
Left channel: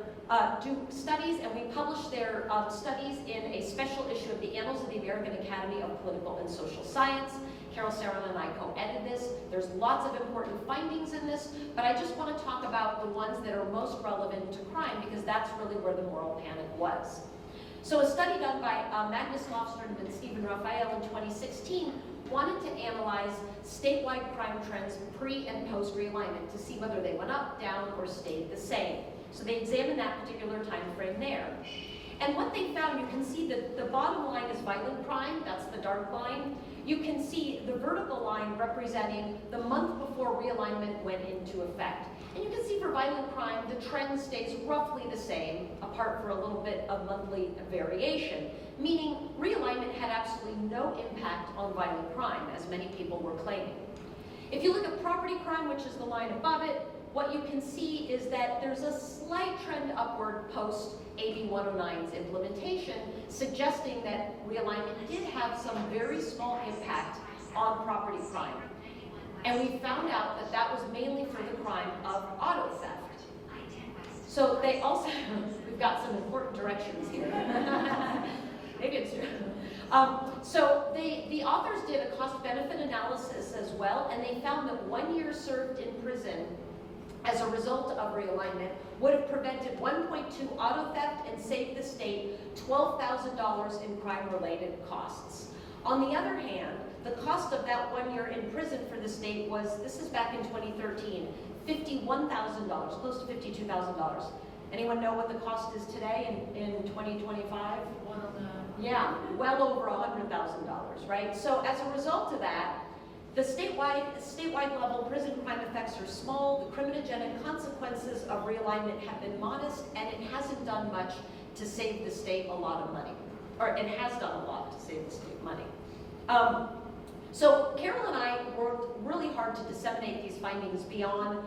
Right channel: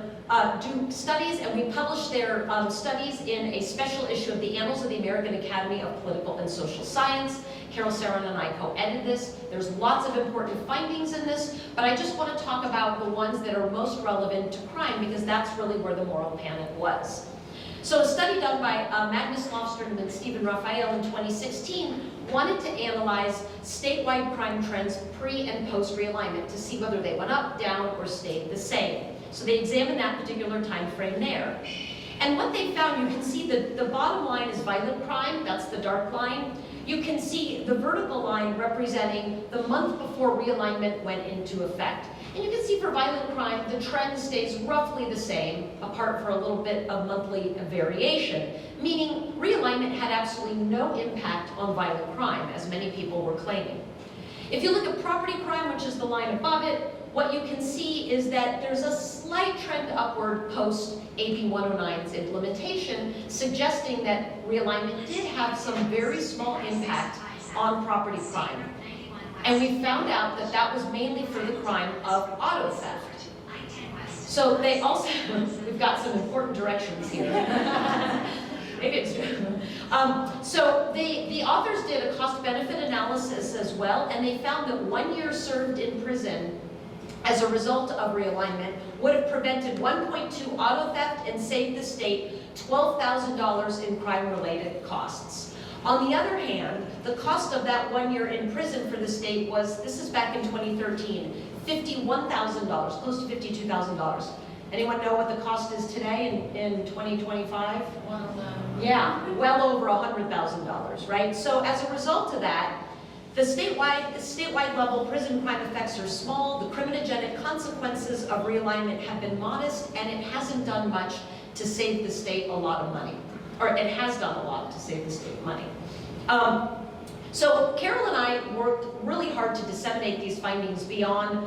do studies, and we published their studies in a special issue of the Annals of the American Academy of Political and Social Science. Carol Saron and I co-edited this. There's lots of important findings in this, but I just want to talk about the ones that are most relevant to crime, because that's really where the moral panic was. So a study done by Magnus Lofstrom and Stephen Raphael in 2016 wanted to analyze statewide crime trends pre and post realignment to see whether they went up, down, or stayed the same. So they examined that particular time frame there. And what they found, you can see the bottom line is violent crime, that's the dark line. You can see the vertical line representing the month before realignment went into effect. And you can see for violent crime, the trend stays roughly the same, apart for a little bit of monthly variation, meaning realignment had absolutely no impact on violent crime, as many people were claiming. If you look at property crime, which is the line above it, what you can see is that there's a slight trend upward post AB 109's implementation, suggesting that realignment did have some very small impact on property crime. And we found out that that was mainly for the crime of auto theft. So they also, we've got some important directions here. Maybe it's true. So the authors did a cost-benefit analysis as well, and they found that 1 year served in prison as a result of realignment would have prevented 1.2 auto theft and saved the state $12,000 in crime-related costs. On the other hand, the cost of that 1 year in prison for the state was, this is back in 2013, $51,000, close to $52,000. Anyone know what the cost is today in 2025? Yeah, well over $100,000, right? So as a result of that, the statewide level prison crime effects are small, the criminogenic consequences of realignment have been modest, and it hasn't done much to save the state a lot of money. Or it has done a lot to save the state money. So Carol and I worked really hard to disseminate these findings beyond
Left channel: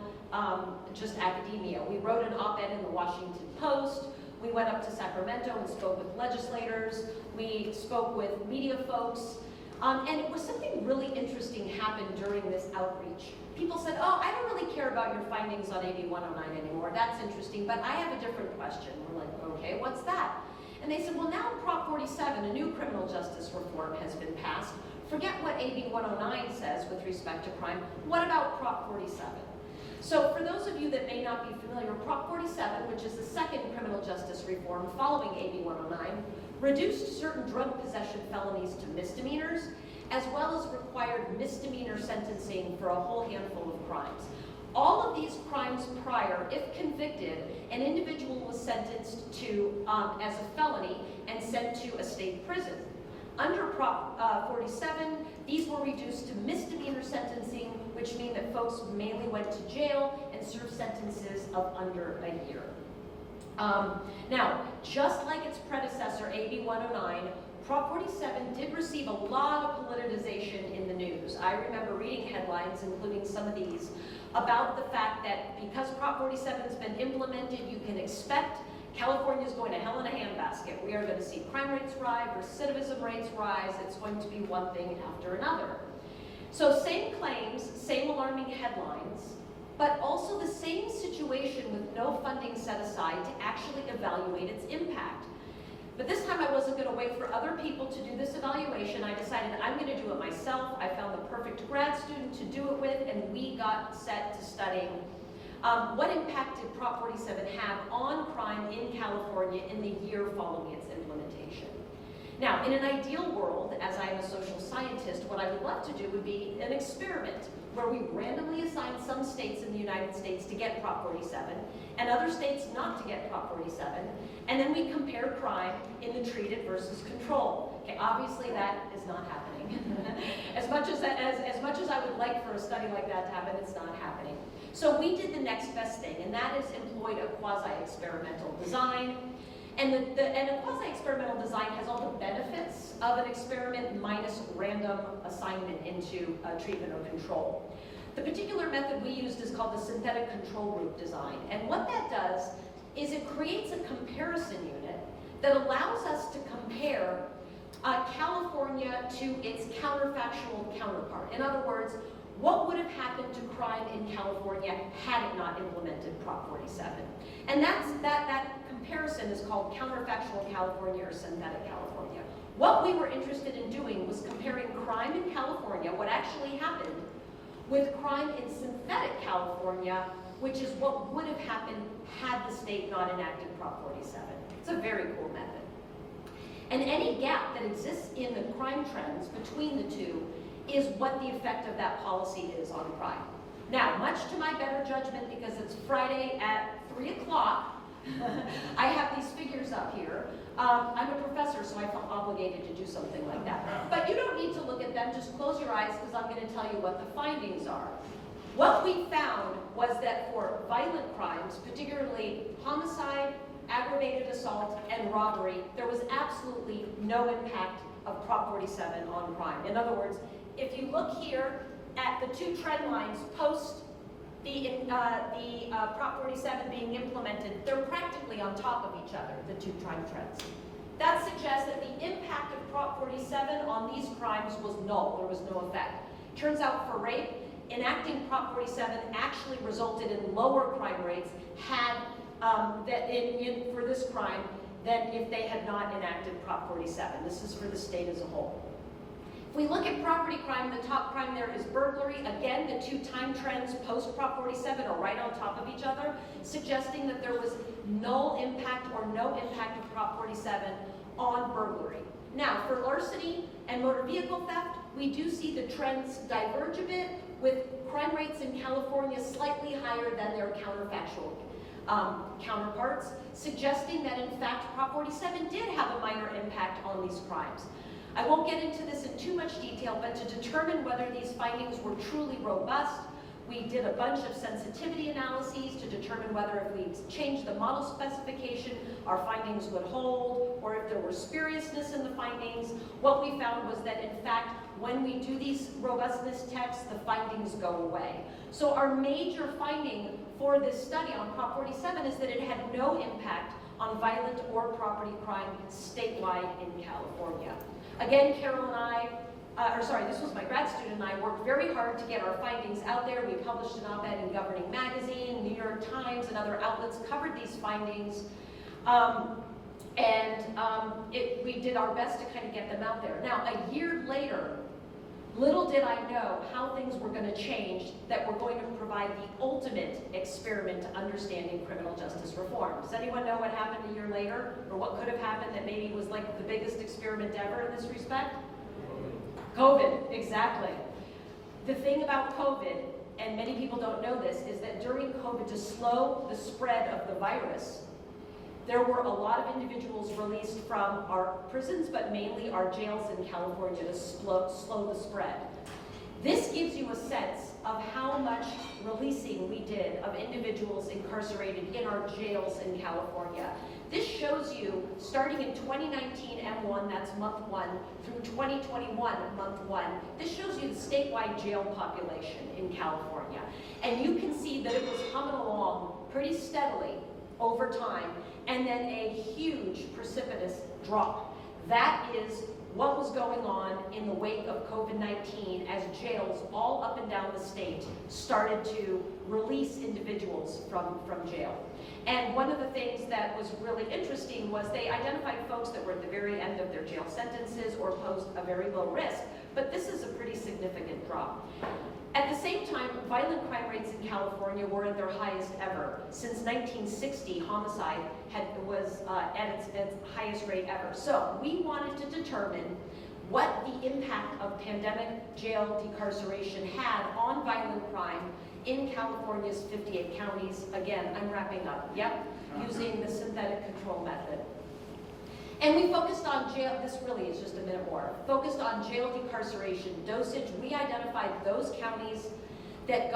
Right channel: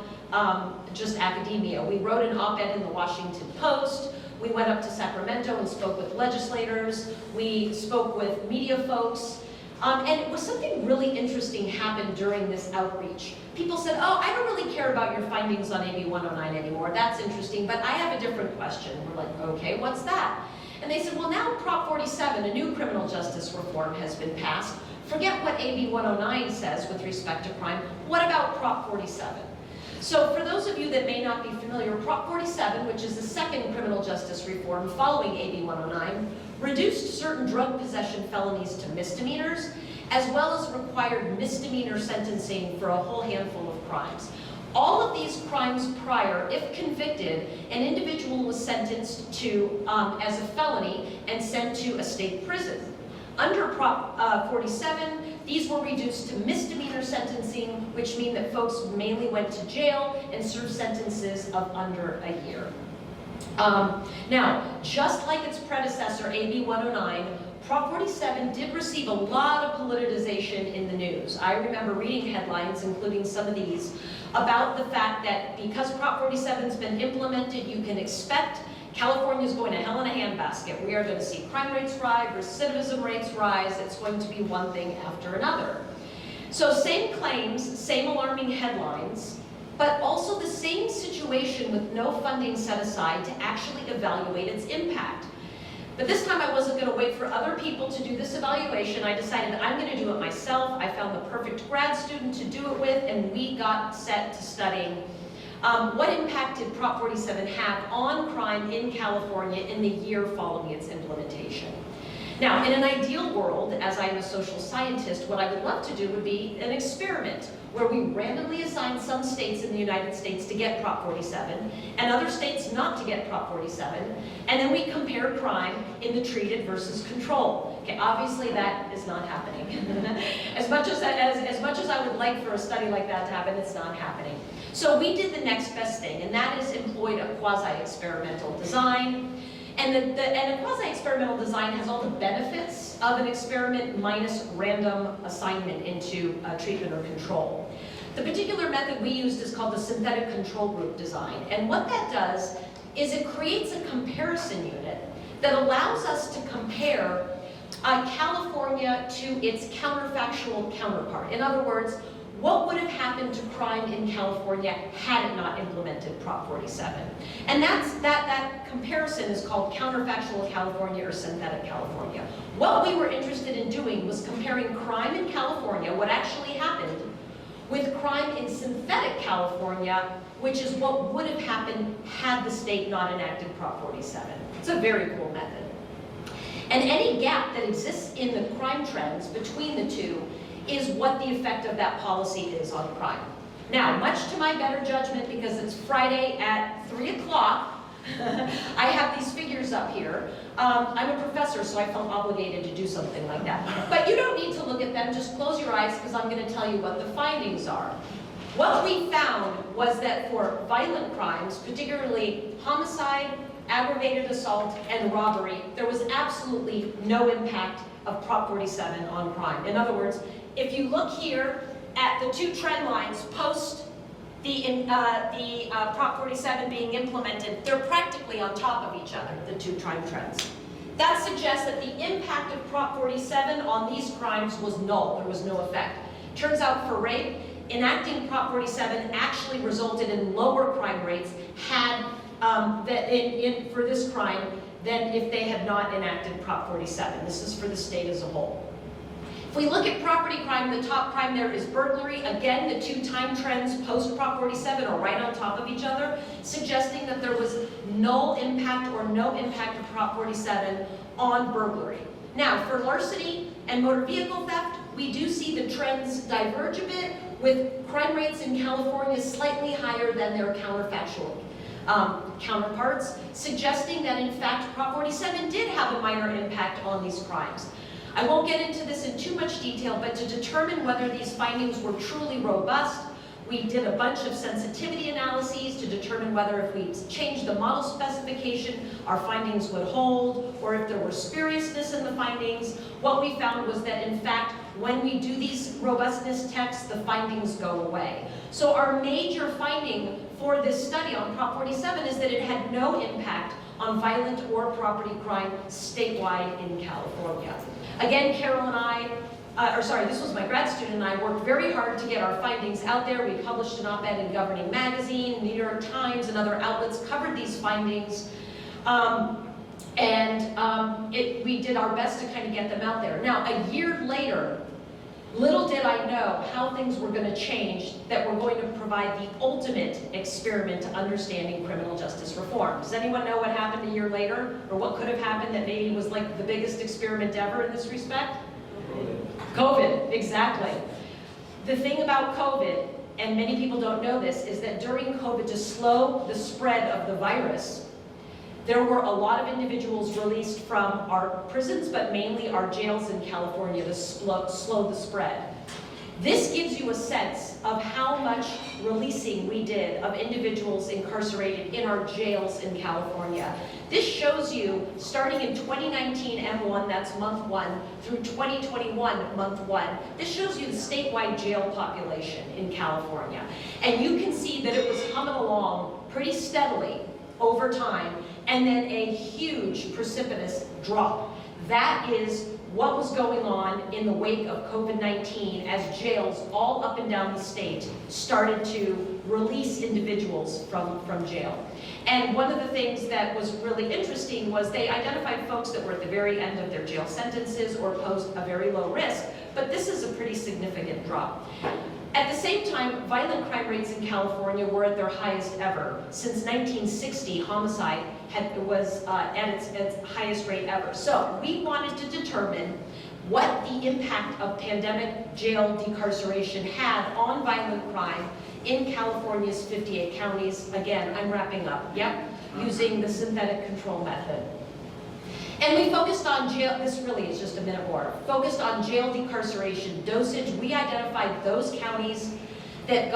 just academia. We wrote an op-ed in the Washington Post. We went up to Sacramento and spoke with legislators. We spoke with media folks. And it was something really interesting happened during this outreach. People said, oh, I don't really care about your findings on AB 109 anymore. That's interesting, but I have a different question. We're like, okay, what's that? And they said, well, now Prop 47, a new criminal justice reform, has been passed. Forget what AB 109 says with respect to crime. What about Prop 47? So for those of you that may not be familiar, Prop 47, which is the second criminal justice reform following AB 109, reduced certain drug possession felonies to misdemeanors, as well as required misdemeanor sentencing for a whole handful of crimes. All of these crimes prior, if convicted, an individual was sentenced to as a felony and sent to a state prison. Under Prop 47, these were reduced to misdemeanor sentencing, which mean that folks mainly went to jail and served sentences of under a year. Now, just like its predecessor, AB 109, Prop 47 did receive a lot of politicization in the news. I remember reading headlines, including some of these, about the fact that because Prop 47's been implemented, you can expect California's going to hell in a handbasket. We are going to see crime rates rise, recidivism rates rise. It's going to be one thing after another. So same claims, same alarming headlines, but also the same situation with no funding set aside to actually evaluate its impact. But this time I wasn't going to wait for other people to do this evaluation. I decided I'm going to do it myself. I found the perfect grad student to do it with, and we got set to studying what impact did Prop 47 have on crime in California in the year following its implementation. Now, in an ideal world, as I am a social scientist, what I would love to do would be an experiment where we randomly assign some states in the United States to get Prop 47 and other states not to get Prop 47, and then we compare crime in the treated versus control. Okay, obviously that is not happening. as much as I would like for a study like that to happen, it's not happening. So we did the next best thing, and that is employed a quasi-experimental design. And a quasi-experimental design has all the benefits of an experiment minus random assignment into treatment or control. The particular method we used is called the synthetic control group design. And what that does is it creates a comparison unit that allows us to compare California to its counterfactual counterpart. In other words, what would have happened to crime in California had it not implemented Prop 47? And that comparison is called counterfactual California or synthetic California. What we were interested in doing was comparing crime in California, what actually happened, with crime in synthetic California, which is what would have happened had the state not enacted Prop 47. It's a very cool method. And any gap that exists in the crime trends between the two is what the effect of that policy is on crime. Now, much to my better judgment, because it's Friday at 3 o'clock, I have these figures up here. I'm a professor, so I felt obligated to do something like that. But you don't need to look at them, just close your eyes, because I'm going to tell you what the findings are. What we found was that for violent crimes, particularly homicide, aggravated assault, and robbery, there was absolutely no impact of Prop 47 on crime. In other words, if you look here at the two trend lines post the Prop 47 being implemented, they're practically on top of each other, the two crime trends. That suggests that the impact of Prop 47 on these crimes was null. There was no effect. Turns out for rape, enacting Prop 47 actually resulted in lower crime rates for this crime than if they had not enacted Prop 47. This is for the state as a whole. If we look at property crime, the top crime there is burglary. Again, the two time trends post Prop 47 are right on top of each other, suggesting that there was null impact or no impact of Prop 47 on burglary. Now, for larceny and motor vehicle theft, we do see the trends diverge a bit, with crime rates in California slightly higher than their counterfactual counterparts, suggesting that in fact Prop 47 did have a minor impact on these crimes. I won't get into this in too much detail, but to determine whether these findings were truly robust, we did a bunch of sensitivity analyses to determine whether if we changed the model specification, our findings would hold, or if there were spuriousness in the findings. What we found was that in fact, when we do these robustness tests, the findings go away. So our major finding for this study on Prop 47 is that it had no impact on violent or property crime statewide in California. Again, Carol and I, this was my grad student and I worked very hard to get our findings out there. We published an op-ed in Governing Magazine, New York Times, and other outlets covered these findings. We did our best to kind of get them out there. Now, a year later, little did I know how things were going to change that were going to provide the ultimate experiment to understanding criminal justice reform. Does anyone know what happened a year later, or what could have happened that maybe was like the biggest experiment ever in this respect? COVID, exactly. The thing about COVID, and many people don't know this, is that during COVID, to slow the spread of the virus, there were a lot of individuals released from our prisons, but mainly our jails in California to slow the spread. This gives you a sense of how much releasing we did of individuals incarcerated in our jails in California. This shows you, starting in 2019 M1, that's month 1, through 2021 month 1, this shows you the statewide jail population in California. And you can see that it was humming along pretty steadily over time, and then a huge precipitous drop. That is what was going on in the wake of COVID-19 as jails all up and down the state started to release individuals from jail. And one of the things that was really interesting was they identified folks that were at the very end of their jail sentences or posed a very low risk, but this is a pretty significant drop. At the same time, violent crime rates in California were at their highest ever. Since 1960, homicide was at its highest rate ever. So we wanted to determine what the impact of pandemic jail decarceration had on violent crime in California's 58 counties. Again, I'm wrapping up, yep, using the synthetic control method. And we focused on jail, this really is just a minute more, focused on jail decarceration dosage. We identified those counties that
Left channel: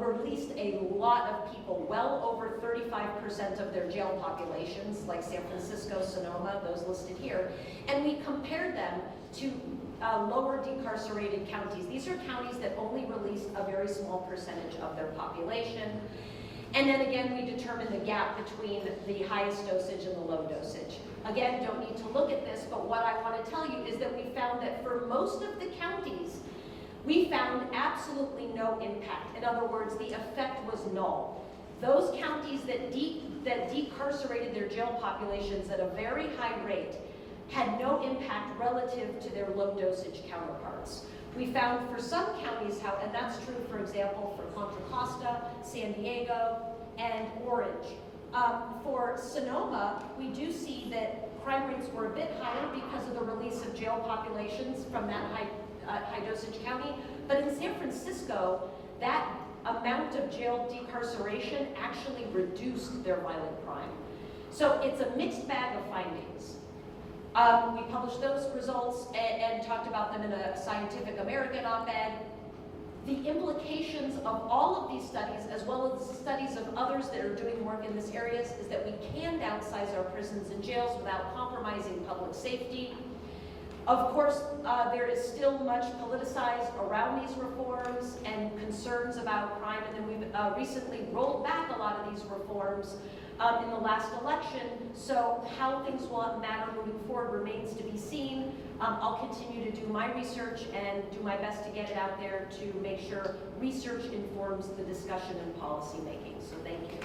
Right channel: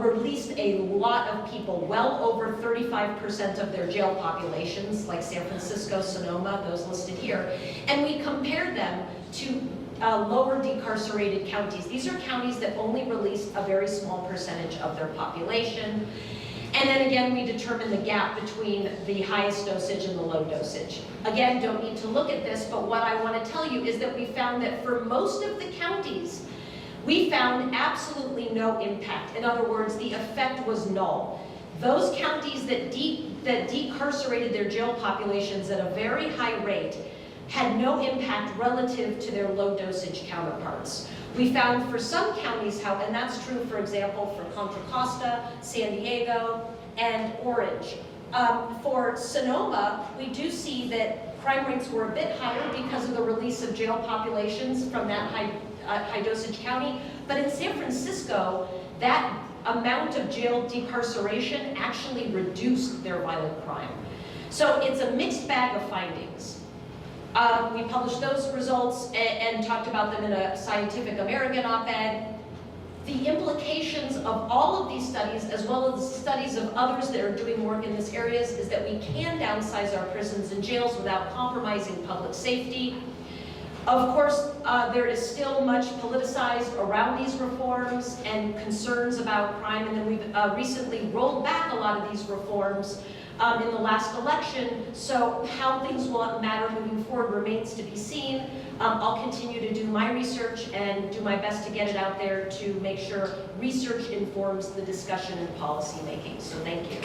released a lot of people, well over 35% of their jail populations, like San Francisco, Sonoma, those listed here. And we compared them to lower decarcerated counties. These are counties that only released a very small percentage of their population. And then again, we determined the gap between the highest dosage and the low dosage. Again, don't need to look at this, but what I want to tell you is that we found that for most of the counties, we found absolutely no impact. In other words, the effect was null. Those counties that decarcerated their jail populations at a very high rate had no impact relative to their low dosage counterparts. We found for some counties, and that's true, for example, for Contra Costa, San Diego, and Orange. For Sonoma, we do see that crime rates were a bit higher because of the release of jail populations from that high dosage county. But in San Francisco, that amount of jail decarceration actually reduced their violent crime. So it's a mixed bag of findings. We published those results and talked about them in a Scientific American op-ed. The implications of all of these studies, as well as studies of others that are doing work in this area, is that we can downsize our prisons and jails without compromising public safety. Of course, there is still much politicized around these reforms and concerns about crime, and then we've recently rolled back a lot of these reforms in the last election, so how things will matter moving forward remains to be seen. I'll continue to do my research and do my best to get it out there to make sure research informs the discussion and policy making. So thank you.